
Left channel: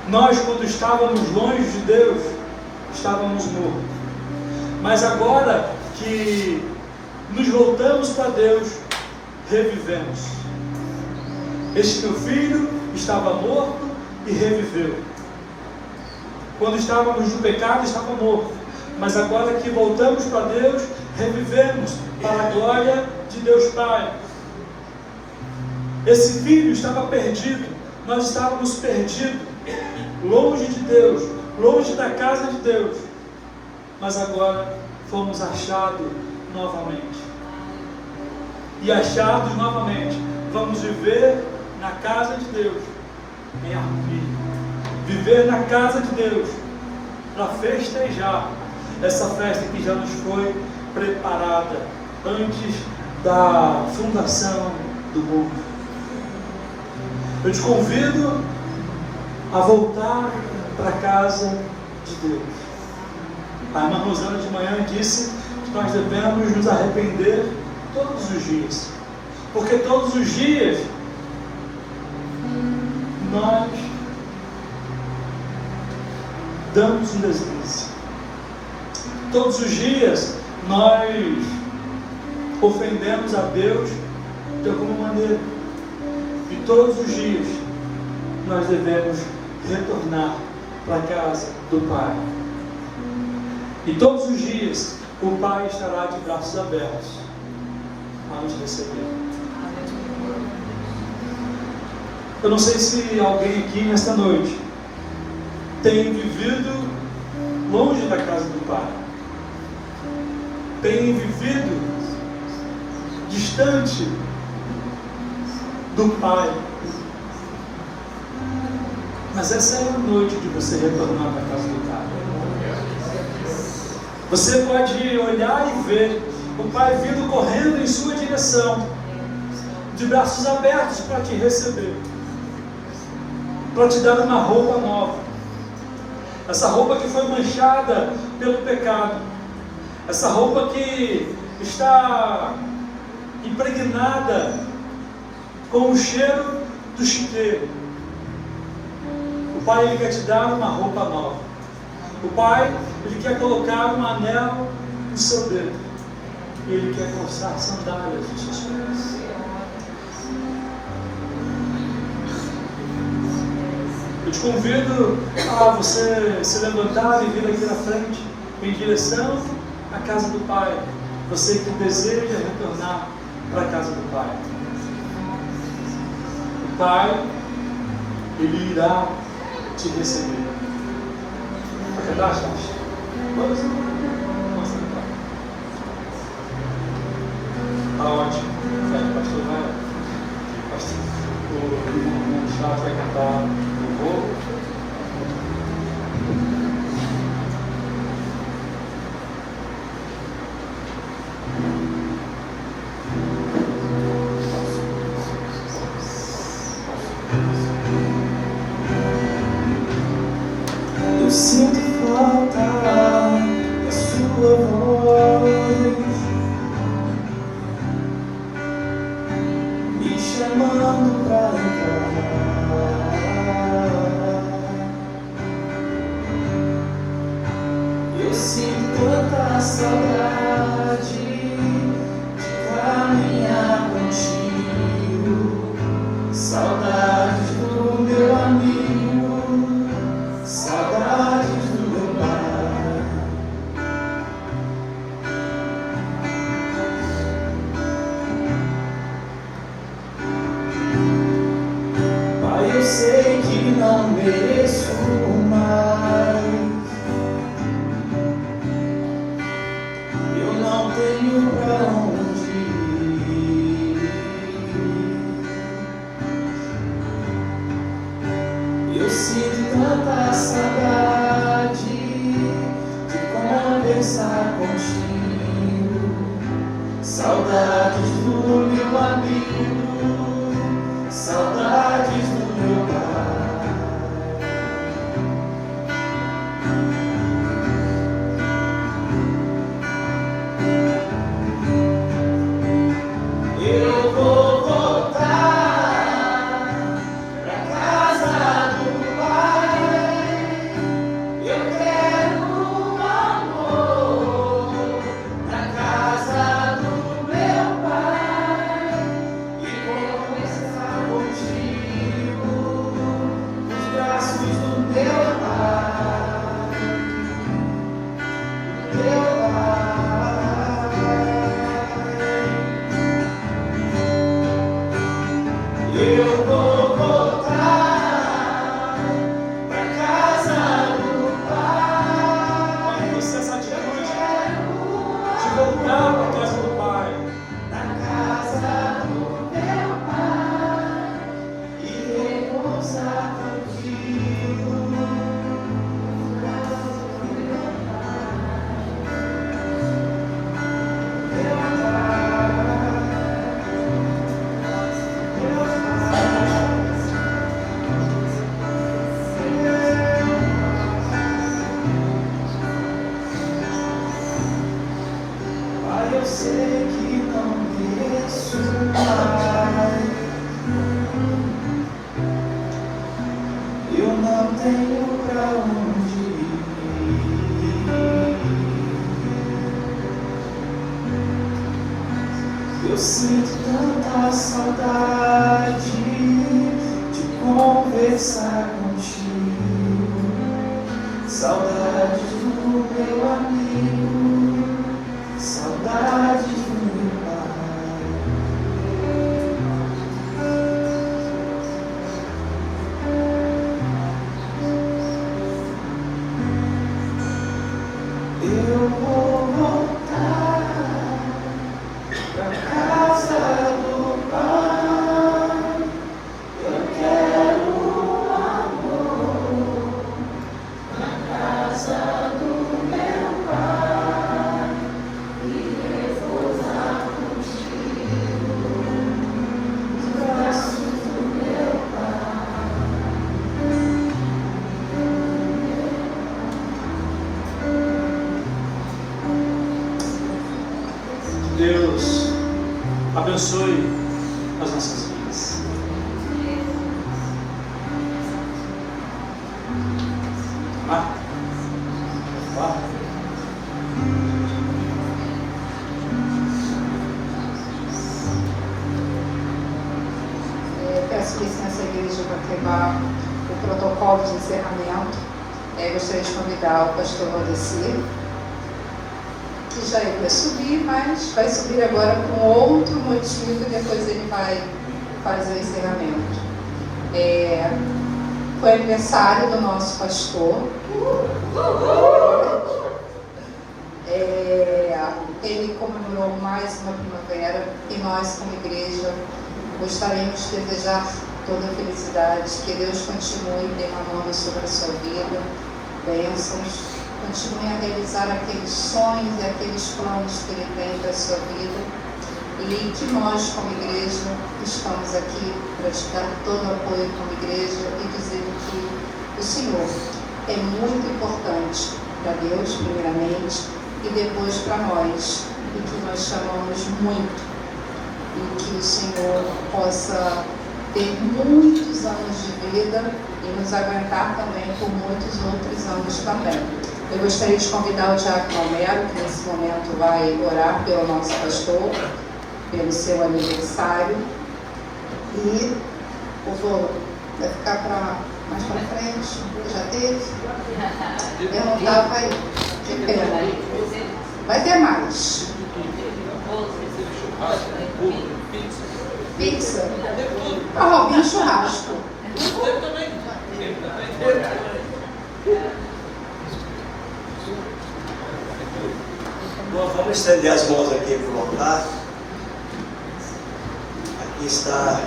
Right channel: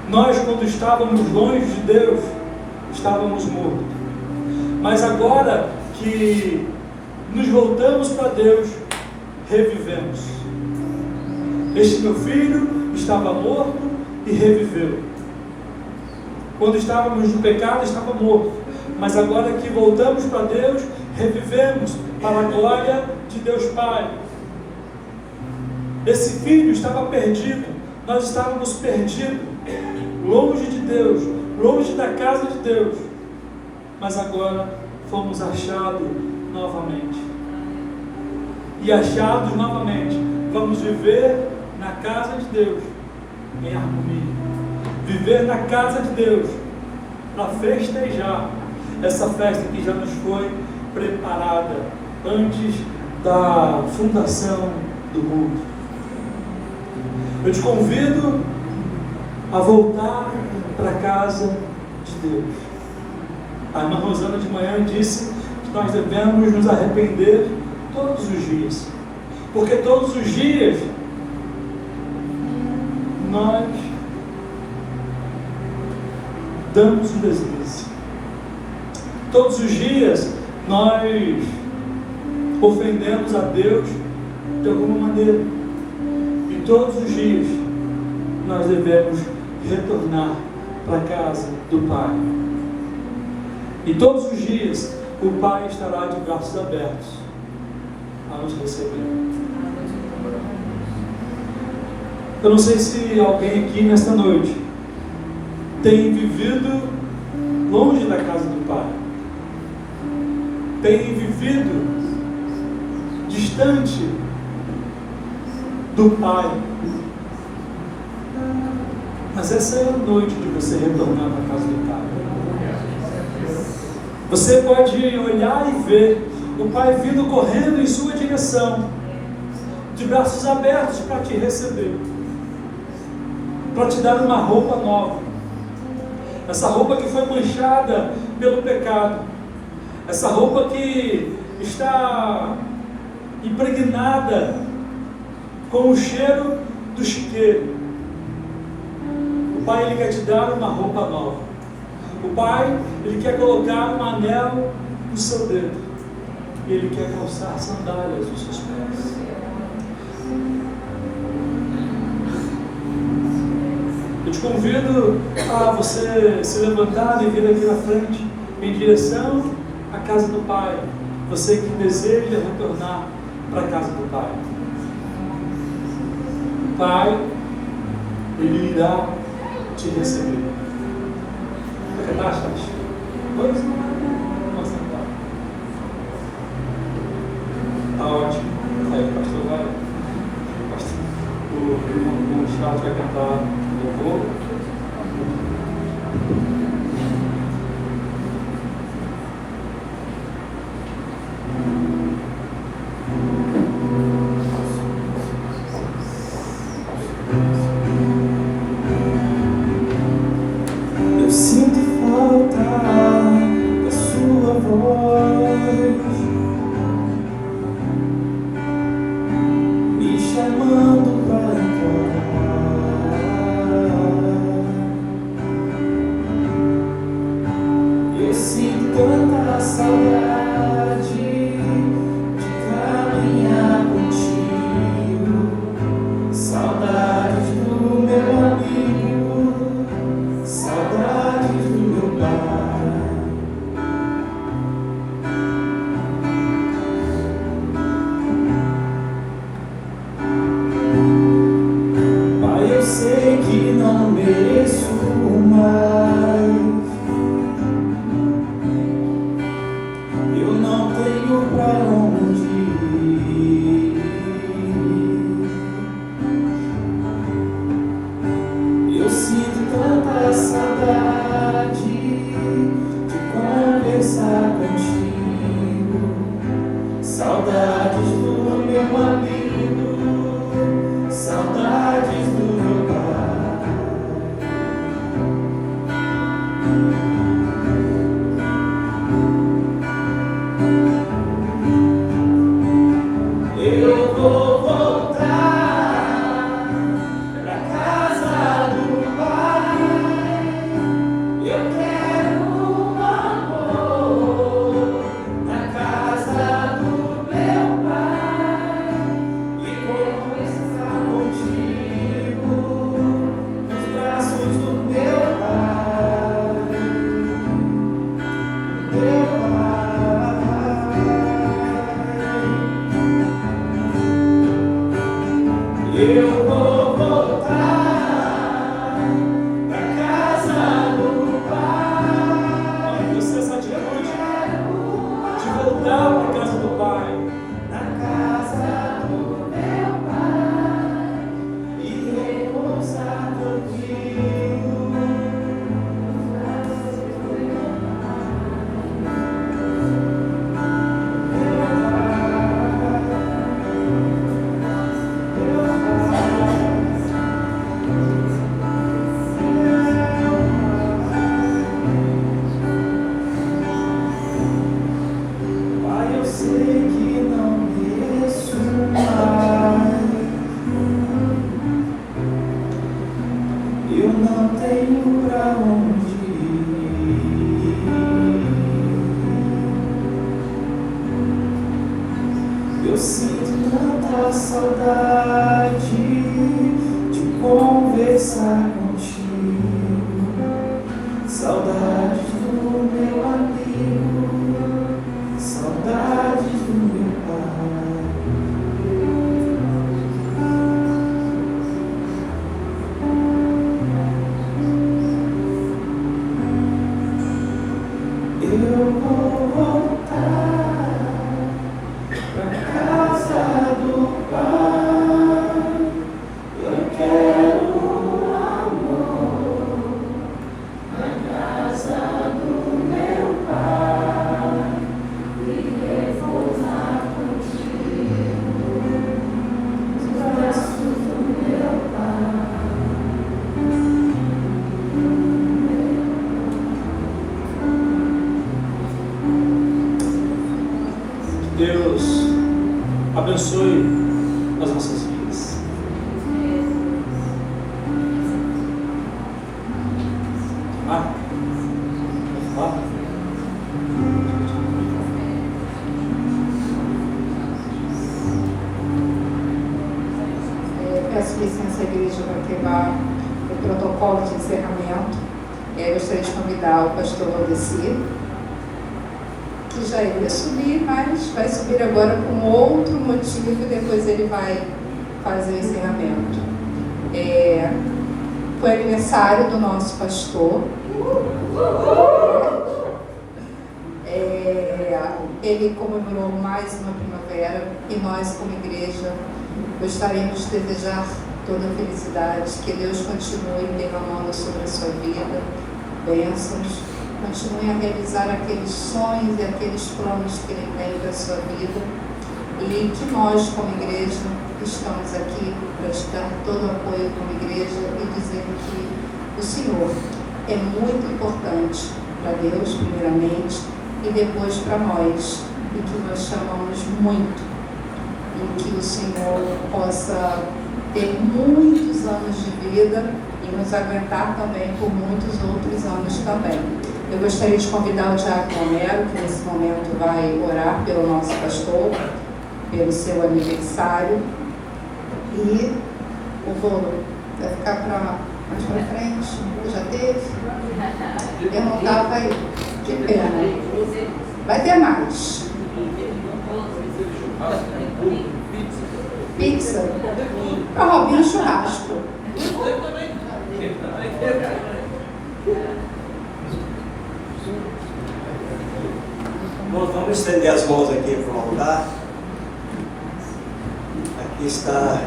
Nós, quando estávamos longe de Deus, estávamos mortos. Mas agora que nos voltamos para Deus, revivemos. Este meu filho estava morto e reviveu. Quando estávamos no pecado, estava morto. Mas agora que voltamos para Deus, revivemos para a glória de Deus Pai. Esse filho estava perdido. Nós estávamos perdidos, longe de Deus, longe da casa de Deus. Mas agora fomos achados novamente. E achados novamente, vamos viver na casa de Deus em harmonia. Viver na casa de Deus para festejar essa festa que já nos foi preparada antes da fundação do mundo. Eu te convido a voltar para a casa de Deus. A irmã Rosana de manhã disse que nós devemos nos arrepender todos os dias, porque todos os dias nós damos um deslize. Todos os dias nós ofendemos a Deus de alguma maneira. E todos os dias nós devemos retornar para a casa do Pai. E todos os dias o Pai estará de braços abertos a nos receber. Eu não sei se alguém aqui nesta noite tem vivido longe da casa do Pai, tem vivido distante do Pai. Mas essa é a noite de você retornar para a casa do Pai. Você pode olhar e ver o Pai vindo correndo em sua direção, de braços abertos para te receber, para te dar uma roupa nova. Essa roupa que foi manchada pelo pecado, essa roupa que está impregnada com o cheiro do chiqueiro. O Pai, Ele quer te dar uma roupa nova. O Pai, Ele quer colocar um anelo no seu dedo, e Ele quer calçar sandálias nos seus pés. Eu te convido a você se levantar e vir aqui na frente, em direção à casa do Pai. Você que deseja retornar para a casa do Pai. O Pai, Ele irá te receber. Vamos sentar. Tá ótimo. Aí, pastor, vai. O Chato vai cantar louvor. Eu sinto falta da sua voz. Eu vou voltar pra casa do Pai. E você essa atitude de voltar para a casa do Pai. Na casa do meu Pai e repousar tranquilo. Pai, eu sei que não mereço mais. Eu não tenho pra onde ir. Eu sinto tanta saudade de conversar contigo. Saudade do meu amigo. Saudade do meu pai. Eu vou voltar pra casa do Pai. Eu quero amor na casa do meu Pai e repousar contigo nos braços do meu Pai. Deus abençoe as nossas vidas. Peço licença à igreja para quebrar o protocolo de encerramento. Gostaria de convidar o pastor Valdeci, que já iria subir, mas vai subir agora com outro motivo, e depois ele vai fazer o encerramento. Foi aniversário do nosso pastor. Ele comemorou mais uma primavera e nós, como igreja, gostaríamos de desejar toda a felicidade, que Deus continue derramando sobre a sua vida bênçãos, continue a realizar aqueles sonhos e aqueles planos que Ele tem para a sua vida, e que nós, como igreja, estamos aqui para te dar todo o apoio como igreja e dizer que o Senhor é muito importante para Deus, primeiramente, e depois para nós, e que nós chamamos muito, e que o Senhor possa ter muitos anos de vida e nos aguentar também por muitos outros anos também. Eu gostaria de convidar o Diácono Romero, que nesse momento vai orar pelo nosso pastor, pelo seu aniversário. E o bolo vai ficar mais para frente, já teve? Eu não estava aí, que pena. Vai ter mais. Pizza. Para Robinho, churrasco. Bom, vamos estender as mãos aqui para o altar. Aqui está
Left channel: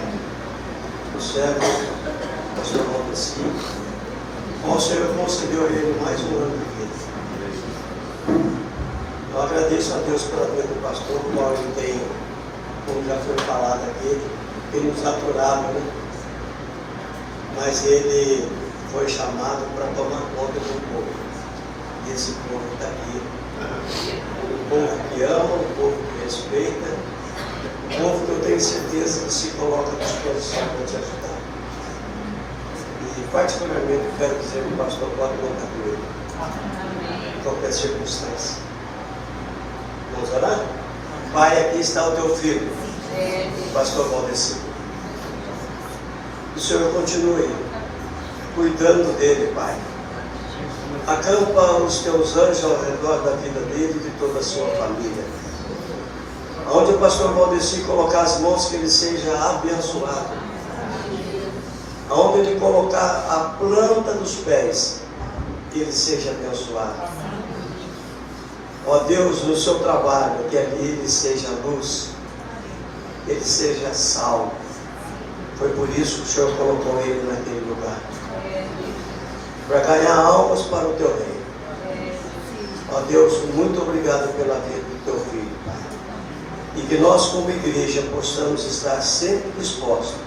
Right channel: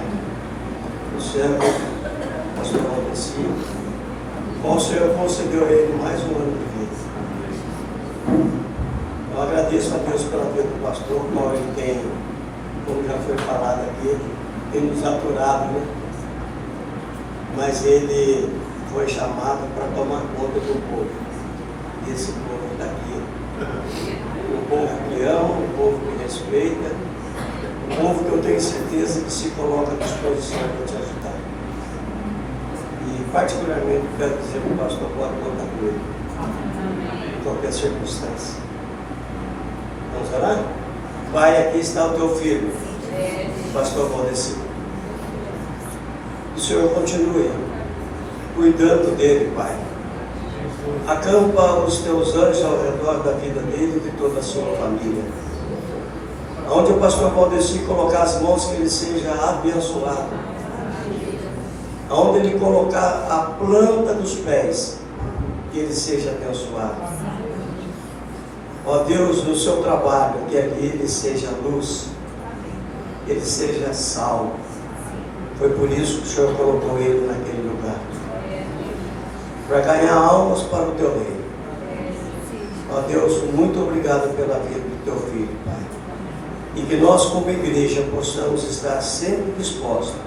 o servo, o pastor Valdeci. O Senhor concedeu a ele mais um ano de vida. Eu agradeço a Deus pela vida do pastor, o qual ele tem, como já foi falado aqui, tem nos aturado, né? Mas ele foi chamado para tomar conta do povo, desse povo que está aqui. O povo que ama, o povo que respeita, o povo que eu tenho certeza que se coloca à disposição para te ajudar. E particularmente eu quero dizer que o pastor pode contar com ele, em qualquer circunstância. Vamos orar? Pai, aqui está o teu filho, o pastor Valdeci. Que o Senhor continue cuidando dele, Pai. Acampa os teus anjos ao redor da vida dele e de toda a sua família. Onde o pastor Valdeci colocar as mãos, que ele seja abençoado aonde Ele colocar a planta dos pés, que ele seja abençoado. Ó Deus, no seu trabalho, que ele seja luz, que ele seja sal. Foi por isso que o Senhor colocou ele naquele lugar, para ganhar almas para o teu reino. Ó Deus, muito obrigado pela vida do teu filho, Pai. E que nós, como igreja, possamos estar sempre dispostos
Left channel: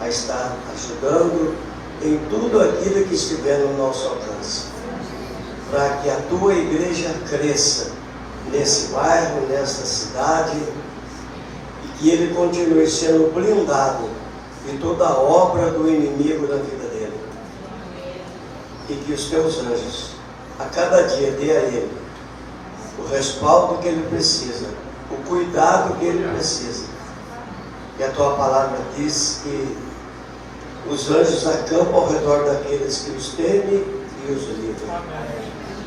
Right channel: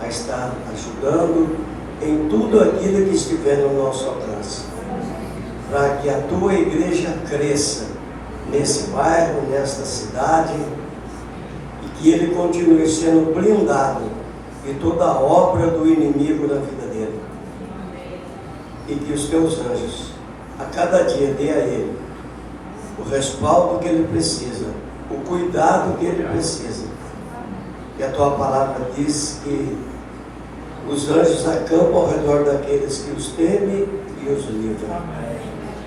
a estar ajudando em tudo aquilo que estiver no nosso alcance, para que a tua igreja cresça nesse bairro, nesta cidade, e que ele continue sendo blindado de toda a obra do inimigo na vida dele. E que os teus anjos, a cada dia, dê a ele o respaldo que ele precisa, o cuidado que ele precisa. E a tua palavra diz que os anjos acampam ao redor daqueles que os temem e os livram.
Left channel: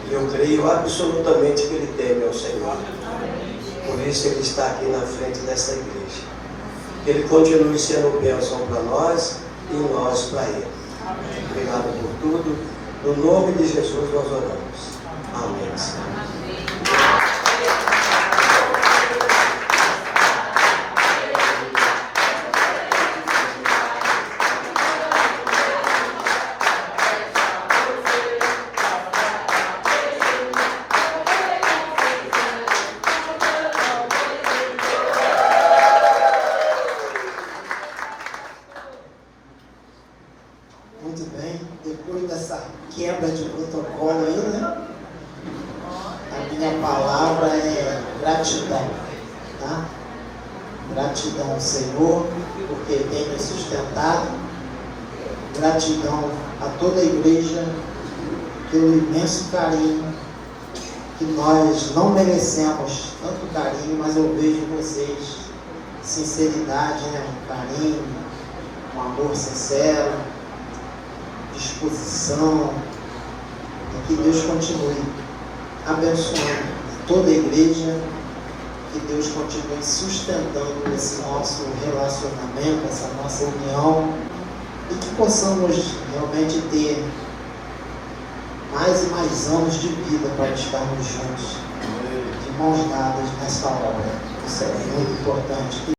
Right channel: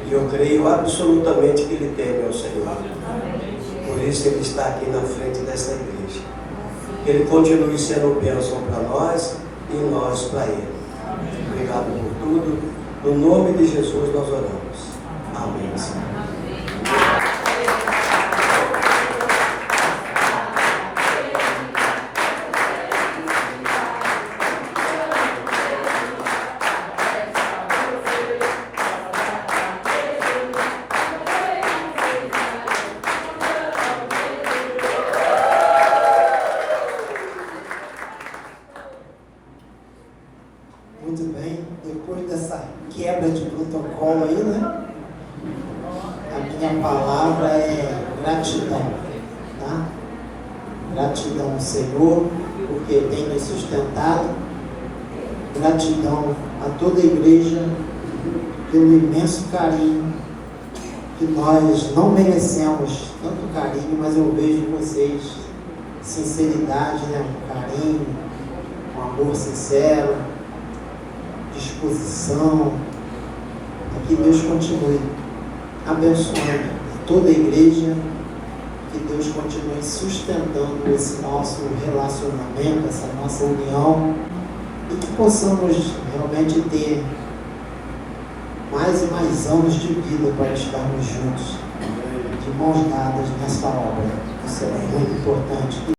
E eu creio absolutamente que ele teme ao Senhor. Por isso ele está aqui na frente dessa igreja. Que ele continue sendo bênção para nós e nós para ele. Obrigado por tudo. No nome de Jesus nós oramos. Amém, Senhor. Muito bem, depois dessa quebra de protocolo aí, né? A minha palavra é gratidão, tá? Gratidão ao Senhor, porque tem me sustentado. Gratidão a toda a igreja pelo imenso carinho que nós não merecemos, tanto carinho, mas eu vejo vocês, sinceridade, né? Carinho, um amor sincero, disposição, e que Deus continue abençoando toda a igreja, que Deus continue sustentando esse nosso relacionamento, essa nossa união, e que possamos realmente ter mais e mais anos de vida para estarmos juntos, de mãos dadas nessa obra. Isso é muito importante.